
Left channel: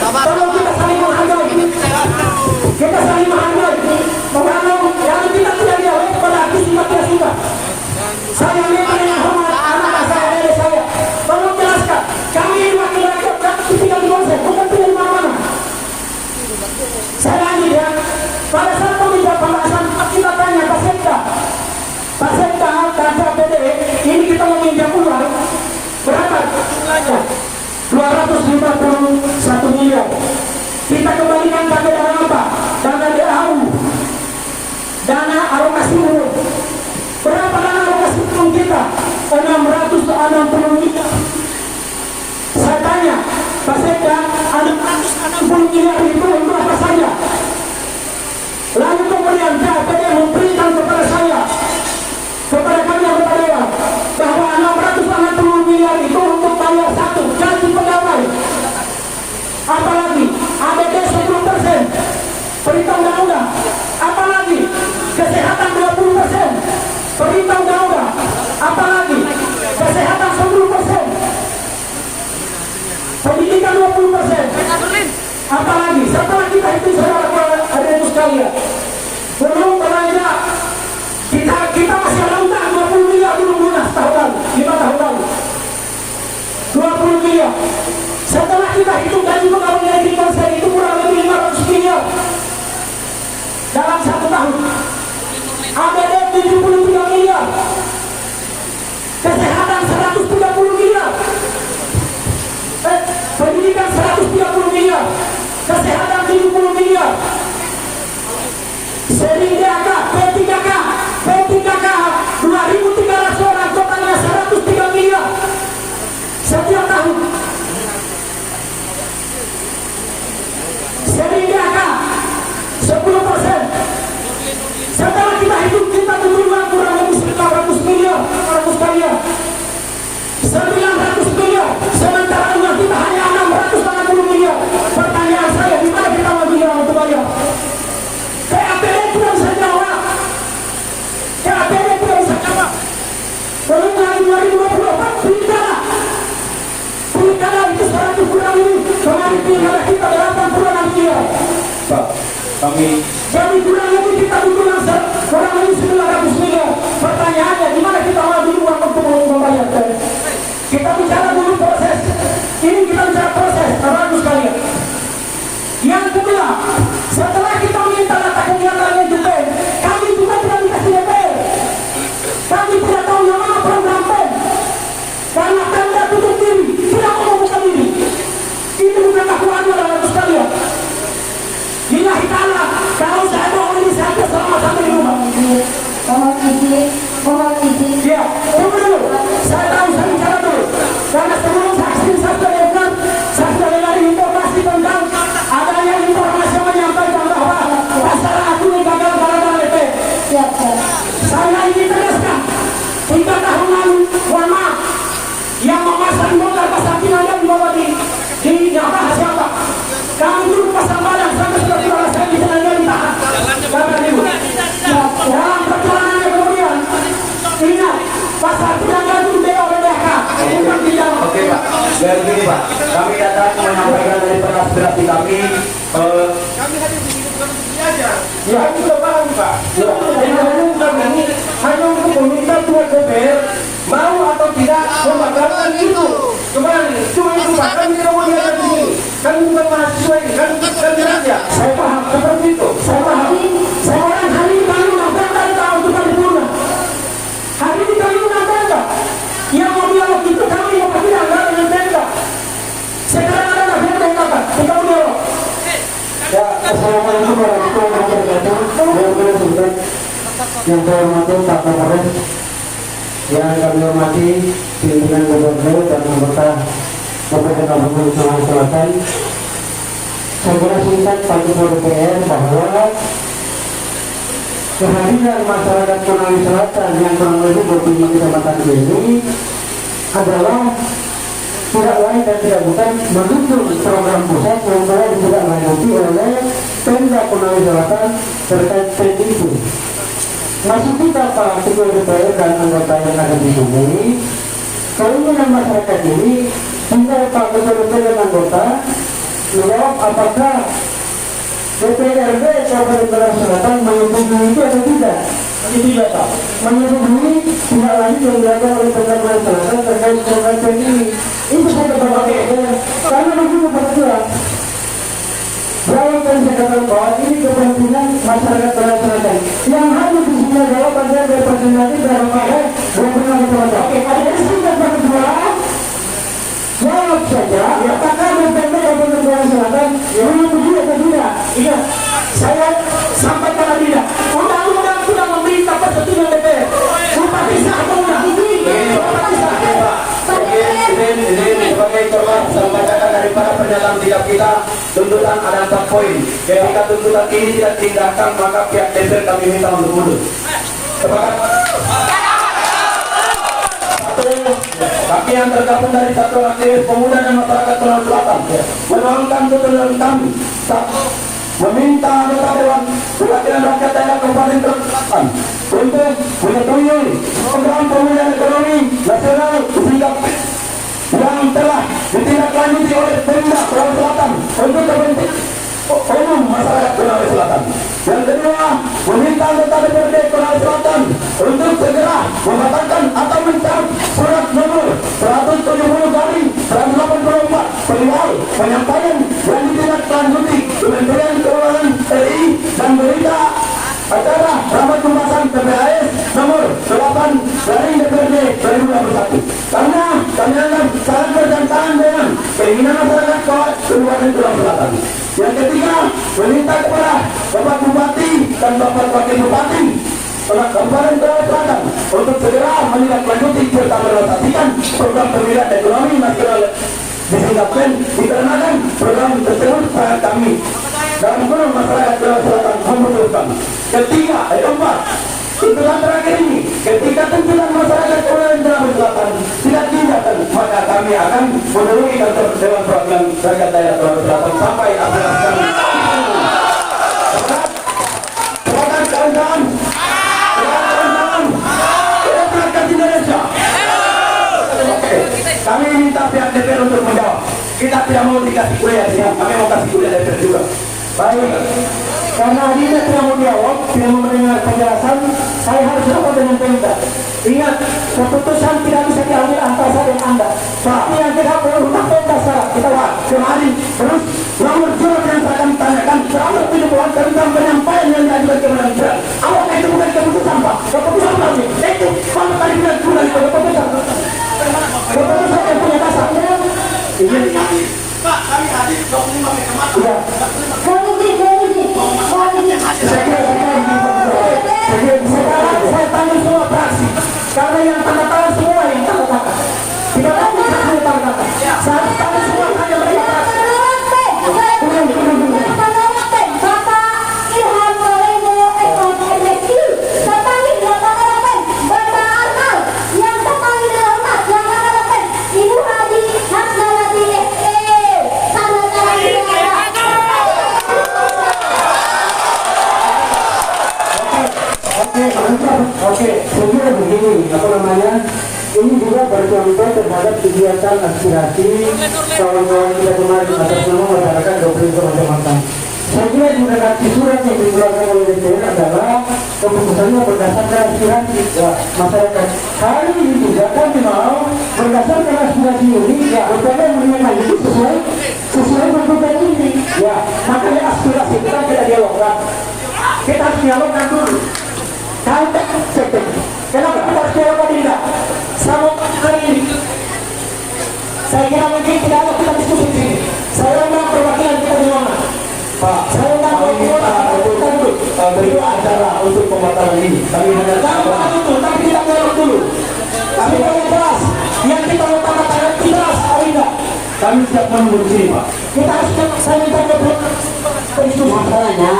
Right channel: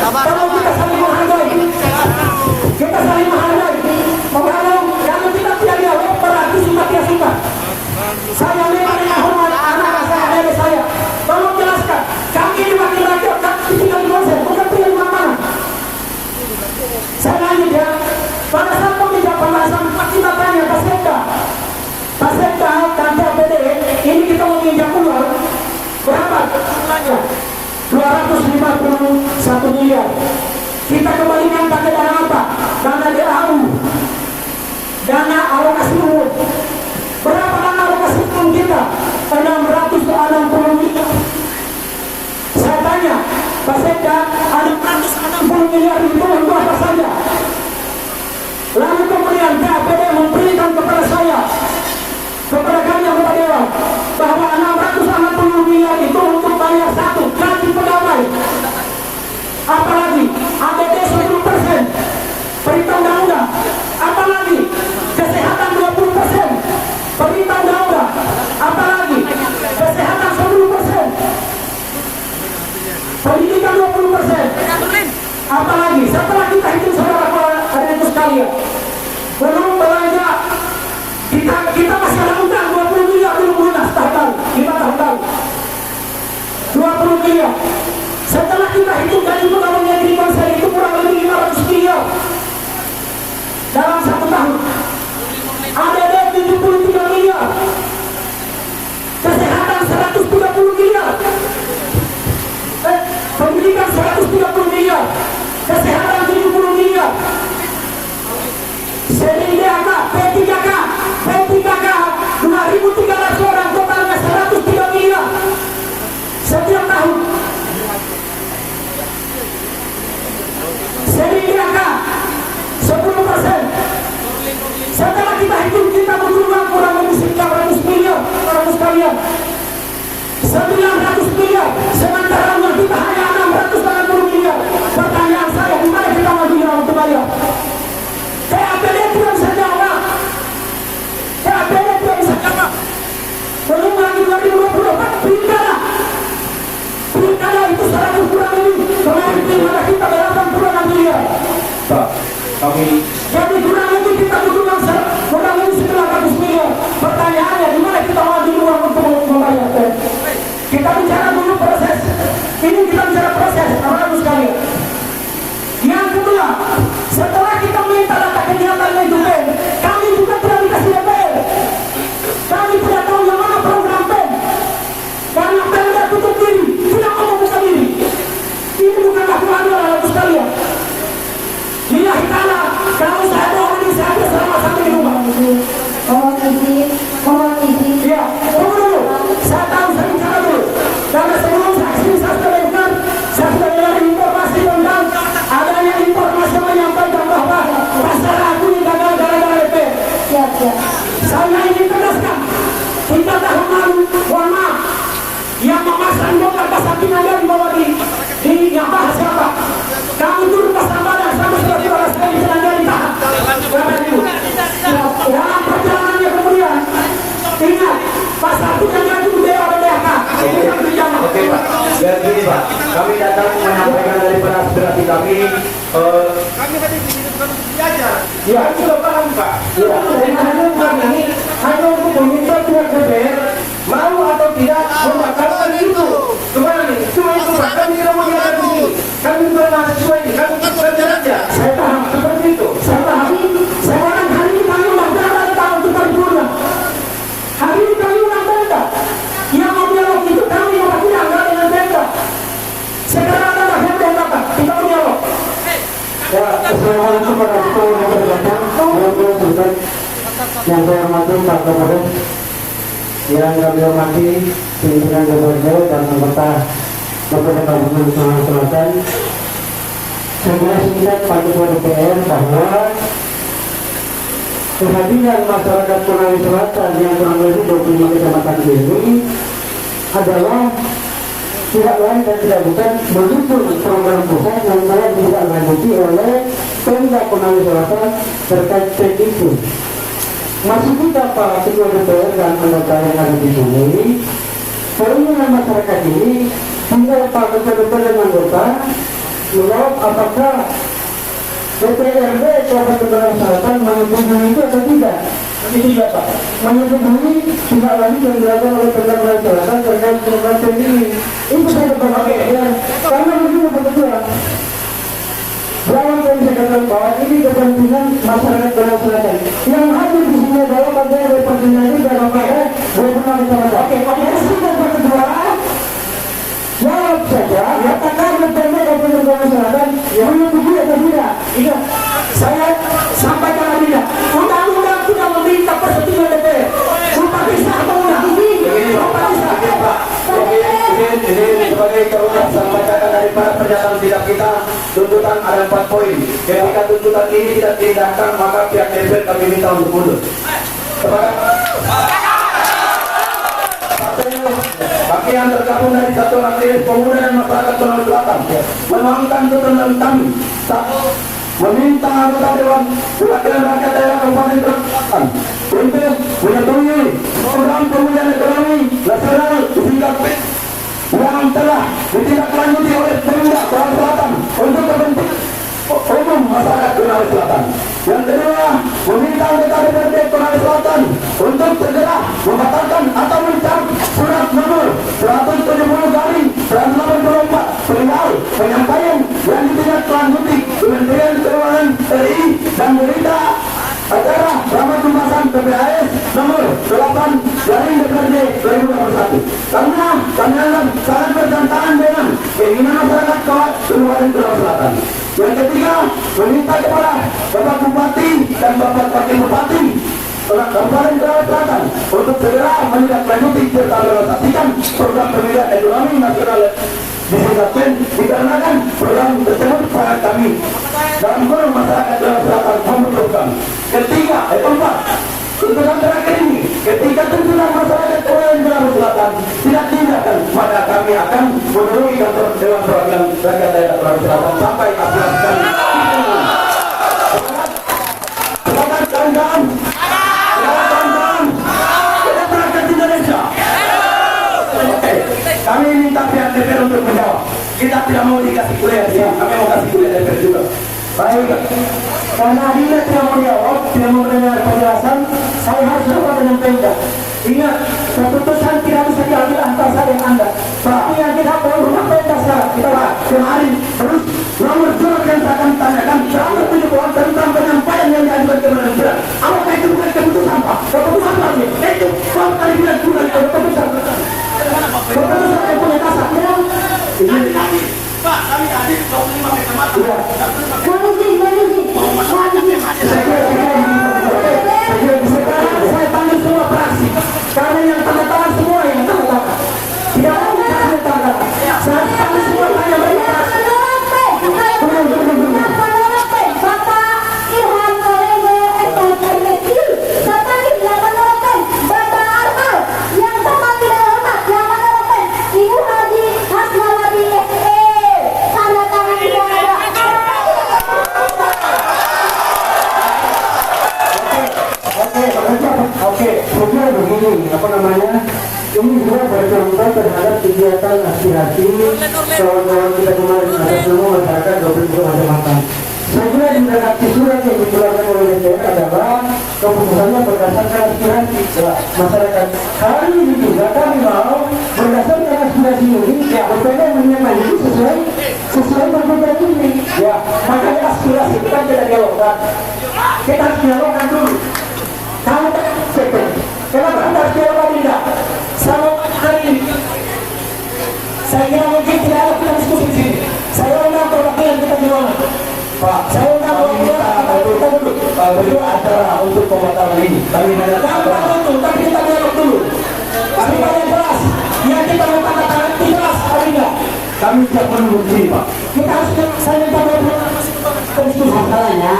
Tolong kita saling menghargai. Kita saling menghargai. Kalau kita tidak dialog berarti suka tidak suka. Saya minta dengan hormat anak saya, dari saya. Tolong jelaskan. Kami ini wakil rakyat, tapi tidak dikonsen, bukan pilih mana. Saya lanjut ya. Pada saat pembahasan kita tanya Pak Sekda dan CPD, ini kita meminjam uang berapa jumlahnya? 251 miliar. Kita kembalikan pakai dana apa? Dana DAU, dana alokasi umum. Berapa dana alokasi umum kita? 660 miliar. Saya tanya Pak Sekda, 660 miliar itu untuk apa saja? Lalu kemudian CPD memberikan kepada saya, kepada kami kepada Dewan, bahwa 660 miliar itu untuk bayar satu gaji pegawai. Apalagi APD 10%, perintah undang-undang. Apalagi kesehatan 20%, perintah undang-undang. Apalagi kesehatan 10%, pendidikan 20%. Apalagi setelah kita hitung saudara hari itu sekalian, belum belanja kita masih ada utang 20%. 30 miliar. Setelah kita hitung gaji pegawai negeri Polsek itu kurang lebih 500 miliar dalam 1 tahun. ADD 73 miliar, kesehatan 130 miliar, pendidikan 130 miliar, kesehatan 70 miliar, sehingga P3K 2.300 orang, totalnya 103 miliar setiap tahun. Sehingga 10%. Setelah kita hitung, kita butuh uang kurang lebih 900 miliar, 900 miliar, sementara uang kita hanya 680 miliar. Pertanyaan saya, di mana kita mau jual untuk bayar? KAPD tidak bisa jawab. KAPD tidak bisa jawab. Belum lagi 2024 pilkada itu 100 kurang ini. Kemarin pilkada kita 80 miliar. Pak, kami jadi kurang lebih kita butuh uang kurang lebih 900 miliar. Pertanyaannya, di mana kita mau dulu uang untuk membayar? Kita bicara dulu proses. Ini kita bicara proses, harus sekalian. Yang kedua, setelah kita minta data kegiatannya itu PEN, kami juga tidak dikasih DPR. Kami tidak tahu yang mana program PEN. Karena PEN sudah tutup diri, tidak mau membuka diri. Ini bukanlah kewajiban harus sekalian. Lillahi ta'ala, kalau saya mau inisiatif sama-sama di rumah. Mohon izin. Ya, tunggu dulu. Saya tahu, saya bicara dulu. Karena sebelum saksi saya sudah dengar, saya sudah dengar informasi tentang adanya informasi yang menyampaikan bahwa pasar aku ini gagal gara-gara DPR. Siap. Saya ingin tegaskan, 3 tahun lalu, mohon maaf, yang memasang bongkar pasar Kinaya di bawah di nggak bahas siapa. Kami dulu pasang badan sampai sudah saya di sana jadi tahan. Kapan itu? Dalam perjalanannya kemudian ingat pasar Kinaya itu beda oleh BHK. Bukan pinjaman. Oke Pak, dan gini Pak, kami datang menyampaikan dari aspirasi kami. Kami hadir di sini bukan untuk belajar. Ya, itu sudah paham Pak. Ya, hanya bukan ini, hanya untuk meminta pihak DPR mau atau tidak membatalkan itu. Kembali, cuma itu Pak. Kami tidak mau diajar di sini. Kami bukan mahasiswa ini, kami raja. Saya paham seperti itu. Saya paham. Sekarang hari ini kami undang dari tahun 2010. Hari ini kami undang Pemda. Yang mau dialog itu kami mau kasih anggaran dengan Pemda. Sekarang ada Pemda yang datang. Kita mau dialog. Ya, assalamualaikum warahmatullahi wabarakatuh. Yang saya hormati Pak Kapolres, yang kami hormati pimpinan gubernur dan anggota Kabupaten Sumatera Selatan. Saya kira singkat Pak Ketua DPR bahwa kehadiran masyarakat Konawe Selatan yang kurang lebih 25 kecamatan ini adalah tidak lain dan tidak bukan mendukung program pusat yang telah ditindaklanjuti oleh Pemda Konawe Selatan terkait PEN itu. Masih kita Pak Ketua DPR dan anggota yang ada di sini, keinginan masyarakat ini tinggal Pak Ketua DPR dan anggota menjawab apakah DPRD Kabupaten Konawe Selatan menyetujui itu atau tidak. Itu juga Pak, menyetujui tidak lanjut yang dilakukan oleh Pemda Konawe Selatan terkait program PEN ini. Itu saja Pak Ketua. Karena begini Pak Ketua, Jangan saya katakan bahwa ini kepentingan masyarakat Selatan. Yang hadir di sini adalah bagian dari representasi dalam pakai gubernur Selatan. Oke, ada kesempatan Pak Ketua. Jawab saja, apakah Gubernur Kabupaten Selatan menyetujui atau tidak? Iya, saya sampaikan lagi ya. Undang-undang tidak meminta persetujuan DPR. Sumpah pisah atau undang? Sumpah pisah. Ini sebagai informasi sampaikan dari para pernyataan sikap kita, tuntutan ada 4 poin. Ketika tuntutan ini tidak diindahkan, maka pihak DPR kami minta untuk mundur. Sepakat? Bagi yang tergabung dari Satuan Aktivis Pemuda dan Masyarakat Konawe Selatan menuangkan tuntutan kami. Meminta anggota Dewan Perwakilan Rakyat Daerah Kabupaten Konawe Selatan untuk menyetujui program pemulihan ekonomi nasional sehingga yang telah ditindaklanjuti oleh Pemda Konawe Selatan untuk kepentingan umum masyarakat Konawe Selatan. Yang kedua, meminta anggota DPRD Konawe Selatan untuk segera membatalkan atau mencabut surat nomor 170 kali perihal penyampaian yang ditindaklanjuti Kementerian Keuangan RI dan berita acara rapat pembahasan PPAS nomor 8 garing DPRD 2021 karena kami anggap sangat bertentangan dengan keinginan masyarakat Kabupaten Tulang Selatan. Yang ketiga, meminta kepada Bapak Bupati dan Bapak Wakil Bupati Kabupaten Tulang Selatan untuk segera menindaklanjuti serta merealisasikan program pemulihan ekonomi nasional disingkatkan dikarenakan program tersebut sangat kami dalam kurung masyarakat Tulang Selatan membutuhkan. Keempat, tuntutan terakhir ini ketika tuntutan masyarakat Tulang Selatan tidak diindahkan, maka kami akan menelusuri kantor Dewan Perwakilan Rakyat Daerah Tulang Selatan sampai aspirasi kami. Semangat kawan-kawan, kita berangkat Indonesia. Oke, kami minta pihak DPR untuk menjawab. Kita tidak mau dikasih kuliah sih, kami mau kasih kuliah DPR juga. Baik, karena dia tidak mau jawab, tidak mau mendengar penjelasan, saya harus rapat dengan Pemda. Ingat, keputusan tidak bisa diambil antara saya dan Anda. Tapi yang kita perlu Pemda secara kita kemarin terus nomor surat yang saya akan tanyakan selama 7 bulan tentang penyampaian yang diajukan kepada Pemda. Apakah itu bukan keputusan Pak? Keputusan lagi, itu sama kali tidak bukan keputusan. Keputusan yang punya dasar. Ini Pak, kami hadir 25 kecamatan. Saya panggil semua fraksi karena yang tanda tangan semua yang tanda tangan tidak mau dikasih tanda tangan. Saya panggil semua hanya mereka fraksi. Oke, sebenarnya begini, ini juga bercontoh terhadap kegiatan aspirasi kawan-kawan kita kemarin atas nama masyarakat Provinsi Kalimantan. Saya kira di redaksi surat yang dikeluarkan oleh DPR adalah keputusannya berdasarkan aspirasi masyarakat. Hari ini juga kami mau berdasarkan aspirasi ini, ya bertanya mengenai itu sesuai tuntutan ini. Ya, makanya aspirasi itu kan kita dialogkan. Kita harus dialogkan dulu. Kenapa kita harus dialog tadi tidak? Sama hari ini saya kira mungkin tidak ada kita diskusi di sini. Saya undang perwakilan kita di mana? Pak, saya undang perwakilan kita duduk. Itu acara untuk pembatalan ini. Kami mendatangkan itu, tapi kita dialog dulu. Kami banyak jelas. Yang kita mau tanda tangan jelas hari ini. Kami siap menunggu di sini, Pak. Kita harus saya minta masalahnya,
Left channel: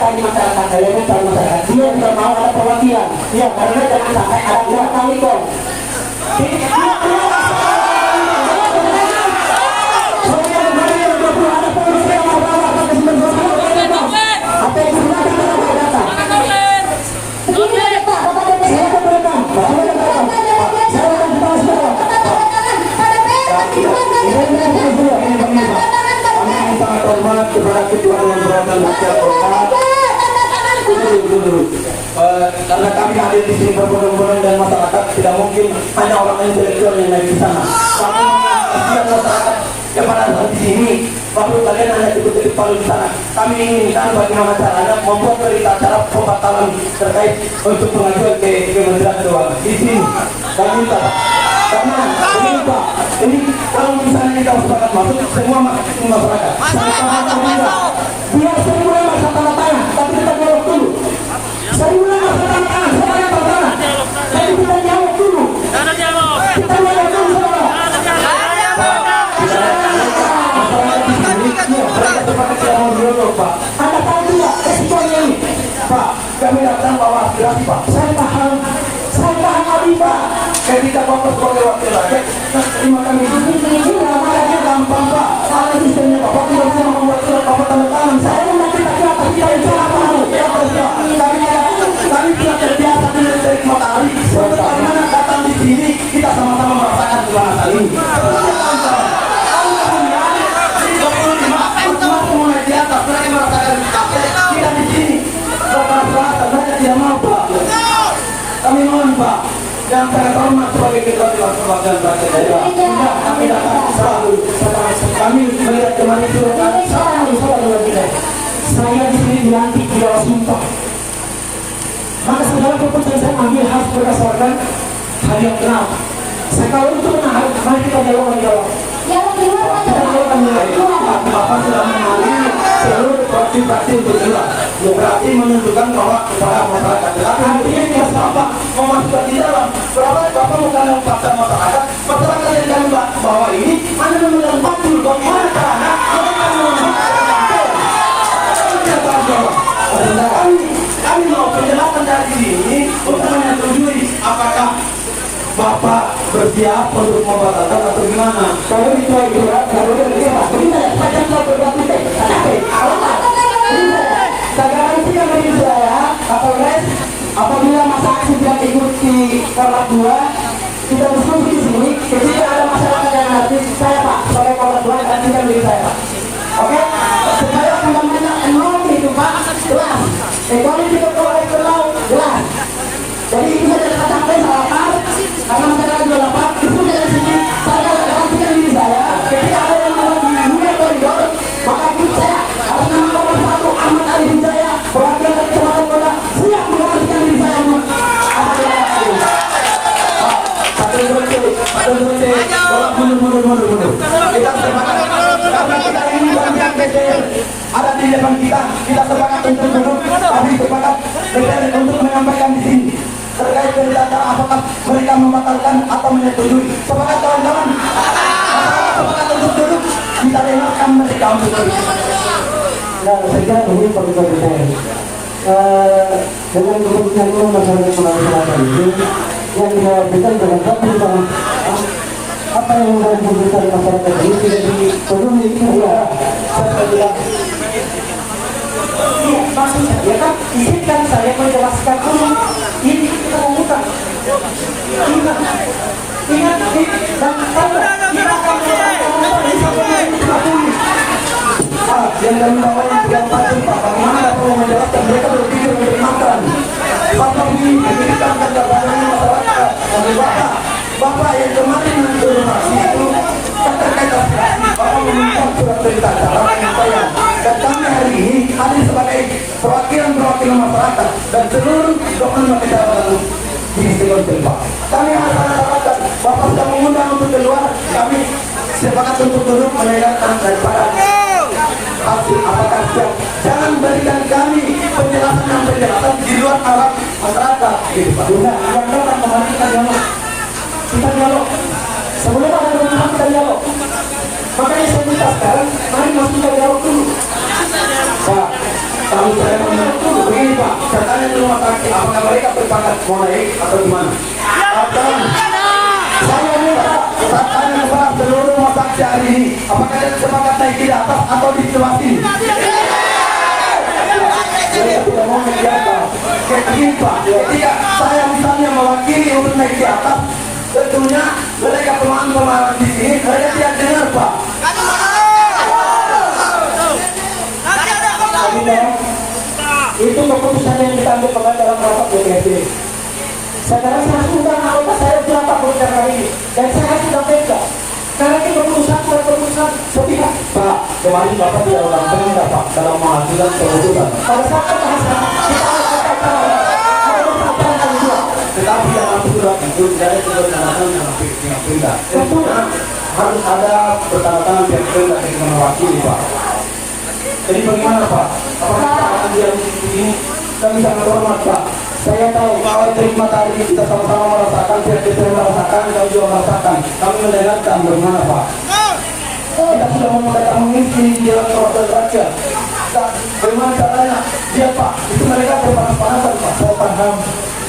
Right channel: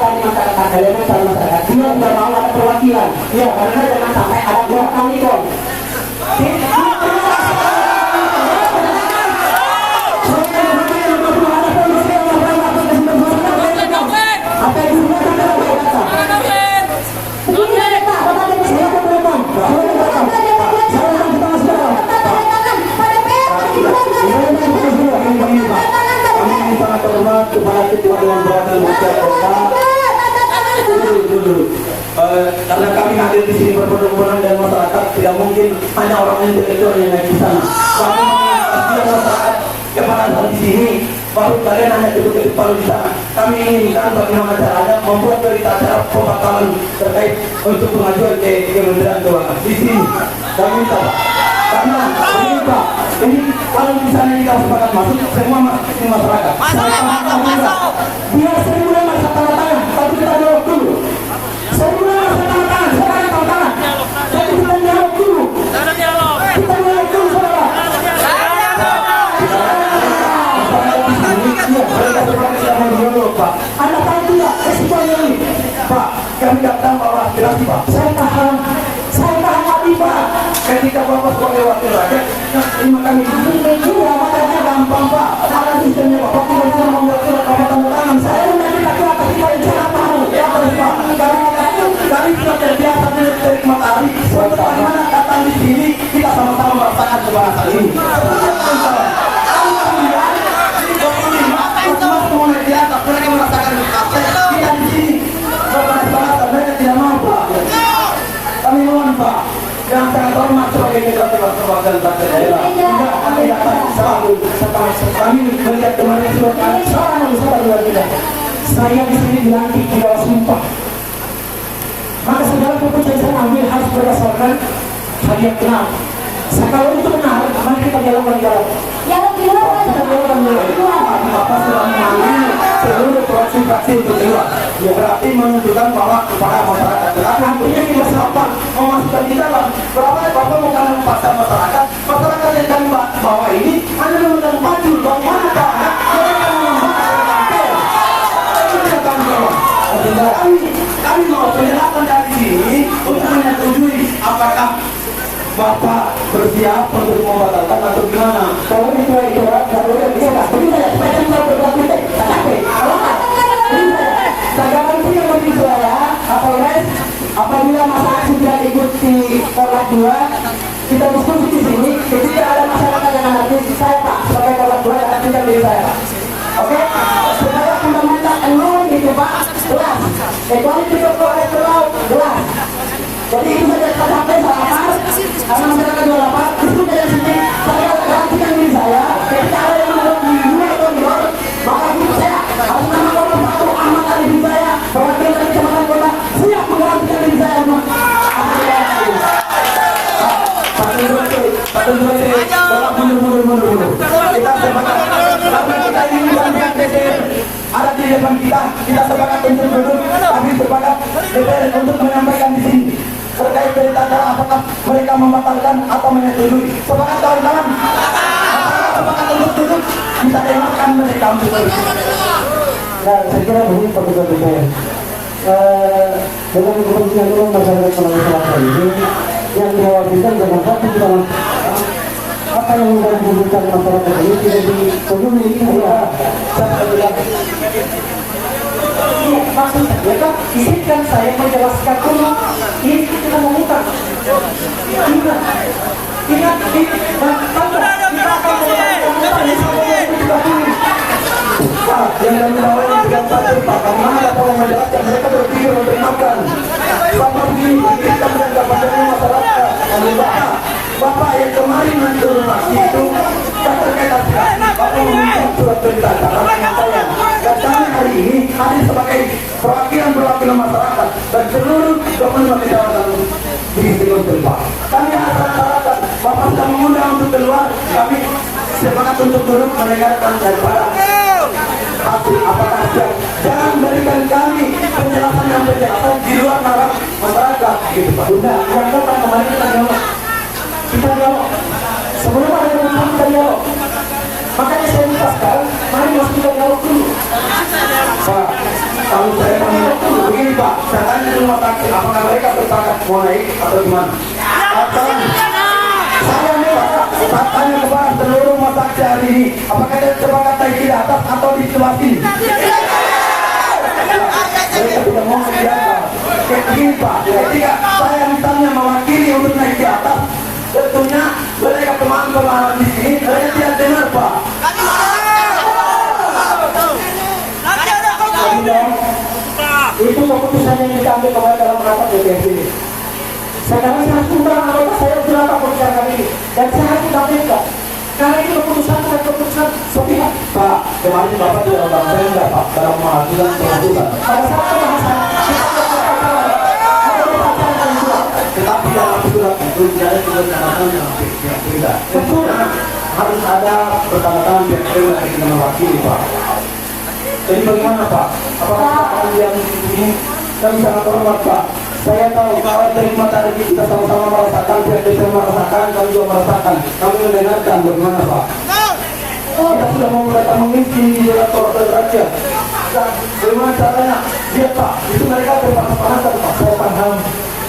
tadi masyarakat elemental masyarakat dia tidak mau ada perwakilan, ya karena jangan sampai ada belakang ikon. Apa yang digunakan dalam data? Begini Pak, silakan berekam. Kami sangat hormat kepada Ketua Dewan Perwakilan Rakyat Kota. Karena kami hadir di sini berbondong-bondong dan masyarakat tidak mungkin hanya orang intelektual yang naik di sana. Kami mengasihi masyarakat yang pada saat di sini, baru kalian hanya ikut-ikut palu di sana. Kami inginkan bagaimana caranya membuat berita acara pembatalan terkait untuk pengajuan ke Kementerian Keuangan di sini. Kami minta Pak. Karena ini Pak, ini kalau misalnya kita sepakat masuk semua masyarakat. Biar saya mulai masa tanda tangan, tapi kita dialog dulu. Saya mulai masa tanda tangan, saya pakai tanda tangan. Tapi kita dialog dulu. Kita dialog dulu, saudara. Masyarakat di sini, iya, mereka sepakat tidak mau dialog, Pak. Anda tahu tidak resikonya ini, Pak? Kami datang bawa aspirasi, Pak. Saya paham Abi, Pak. Ketika Bapak sebagai wakil rakyat, terima kami ini makanya gampang Pak. Ada sistemnya Bapak tidak bisa membuat surat Bapak tanda tangan. Saya nanti laki-laki kita yang cara tahu. Ya kami tidak terbiasa dari matahari. Bagaimana datang di sini kita sama-sama merasakan kebanggaan ini. Mulai di atas mereka merasakan kita di sini. Bapak selatan mereka tidak mau Pak. Kami mohon Pak. Yang sangat hormat sebagai mitra perwakilan partai daerah. Kami dapat selalu kami melihat kemarin itu sama luar kita. Saya di sini dilantik di bawah sumpah. Maka segala keputusan saya ambil harus berdasarkan hal yang benar. Kalau itu benar, mari kita jalankan apa sudah mengalami seluruh fraksi-fraksi itu juga. Ya berarti menunjukkan bahwa kepada masyarakat. Artinya kita sampah memasukkan di dalam. Berapa bapak bukan memaksa masyarakat. Masyarakat yang kami bawa ini Anda memegang baju bagaimana caranya mereka kami mau penjelasan dari sini untuk menyetujui apakah Bapak bersiap untuk membatalkan atau gimana? Kalau itu kalau itu pasti saya mau berbuat sekarang itu yang beri saya Kapolres apabila masyarakat sudah ikut di Korlap 2 kita diskusi di sini ketika ada masyarakat yang nanti saya Pak sebagai Korlap 2 akan tidak beri saya Pak. Oke? Supaya fundamental enorm itu Pak jelas. Ekonomi kita ke laut jelas. Jadi itu saja kita sampai lapar karena masyarakat juga lapar itu dari sini saya garantikan diri saya ketika ada yang ada di luar koridor maka saya harus nama nomor 1 Ahmad Arifin Jaya perwakilan dari Kecamatan Kota siap menggantikan diri saya kita sepakat karena kita ini bukan DPR ada di depan kita sepakat untuk duduk tapi sepakat DPR untuk menyampaikan di sini terkait berita apakah mereka membatalkan atau menyetujui. Sepakat kawan-kawan? Sepakat untuk duduk kita dengarkan mereka untuk duduk. Nah, saya kira begini Pak DPR. Dengan kepentingan umum masyarakat Sulawesi Selatan ini yang diwakilkan dengan hati sama apa yang menjadi kebutuhan masyarakat ini tidak dipenuhi ya saya bilang iya maksud saya kan izinkan saya menjelaskan dulu ini kita memutar ingat dan kita akan memutar ini sampai 2030 Pak, yang kami bawa yang 34 Pak, bagaimana Bapak mau menjelaskan mereka berpikir memberikan Bapak begini, kita menjadikan masyarakat Bapak yang kemarin menginformasi itu terkait aspirasi Bapak meminta surat perintah acara penyampaian dan kami hari ini hadir sebagai perwakilan masyarakat dan seluruh 25 kecamatan di seluruh tempat. Kami harus katakan Bapak sudah mengundang untuk keluar, kami sepakat untuk duduk mendengarkan daripada hasil apakah siap. Jangan berikan kami penjelasan di luar para masyarakat gitu Pak. Bunda, yang kan kemarin kita dialog sebelum ada perubahan kita dialog makanya saya minta sekarang mari mas kita dialog dulu Pak, kalau saya mau begini Pak, datanya di rumah sakit apakah mereka bersepakat mau naik atau gimana? Atau saya minta tanya Pak seluruh rumah sakit hari ini apakah ada sepakat naik di atas atau di sebelah sini? Saya tidak mau naik di atas. Begini Pak, ketika saya misalnya mewakili untuk naik di atas tentunya mereka teman-teman di sini saya tidak dengar Pak. itu keputusan yang kita ambil kemarin dalam rapat DPRD. Sekarang saya sudah anggota saya sudah rapat bicara kali ini dan saya sudah pegang karena ini keputusan bukan keputusan sepihak. Pak, kemarin Bapak tidak orang Pemda Pak dalam menghasilkan keputusan. Pada saat pembahasan kita Tetapi dalam surat itu tidak ada tulisan yang tidak. Tentunya harus ada pertanyaan pihak Pemda yang mewakili Pak. Jadi bagaimana Pak? Apakah yang ini kami sangat hormat Pak. Saya tahu bahwa terima tadi kita sama-sama merasakan, pihak desa merasakan, kami juga merasakan. Kami mendengarkan bagaimana Pak. Kita sudah memulai mengisi di dalam surat raja. Bagaimana caranya? Lihat Pak, itu mereka berpanas-panasan Pak. Saya paham.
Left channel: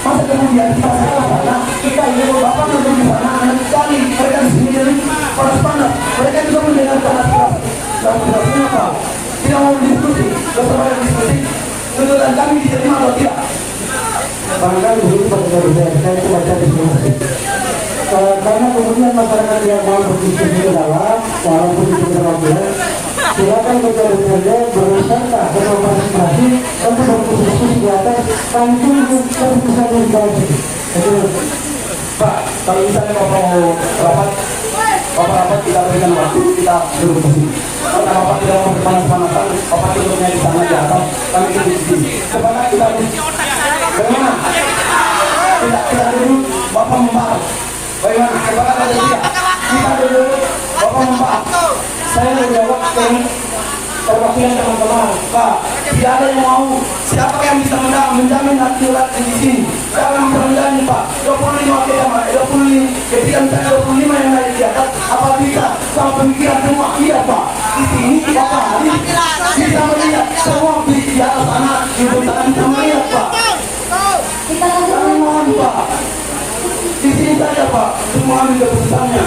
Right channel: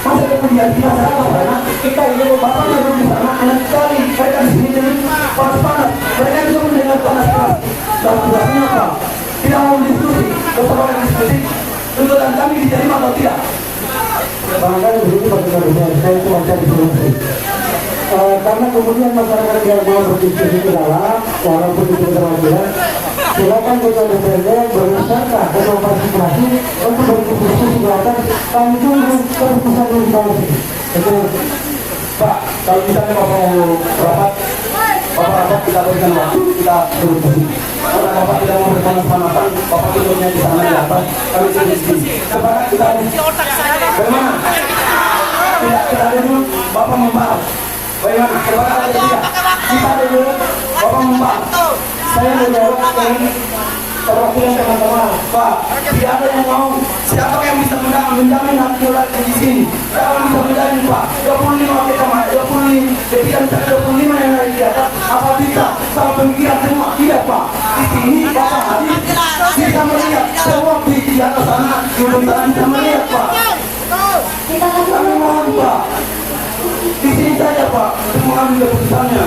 Masa kemudian kita sekarang kita ini Bapak yang di sana enak sekali. Mereka di sini panas-panas. Mereka juga mendengarkan aspirasi. Dan tugasnya Pak, tidak mau diskusi, bersama yang diskusi. Tuntutan kami diterima atau tidak? barangkali begitu bagaimana saya cuma cari informasi. Karena kemudian masyarakat yang mau berdiskusi ke dalam, walaupun itu kewajiban, silakan kita bekerja berusaha dan mempartisipasi untuk berdiskusi di atas. Kami tunggu keputusan yang di bawah sini. Pak, kalau misalnya Bapak mau rapat kita berikan waktu, kita duduk di sini. Kalau Bapak tidak mau bersama-sama, Bapak duduknya di sana di atas, kami duduk di sini. Supaya kita bagaimana? Kita duduk, Bapak membahas. Bagaimana? Supaya kalau tidak, kita duduk, Bapak membahas. Saya menjawab ini perwakilan teman-teman. Pak, tidak ada yang mau. Siapa yang bisa menjamin hak ulat di sini? Siapa yang bisa menjamin, Pak? 25 kita mah, 25 ketika 25 yang naik di atas. Apa bisa sama pemikiran semua? Iya, Pak. Di sini Bapak hadir bisa melihat semua di atas sana, di sana bisa melihat, Pak. Kami mohon, Pak. Di sini saja, Pak. Semua ambil keputusannya.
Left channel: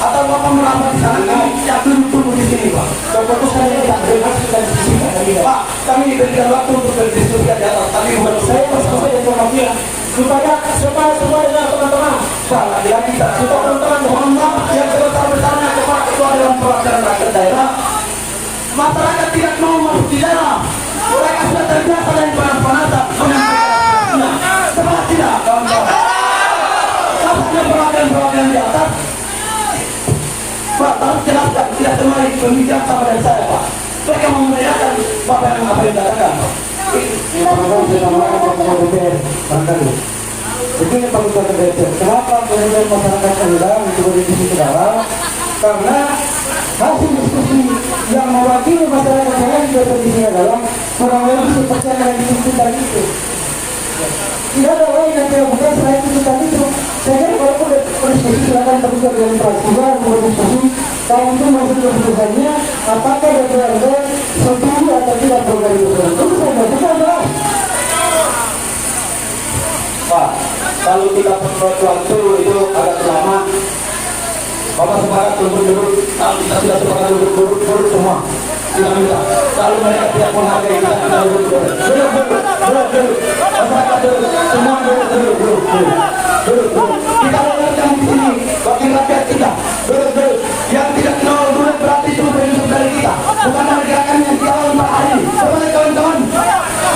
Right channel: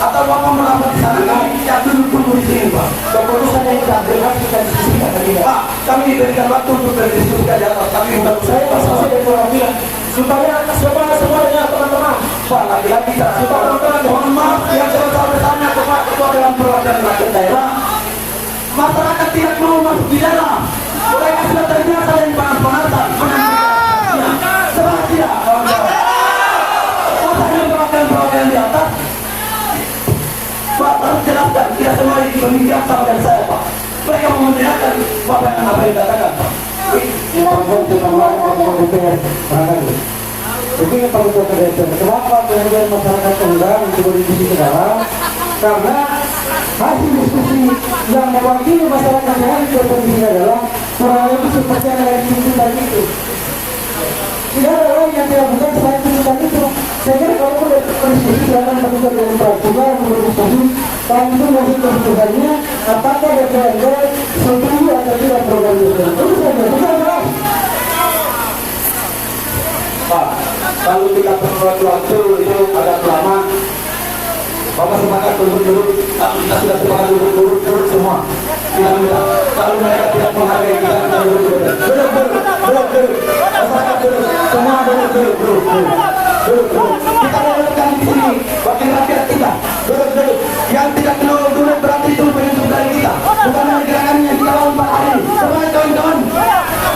Atau Bapak merasa di sana, kami duduk tunggu di sini, Pak. Keputusan yang tidak berhak kita di sini, Pak. Kami diberikan waktu untuk berdiskusi di atas. Tapi menurut saya, saya itu bilang supaya semua dengan teman-teman. Pak, lagi-lagi supaya teman-teman mohon maaf yang sebesar-besarnya kepada ketua Dewan Perwakilan Rakyat Daerah. Masyarakat tidak mau masuk di dalam. Mereka sudah terbiasa dan panas-panasan. Sebenarnya tidak, kawan-kawan. Masanya perwakilan di atas. Pak, harus jelaskan, tidak semua yang pemikiran sama dengan saya, Pak. Mereka mau menanyakan Bapak yang apa yang dikatakan, Pak. Begini Pak Ketua DPR, kenapa kemudian masyarakat enggan untuk berdiskusi ke dalam? Karena hasil diskusi yang mewakili masyarakat lain ke posisi dalam kurang lebih seperti yang ada diskusi tadi itu. Tidak ada lain yang dilakukan selain itu tadi itu. Saya kalau sudah berdiskusi silakan terbuka dengan praksinya berdiskusi. Kalau itu masih keputusannya apakah DPRD setuju atau tidak program itu? Itu saja, bukan dong. Pak, kalau kita waktu itu agak lama. Bapak sepakat untuk duduk, kalau kita sudah sepakat duduk semua. Tidak minta. Kalau mereka tidak menghargai kita duduk. Masyarakat duduk, semua duduk. Kita dengarkan di sini, wakil rakyat kita, duduk. Yang tidak mau duduk berarti itu bentuk dari kita. Bukan dari gerakan yang di awal Pak hari ini. Semua kawan-kawan,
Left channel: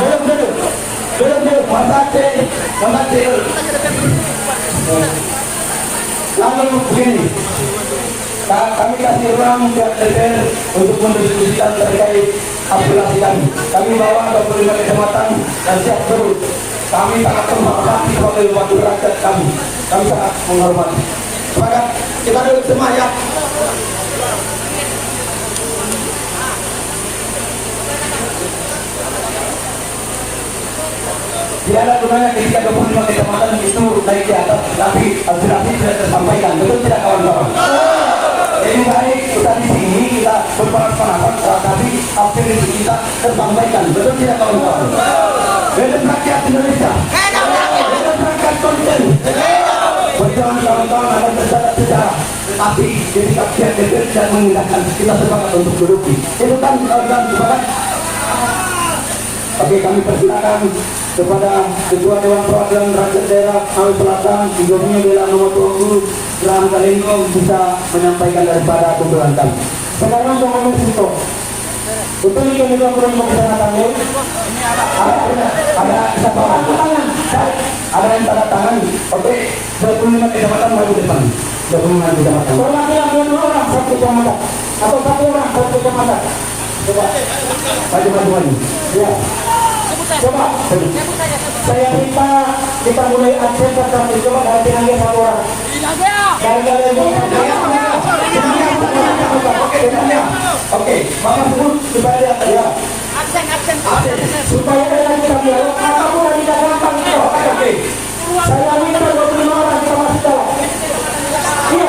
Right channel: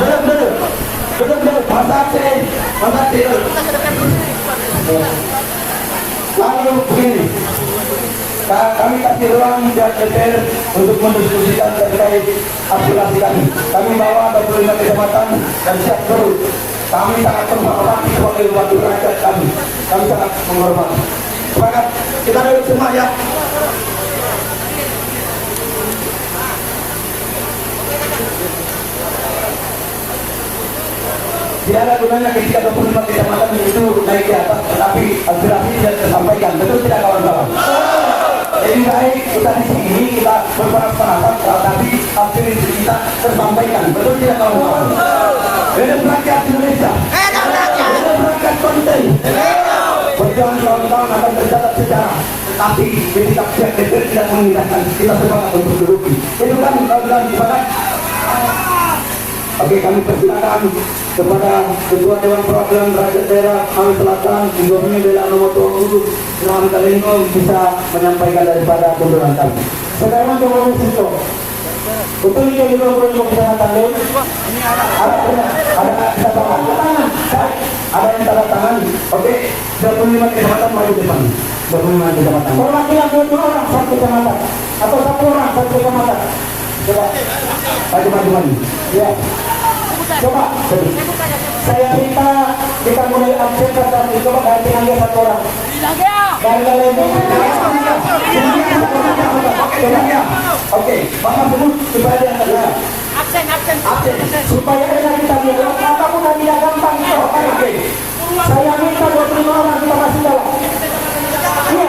duduk. Masakil. Lalu begini, kami kasih ruang pihak DPR untuk mendiskusikan terkait aspirasi kami. Kami bawa 25 kecamatan dan siap terus. Kami sangat menghormati sebagai wakil rakyat kami. Kami sangat menghormati. Sepakat kita duduk semua ya. Tidak ada gunanya ketika 25 kecamatan itu naik di atas, tetapi aspirasi tidak tersampaikan. Betul tidak kawan-kawan? Lebih baik kita di sini kita berpanas-panasan, tetapi aspirasi kita tersampaikan. Betul tidak kawan-kawan? Hidup rakyat Indonesia. Hidup rakyat konten. Perjuangan kawan-kawan akan tercatat sejarah. Tapi ketika pihak DPR tidak mengindahkan, kita sepakat untuk duduk. Itu kan kawan-kawan sepakat. Oke, kami persilakan kepada Ketua Dewan Perwakilan Rakyat Daerah Sulawesi Selatan, Gubernur Dela Nomor 20, Ilham Kalendo bisa menyampaikan daripada tuntutan kami. Sekarang Bapak Presiden, betul ini juga belum kecamatan ini. Ada yang tanda tangan. Oke, 25 kecamatan maju depan. 25 kecamatan. Perwakilan 2 orang satu kecamatan atau 1 orang satu kecamatan. Coba. Maju. Ya. Coba. Saya minta kita mulai akses kami. Coba ganti lagi 1 orang. Oke, Bapak sebut supaya dia terlihat. Absen. Supaya kita biar kamu tidak gampang. Oke. Saya minta 25 orang kita masih jawab. Iya.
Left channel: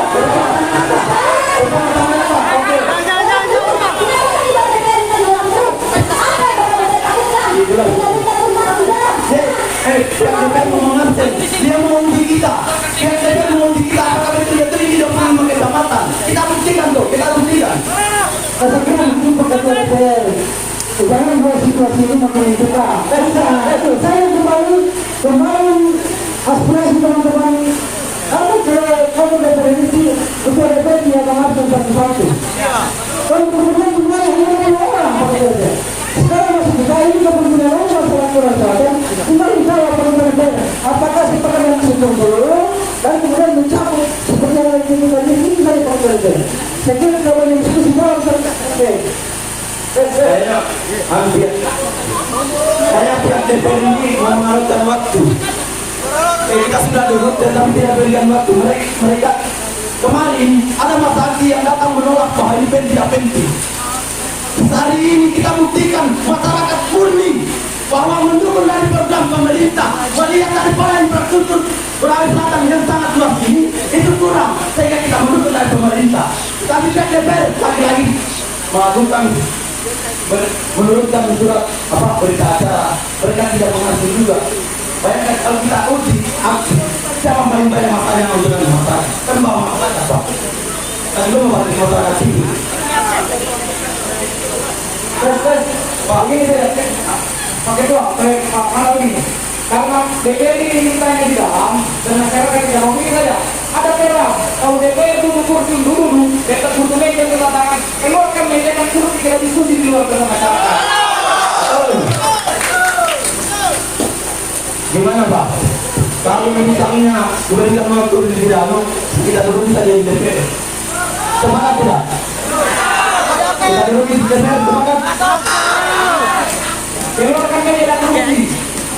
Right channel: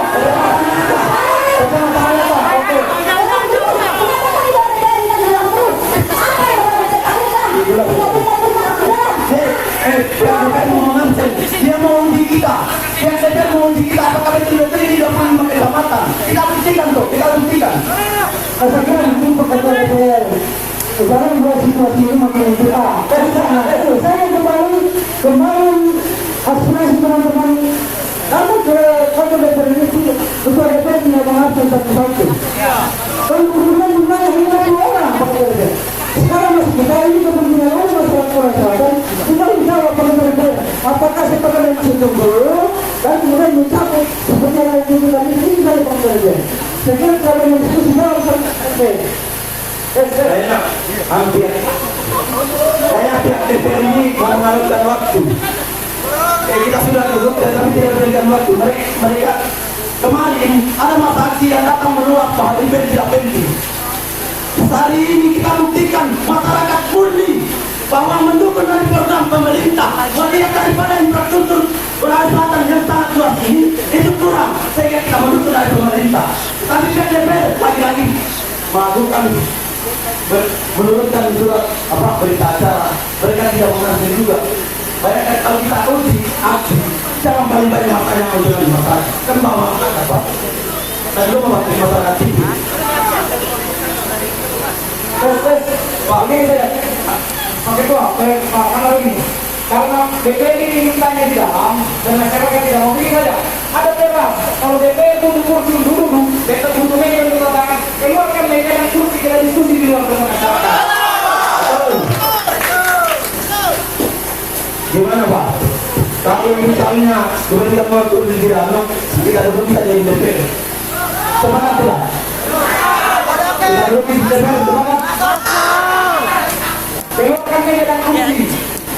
Dia mau uji kita. Dia mau uji kita apakah itu betul di 25 kecamatan. Kita buktikan. Sekarang untuk Ketua DPR, jangan buat situasi ini makin berat. Saya kemarin aspirasi teman-teman. Kamu ke DPR ini sih, Ketua DPR tidak menghargai satu-satu. Dan kemudian juga yang 50 orang. Sekarang masih kita ini kemudian masyarakat Selatan, kita bisa laporan DPR. Apakah sepakat dengan itu dulu, dan kemudian Saya kira kalau diskusi jauh saya hampir saya pihak DPR ini mengalihkan waktu. Kita sudah duduk tetapi tidak berikan waktu. Mereka kemarin ada masa aksi yang datang menolak bahwa ini tidak penting. Hari ini kita buktikan masyarakat murni bahwa mendukung dari program pemerintah, melihat daripada infrastruktur Sulawesi Selatan yang sangat luas ini itu kurang, sehingga kita mendukung dari pemerintah. Tapi DPR lagi-lagi melakukan menurunkan surat berita acara, mereka tidak mengatur juga. Bayangkan kalau kita uji aksi, siapa paling banyak masalah yang untuk masyarakat? Kan bawa masyarakat apa? Dan lu membantu masyarakat sini. Pak, ini saya pakai doa, karena begini, karena DPR ini mintanya di dalam dan masyarakat tidak mau begini saja. Ada perang, kalau DPR duduk kursi dulu, dekat duduknya kita mengatakan keluarkan meja dan kursi kita diskusi di luar dengan masyarakat. Gimana Pak? Kalau misalnya diberikan waktu di dalam, kita duduk bisa jadi DPR. Semangat tidak? Kita duduk di DPR, semangat. Keluarkan meja dan kursi.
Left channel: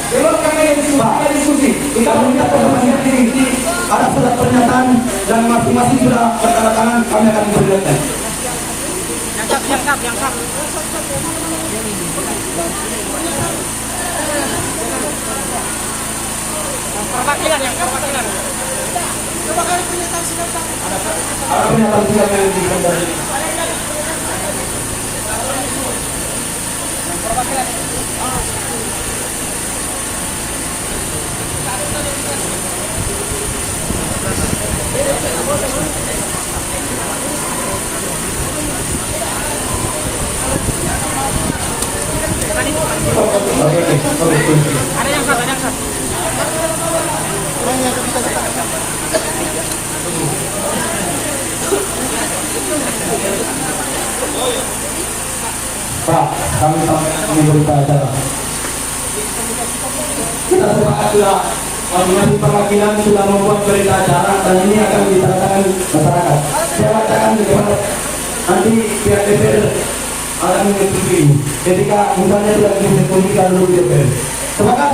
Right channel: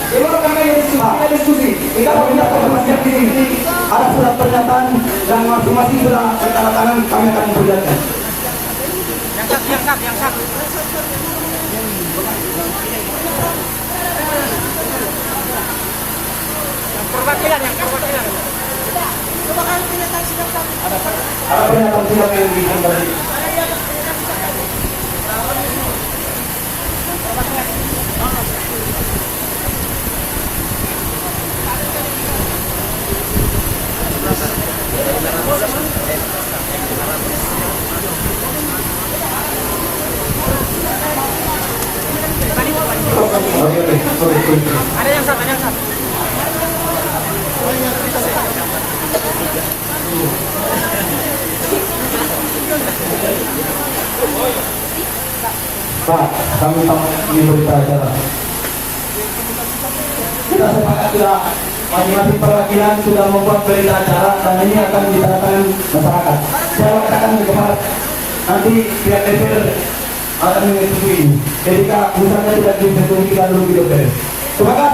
Keluarkan meja kita diskusi. Kita meminta perhatian ini. Ada surat pernyataan dan masing-masing sudah bertangan kami akan memperlihatkan. Perwakilan. Ada pernyataan surat yang dikembali. Ada yang sah. Pak, kami memberita acara. Kita sepakatlah masing-masing perwakilan sudah membuat berita acara dan ini akan diserahkan masyarakat. Saya katakan cepat nanti pihak DPR akan menyetujui. Ketika misalnya tidak disetujui kita dulu di DPR. Sepakat?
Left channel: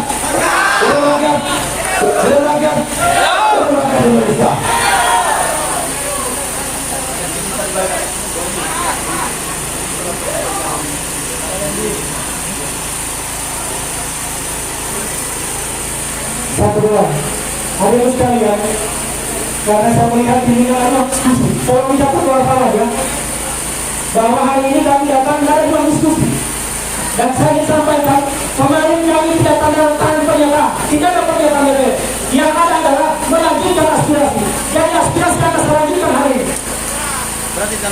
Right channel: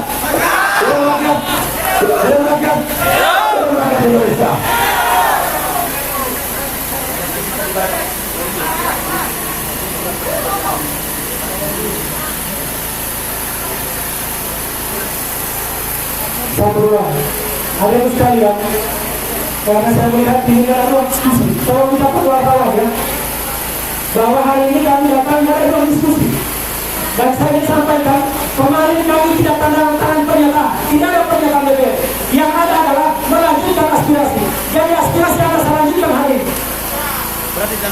Terima kasih Indonesia. Satu dua, ada sekalian, karena saya melihat ini adalah diskusi. Tolong kita pengalaman ya, bahwa hari ini kami datang dari ruang diskusi. Dan saya sampaikan, kemarin kami tidak tanda tangan pernyataan, tidak ada pernyataan DPR. Yang ada adalah melanjutkan aspirasi. Jadi aspirasi akan saya lanjutkan hari ini.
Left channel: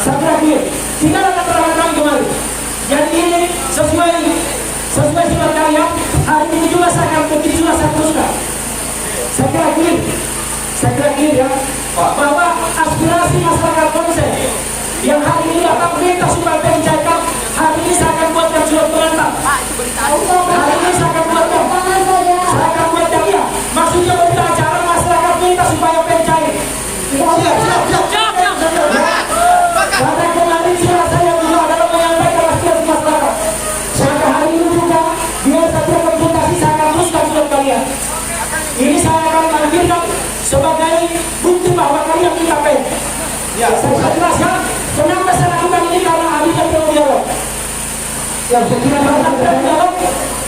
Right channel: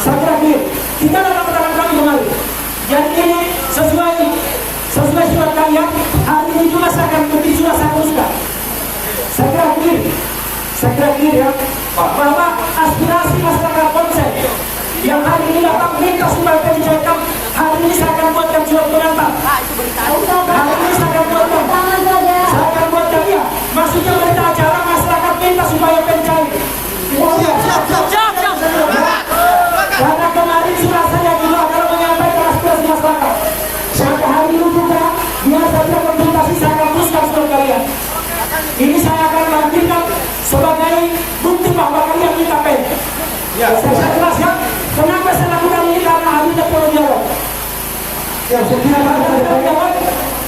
Saya kira gini, tidak ada keterangan kami kemarin. Dan ini sesuai surat kalian, hari ini juga saya akan begitu juga saya teruskan. Saya kira gini ya, bahwa aspirasi masyarakat konsen yang hari ini Bapak minta supaya dicairkan, hari ini saya akan buatkan surat pengantar. Hari ini saya akan buatkan ya, maksudnya berita acara masyarakat minta supaya pencair. Karena kemarin surat saya juga adalah menyampaikan aspirasi masyarakat. Maka hari ini juga biar saja konsultasi saya akan teruskan surat kalian. Ini saya akan mengakhirkan sebagai bukti bahwa kalian minta pen. Saya jelaskan kenapa saya lakukan ini karena hari ini belum jawab.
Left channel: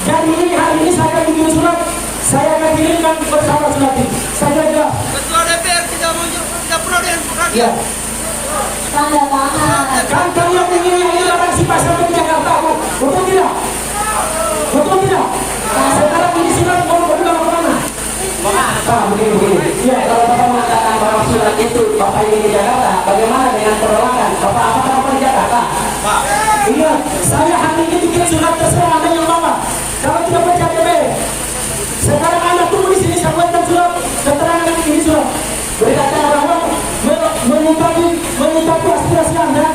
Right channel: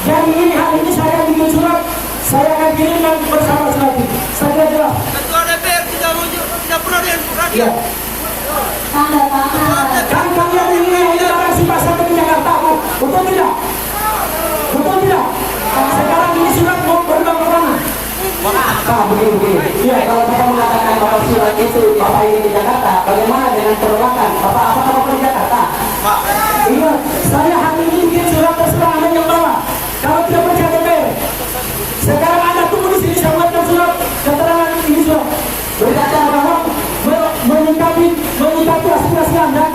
Jadi ini hari ini saya akan bikin surat, saya akan kirimkan bersama surat ini. Saya jelas. Ya. Tanda tangan. Kan kamu ini barang si pasar ke Jakarta, betul tidak? Betul tidak? Sekarang ini surat mau berubah ke mana? Pak, begini. Ya, kalau Bapak mengatakan bahwa surat itu Bapak ini di Jakarta, bagaimana dengan penolakan? Bapak apa di Jakarta? Pak. Iya, saya hari ini bikin surat terserah Anda yang bawa. Kalau tidak percaya DPR. Sekarang Anda tunggu di sini, saya buatkan surat keterangan ini surat. Berada bahwa menyikapi aspirasi Anda,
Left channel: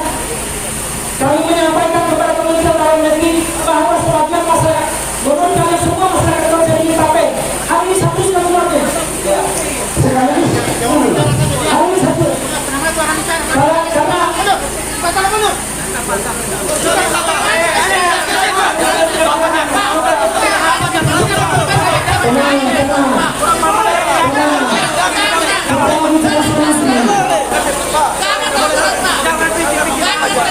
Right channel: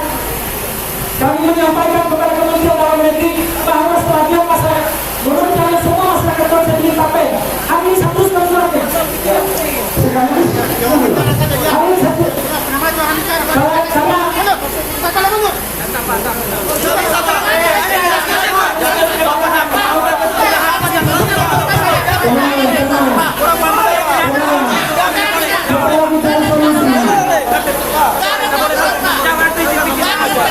kami menyampaikan kepada Kementerian Dalam Negeri bahwa sebagian masyarakat, menurut kalian semua masyarakat konsen ingin tape. Hari ini satu suratnya. Hari ini satu. Karena Jangan bikin aja.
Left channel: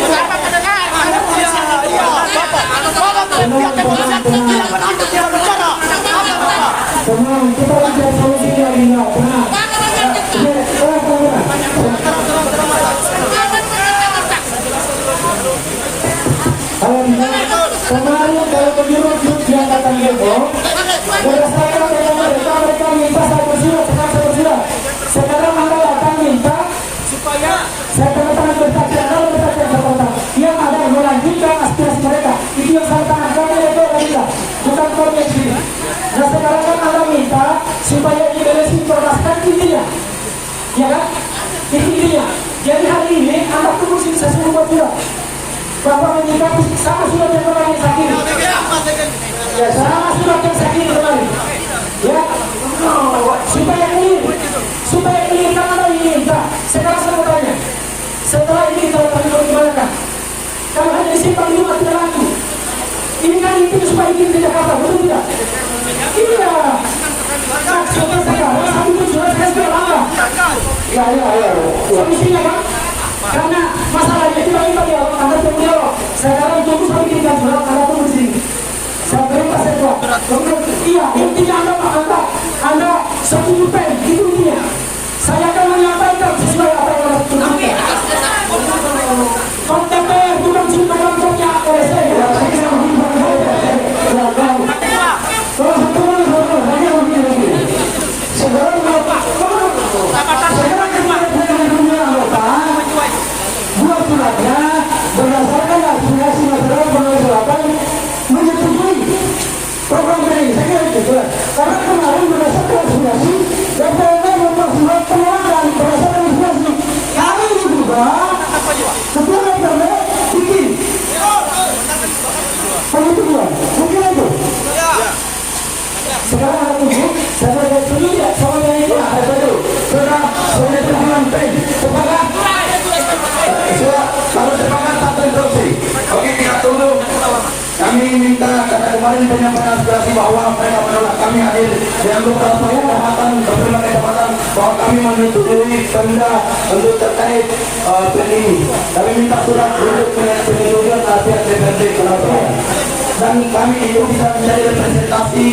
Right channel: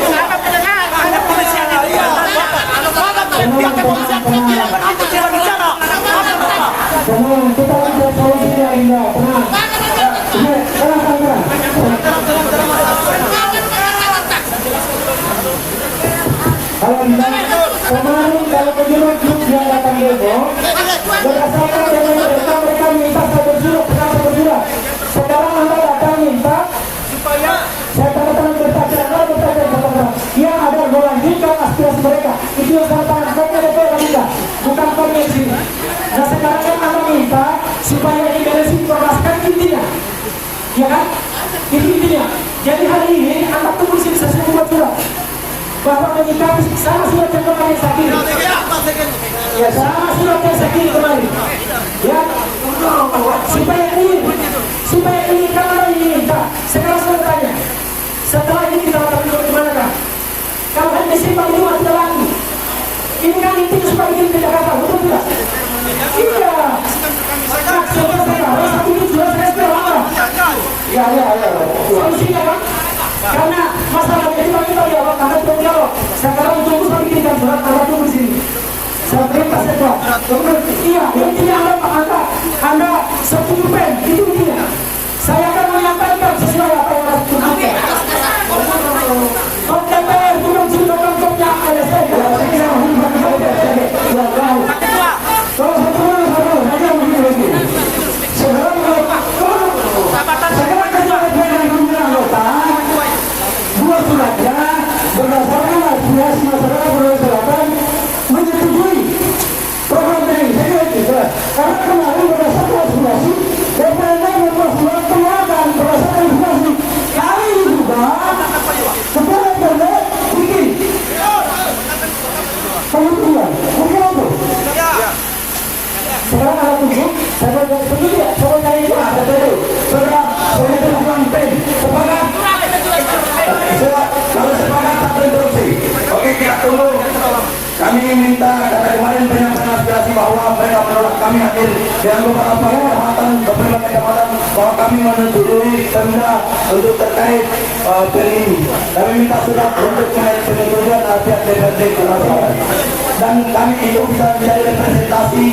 Siapa pendengar? Ada polisi yang di depan. Bapak pihak kepolisian tidak begitu tidak bicara. Apa Bapak? Tenang, kita lihat posisinya ini. Kemarin kalau penyuruh grup yang datang demo, berdasarkan dengan mereka minta saya bersurat. Sekarang mereka datang minta supaya saya tanda tangan bersaksikan yang ada melanjutkan aspirasi mereka. Itu yang saya tangan kami itu tidak, bukan kami yang sini. Nah sekarang kan anda minta supaya ini dari informasikan intinya, ya kan? Intinya. Jadi hari ini anda tunggu sini saya semua surat. Bapak menyikapi sama surat yang kemarin sakit. Ya sama surat yang sakit kemarin. Ya, supaya ini karena ini minta. Sekarang saya tanya, setelah ini kita akan bagaimana kan? Kalau hanya simpang itu tidak laku. Ini kan intinya supaya ini tidak kata, betul tidak? Iya. Maksudnya sekarang satu tujuan saya sudah langgar. Ya. Solusinya kan? Karena masalahnya tidak kita jawab, Anda tidak jawab. Sekarang tunggu sampai kita jawab, Anda tunggu di sini. Saya perintah saya jawab. Iya, intinya Anda 10 pen, itu intinya. Saya akan menyampaikan sesuai apa yang harus dilakukan. Konten bukan cuma contohnya LSM. Berdasarkan aspirasi masyarakat menyetujui program ini. Saya kira itu karena kemarin berdasarkan aspirasi dan mereka mempersulit keluarga berdasarkan aspirasi. Kali ini juga ketua RW bikin penyetujuan. Mungkin itu. Sekarang ada tunggu. Saya setuju tidak? Soalnya itu ada baru. Setelah penyetujuan pen sepakat. Kalau sepakat tak terus. Oke, kita tunggu. Kami minta karena kemarin penyampaian aspirasi bahwa mereka menolak kami hadir dan beberapa kehormatan berbagai kesempatan bahwa kami menyetujui denda untuk terkait pen ini. Kami minta surat untuk penyetujuan pihak DPRD Surabaya dan kami itu bisa menjadi representasi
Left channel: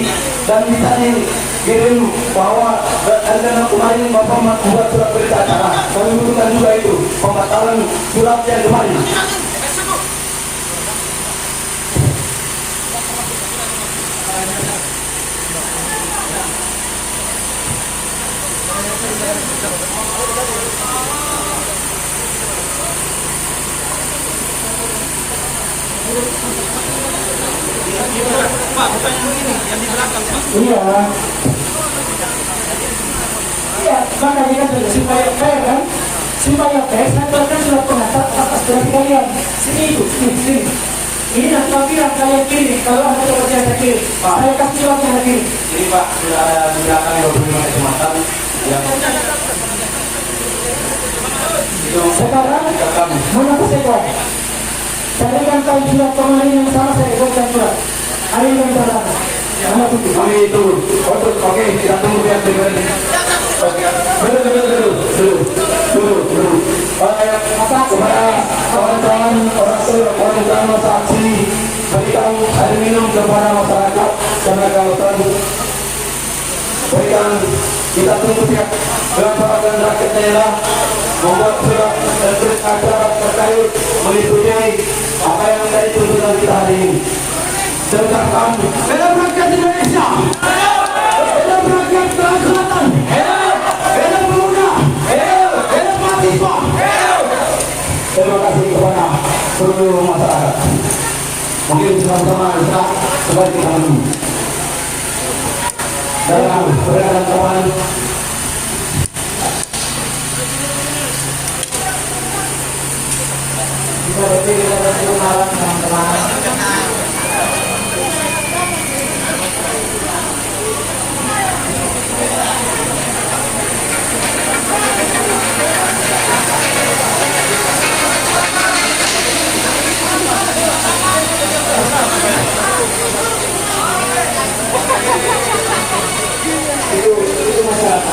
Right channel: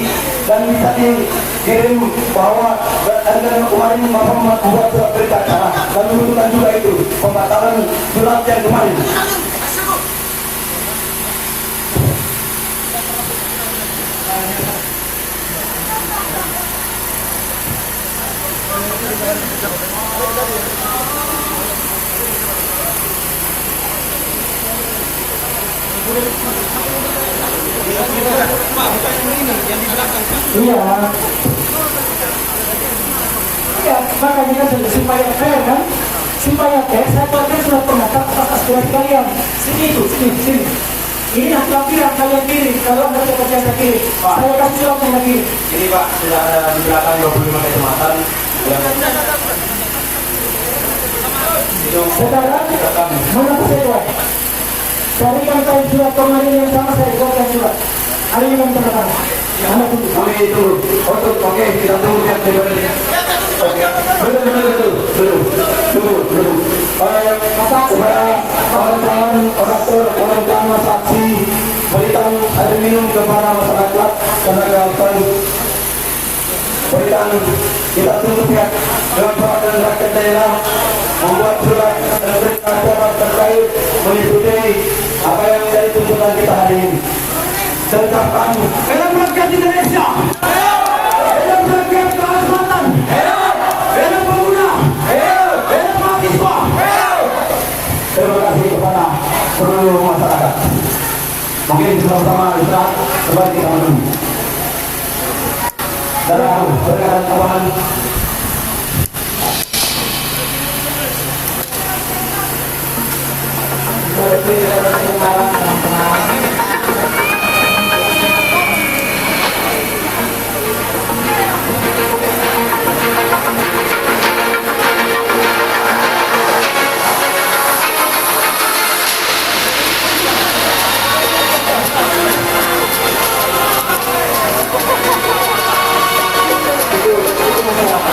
dan bisa dikirim bahwa ada kemarin Bapak membuat surat berita acara. Kami membutuhkan juga itu pembatalan surat yang kemarin. Pak, bukan yang ini, yang di belakang. Iya, maka kita supaya fair kan? Supaya fair, saya kan sudah pernah aspirasi kalian. Sini. Ini yang tampilan kalian kiri. Kalau ada yang saya kiri, saya kasih surat yang kiri. Jadi Pak, sudah ada di belakang 25 kecamatan yang Sekarang, mengapa saya buat? Carikan kaum surat kemarin yang sama saya buat yang surat. Hari ini yang pertama. Anda tunggu. kami itu oke, kita tunggu pihak DPRD. Betul. Supaya kawan-kawan orang saksi berikan air minum kepada masyarakat karena kawasan berikan kita tunggu pihak dan rakyat daerah membuat surat untuk masyarakat terkait menyetujui apa yang menjadi tuntutan kita hari ini. Sertakan dalam rakyat Indonesia, dalam rakyat Selatan, dalam pemuda, dalam mahasiswa. Terima kasih kepada seluruh masyarakat. Mungkin bersama-sama kita sebagai kita menunggu. Dalam perkara kawan. Itu masalah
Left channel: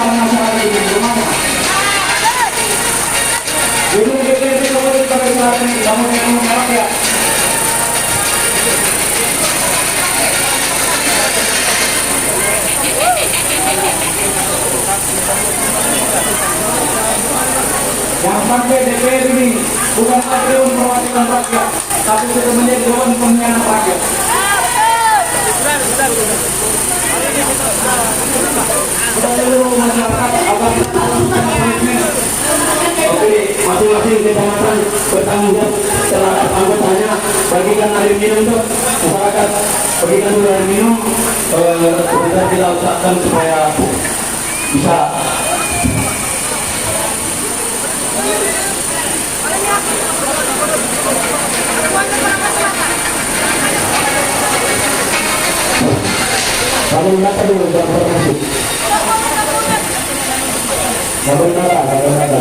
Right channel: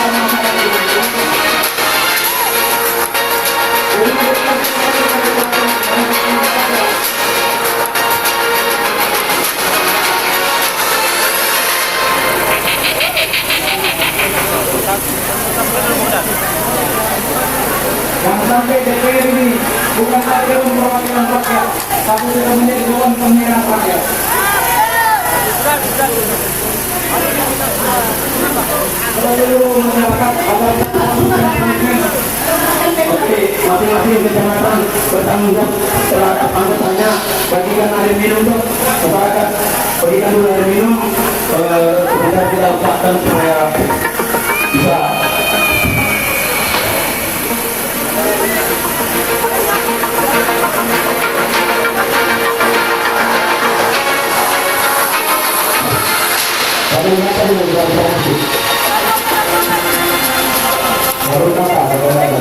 kesejahteraan masyarakat ini. Ini berkaitan dengan kesejahteraan masyarakat. Jangan sampai DPR ini bukan lagi perwakilan rakyat, tapi sudah menjadi dewan pembinaan rakyat. Seluruh masyarakat agar masing-masing kecamatan bertanggung jawab terhadap anggotanya, bagikan air minum untuk masyarakat, bagikan dulu air minum, kita tidak usahkan supaya bisa. Baru nata dulu berapa? Baru nata berapa?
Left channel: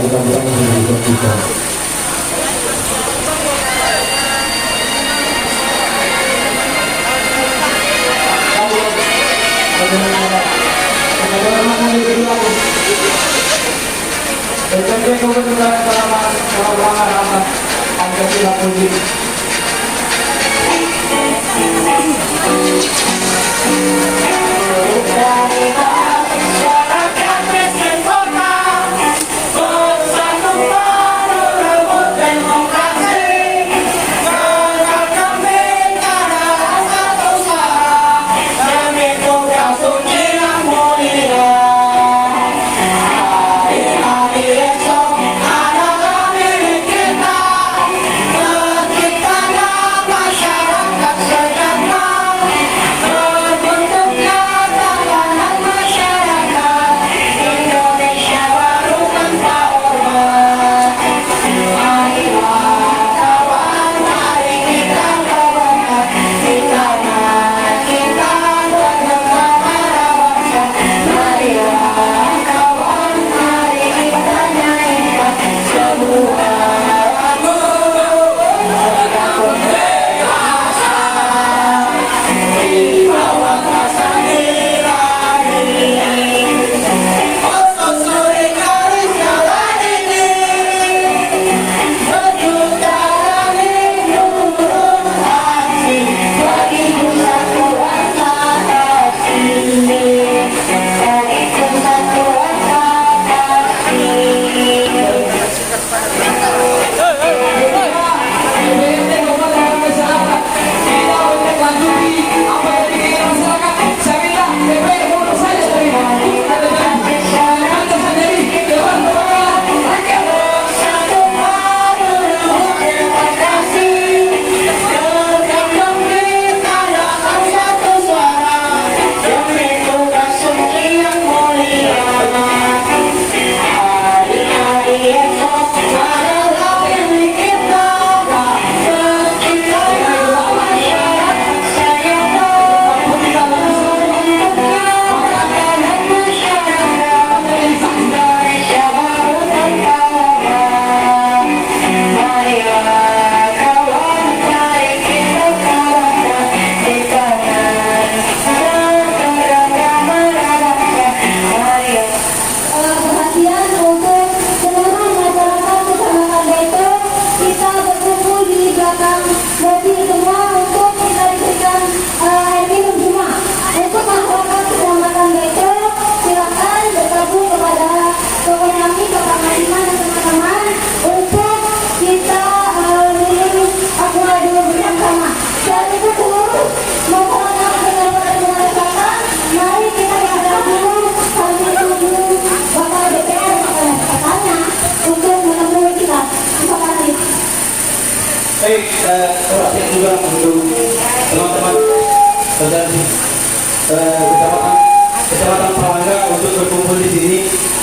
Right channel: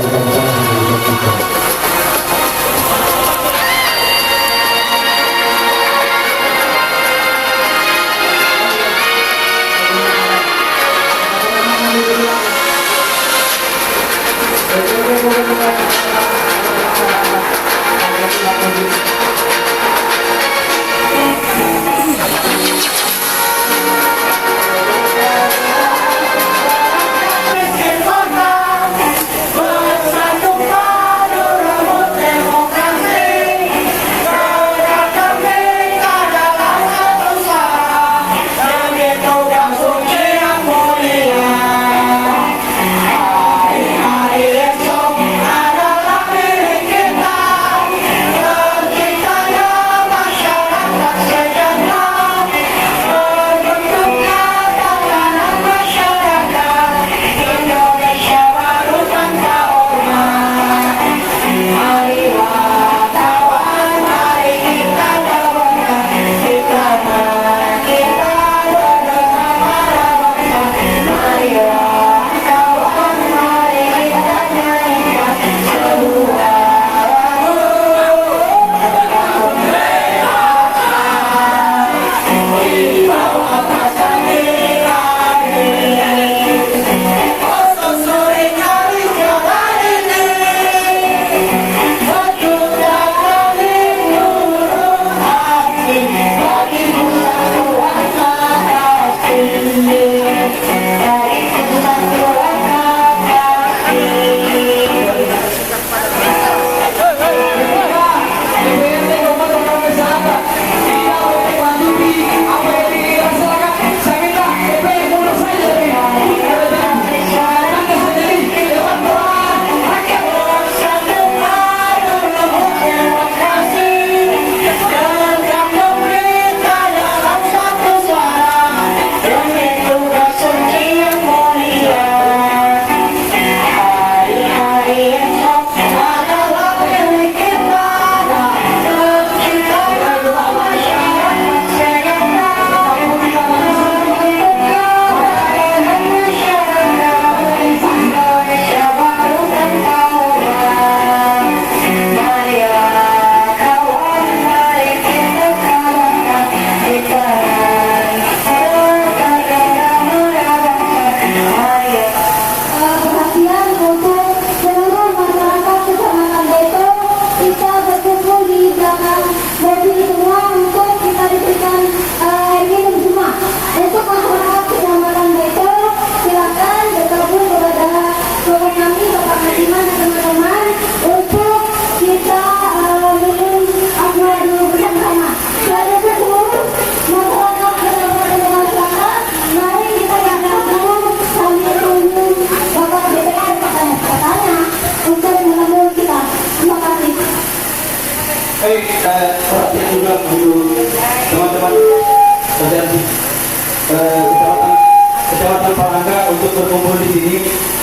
Kecamatan Palangga untuk berkumpul di sini.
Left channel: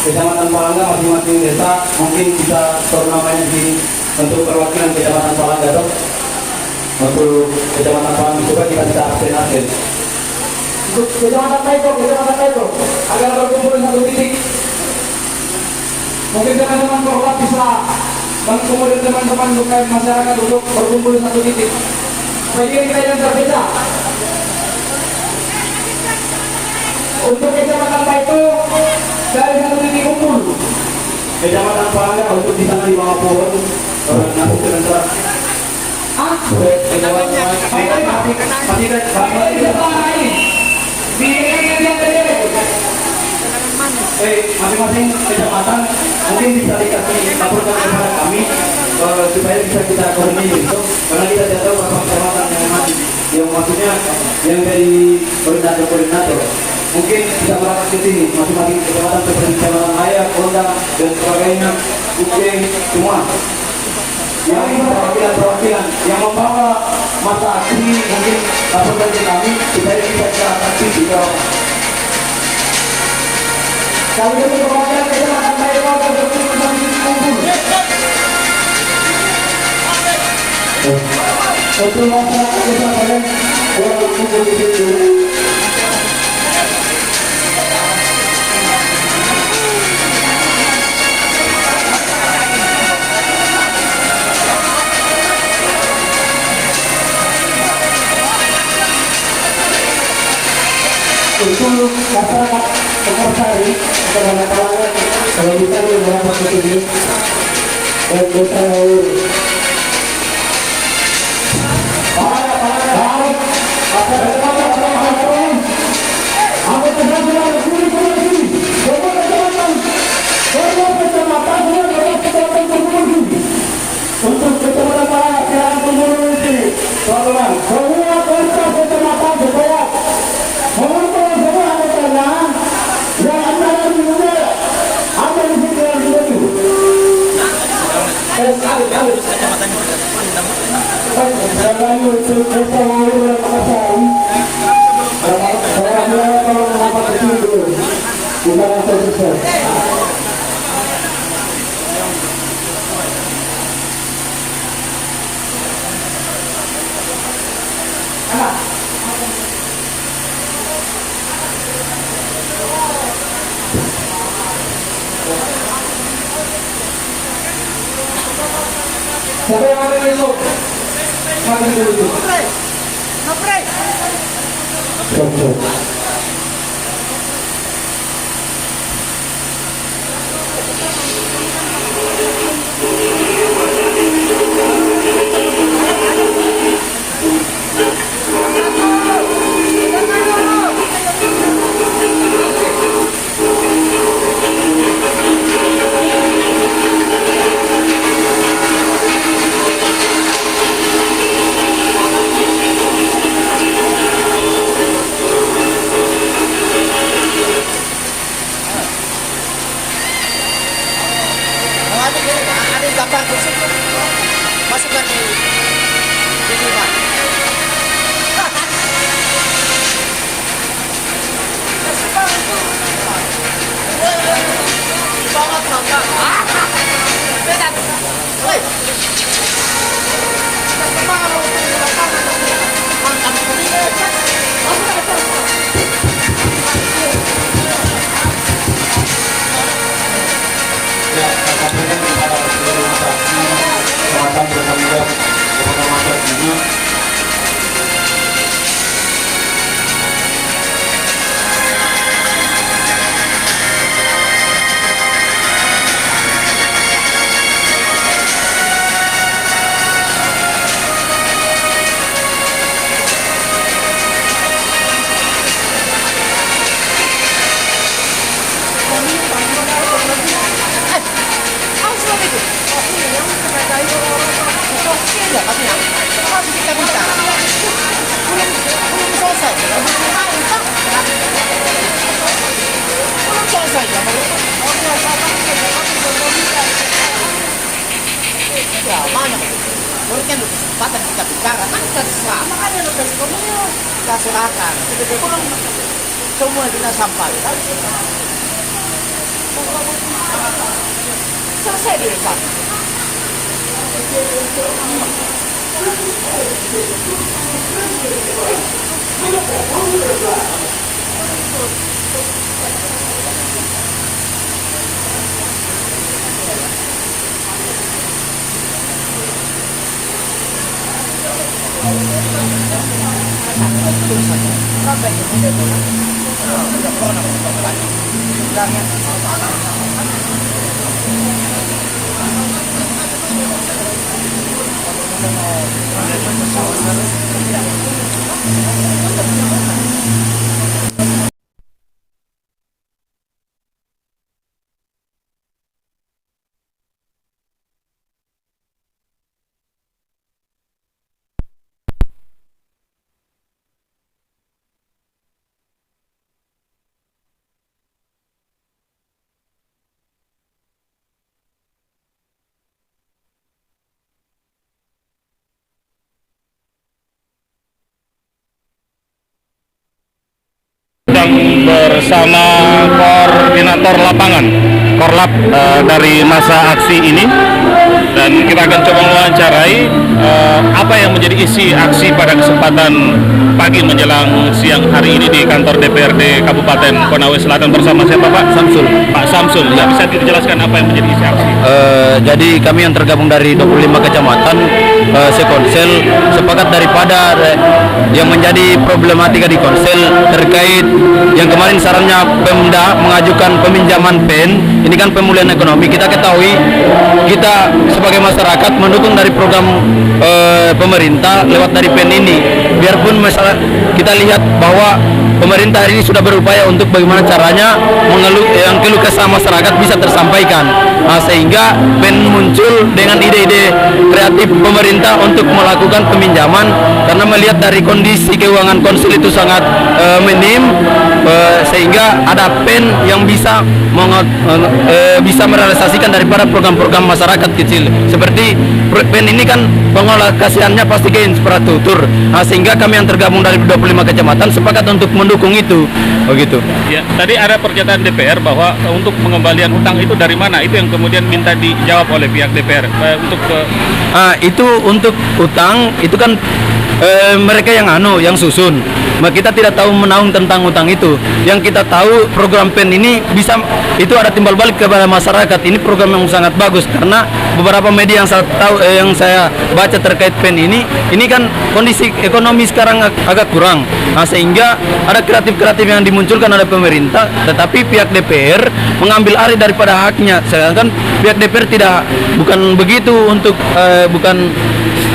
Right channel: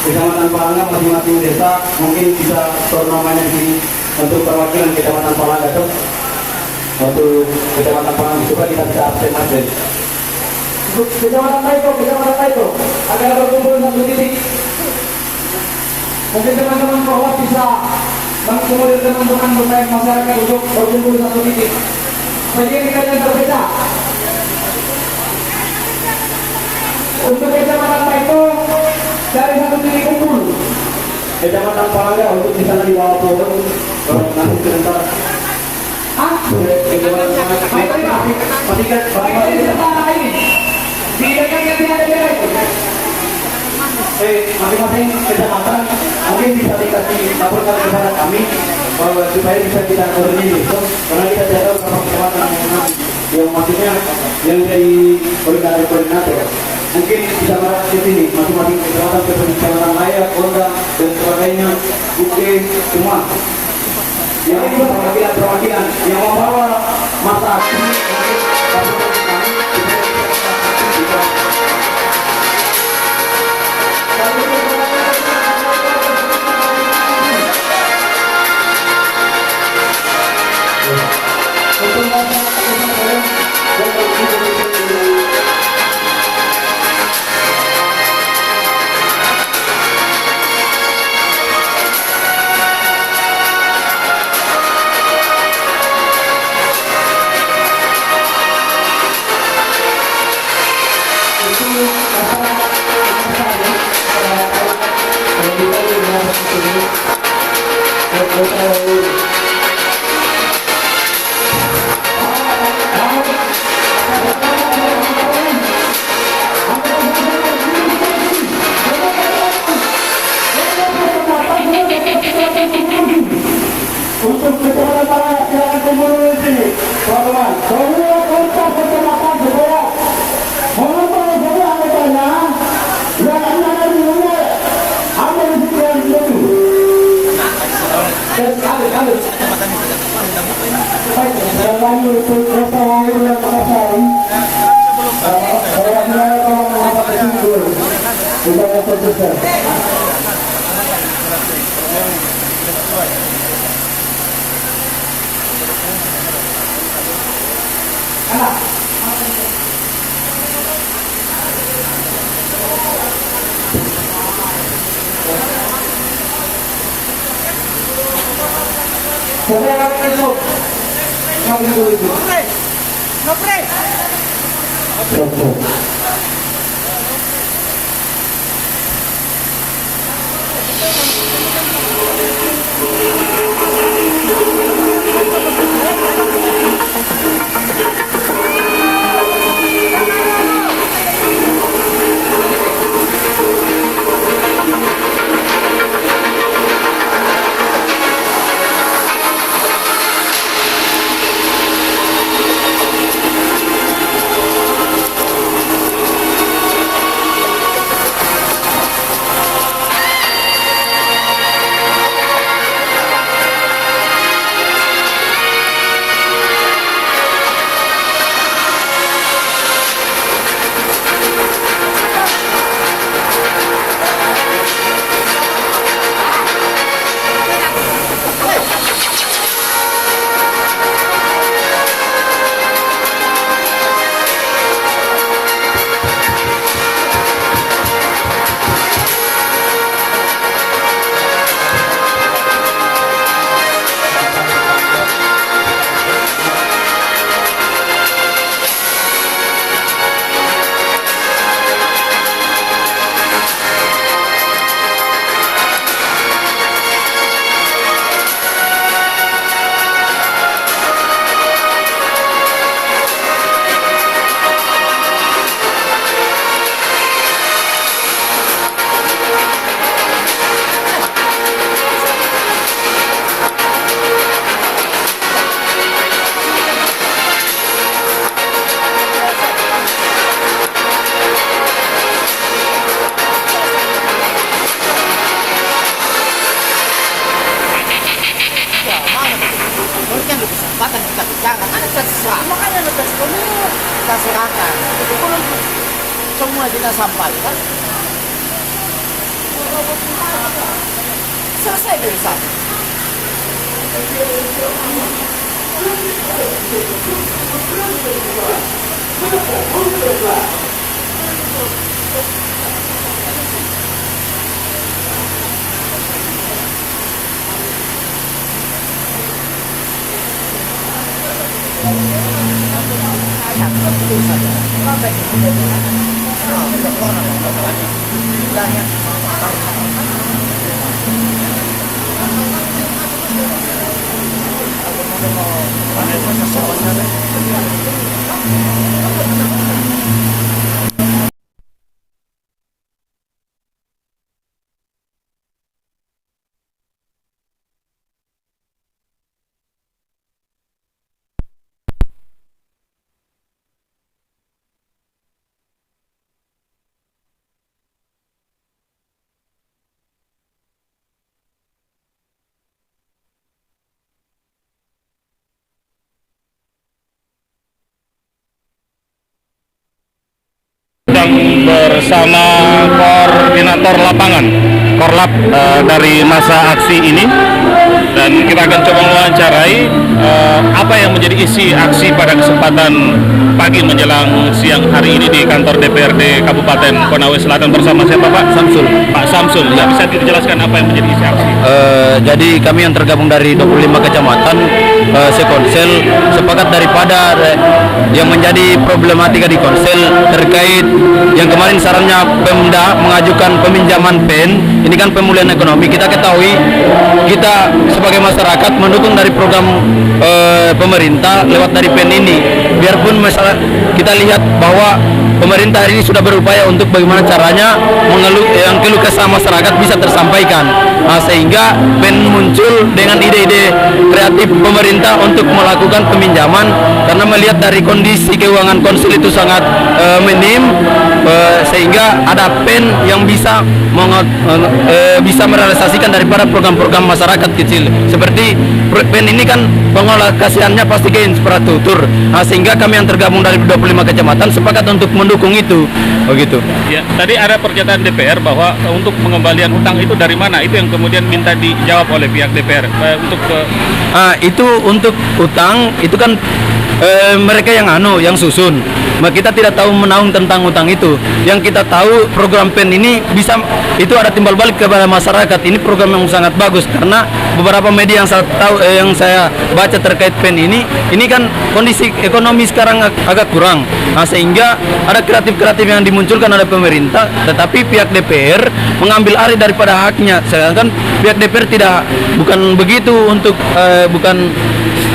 Kecamatan Palangga masing-masing desa mungkin bisa namanya di sini untuk perwakilan Kecamatan Palangga itu untuk Kecamatan Palangga supaya kita bisa absen. Kecamatan Taiko agar berkumpul di satu titik. Mungkin teman-teman bahwa bisa mengumpulkan teman-teman masyarakat untuk berkumpul di satu titik. Bagi kita yang berbeda. Untuk Kecamatan Taiko dari satu titik kumpul Kecamatan Palangga untuk di sana di bawah pohon nanti sebentar. Masing-masing kecamatan mungkin bisa dikasih laporkan kepada kami supaya bisa kita koordinir besok karena kita tidak tahu apa kecamatan yang maksudnya yang dari koordinator mungkin bisa merapat ke sini masing-masing kecamatan seperti kecamatan Maya, Konda dan sebagainya, Uke semua yang ini perwakilan yang membawa masa aksi mungkin laporkan ke kami supaya bisa kita aksi juga. Untuk kecamatan Palangga silakan kumpul di sini, teman-teman. Semua kontak kecamatan supaya mengumpul semua anggotanya yang anda nanti mulai ambil di sini yang dulu. Saya kami untuk kereta lalu dan makasih. Saya akan mengapa kecil dulu. Kita akan selesai. Siapa yang akan itu? Siapa yang itu? Ngepre. Semua kita sampaikan. Selesai urusan. Sedang bersama koordinator lapangan Korlap dari masa aksi ini, dan kita akan coba mewawancarai apa yang menjadi isi aksi pada kesempatan pagi menjelang siang hari ini di kantor DPRD Kabupaten Konawe Selatan bersama siapa Pak? Samsul. Pak Samsul, ya, bisa dijelaskan apa yang menjadi isi aksi? Jadi kami yang tergabung dari 25 kecamatan sekonsel sepakat daripada yang menjadi problematika di konsel terkait yang kemarin sarannya Pemda mengajukan peminjaman PEN. Ini kan pemulihan ekonomi. Kita ketahui kita sebagai masyarakat mendukung dari program pemerintah lewat dari PEN ini. Biarpun masalah kita lihat bahwa pemerintah hari ini sudah berupaya untuk bagaimana caranya yang keluh kesah masyarakat bisa tersampaikan. Sehingga PEN muncul dengan ide-ide kreatif pemerintah untuk melakukan peminjaman karena melihat dari kondisi keuangan konsel itu sangat minim, sehingga ada PEN yang bisa merealisasikan daripada program-program masyarakat kecil. Seperti PEN ini kan pengalokasiannya pasti ke infrastruktur, sehingga kami yang tergabung dari 25 kecamatan sepakat untuk mendukung itu. Begitu. Ya, tadi ada pernyataan DPR bahwa untuk pengembalian hutang itu dari mana? Itu yang kemudian minta dijawab oleh pihak DPR itu untuk hutang itu kan mereka yang susun. Kita tidak tahu menaung tentang hutang itu. Yang kita tahu program PEN ini bisa itu ada timbal balik kepada masyarakat. Ini program yang sangat bagus karena beberapa media yang saya tahu yang saya baca terkait PEN ini kan kondisi ekonomi sekarang agak kurang. Sehingga ada kreatif-kreatif yang dimunculkan oleh pemerintah, tetapi pihak DPR mengambil alih daripada haknya. Sedangkan pihak DPR bukan begitu untuk bukan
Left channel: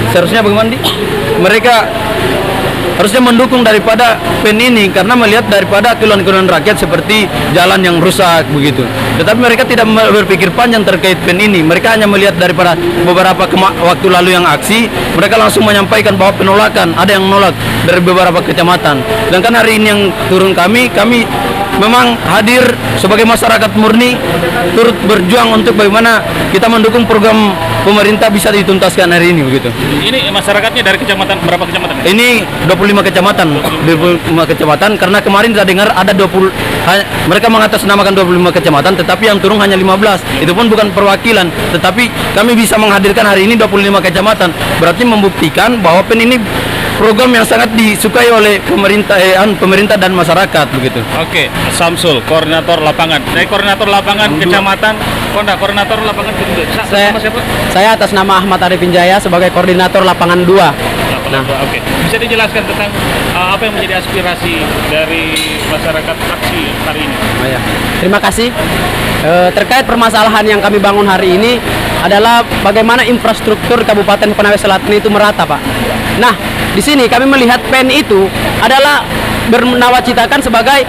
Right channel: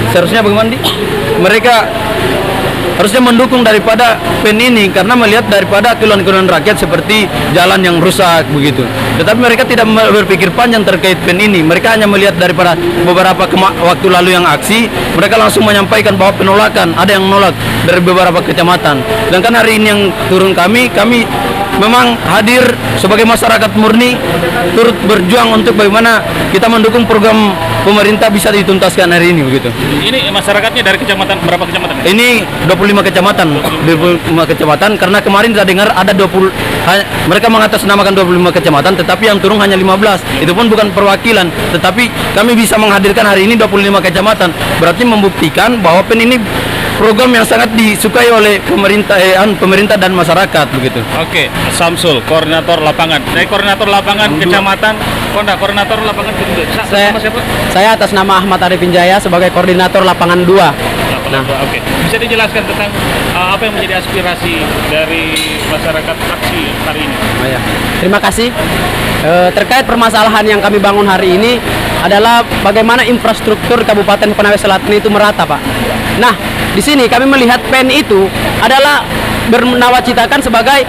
seharusnya bagaimana mereka harusnya mendukung daripada PEN ini karena melihat daripada keluhan-keluhan rakyat seperti jalan yang rusak begitu. Tetapi mereka tidak berpikir panjang terkait PEN ini. Mereka hanya melihat daripada beberapa waktu lalu yang aksi, mereka langsung menyampaikan bahwa penolakan, ada yang menolak dari beberapa kecamatan. Sedangkan hari ini yang turun kami memang hadir sebagai masyarakat murni turut berjuang untuk bagaimana kita mendukung program pemerintah bisa dituntaskan hari ini begitu. Ini masyarakatnya dari kecamatan berapa kecamatan? Ini 25 kecamatan karena kemarin saya dengar ada 20 mereka mengatasnamakan 25 kecamatan tetapi yang turun hanya 15. Itu pun bukan perwakilan, tetapi kami bisa menghadirkan hari ini 25 kecamatan. Berarti membuktikan bahwa PEN ini program yang sangat disukai oleh pemerintah dan masyarakat begitu. Oke, Samsul, koordinator lapangan. Dari koordinator lapangan kecamatan koordinator lapangan saya atas nama Ahmad Arifin Jaya sebagai koordinator lapangan 2. Oke. Bisa dijelaskan tentang apa yang menjadi aspirasi dari masyarakat aksi hari ini? Terima kasih. Terkait permasalahan yang kami bangun hari ini adalah bagaimana infrastruktur Kabupaten Konawe Selatan itu merata, Pak. Nah, di sini kami melihat PEN itu adalah bernawacitakan sebagai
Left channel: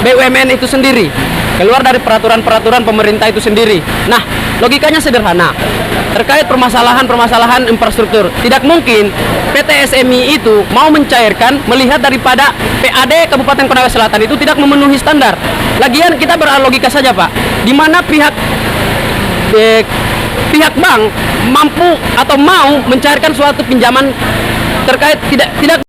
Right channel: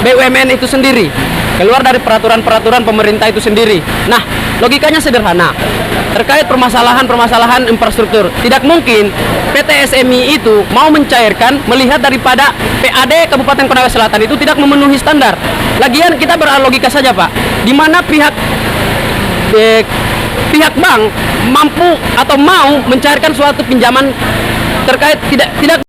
BUMN itu sendiri, keluar dari peraturan-peraturan pemerintah itu sendiri. Nah, logikanya sederhana. Terkait permasalahan infrastruktur, tidak mungkin PT SMI itu mau mencairkan melihat daripada PAD Kabupaten Konawe Selatan itu tidak memenuhi standar. Lagian kita berlogika saja, Pak. Di mana pihak bank mampu atau mau mencairkan suatu pinjaman terkait tidak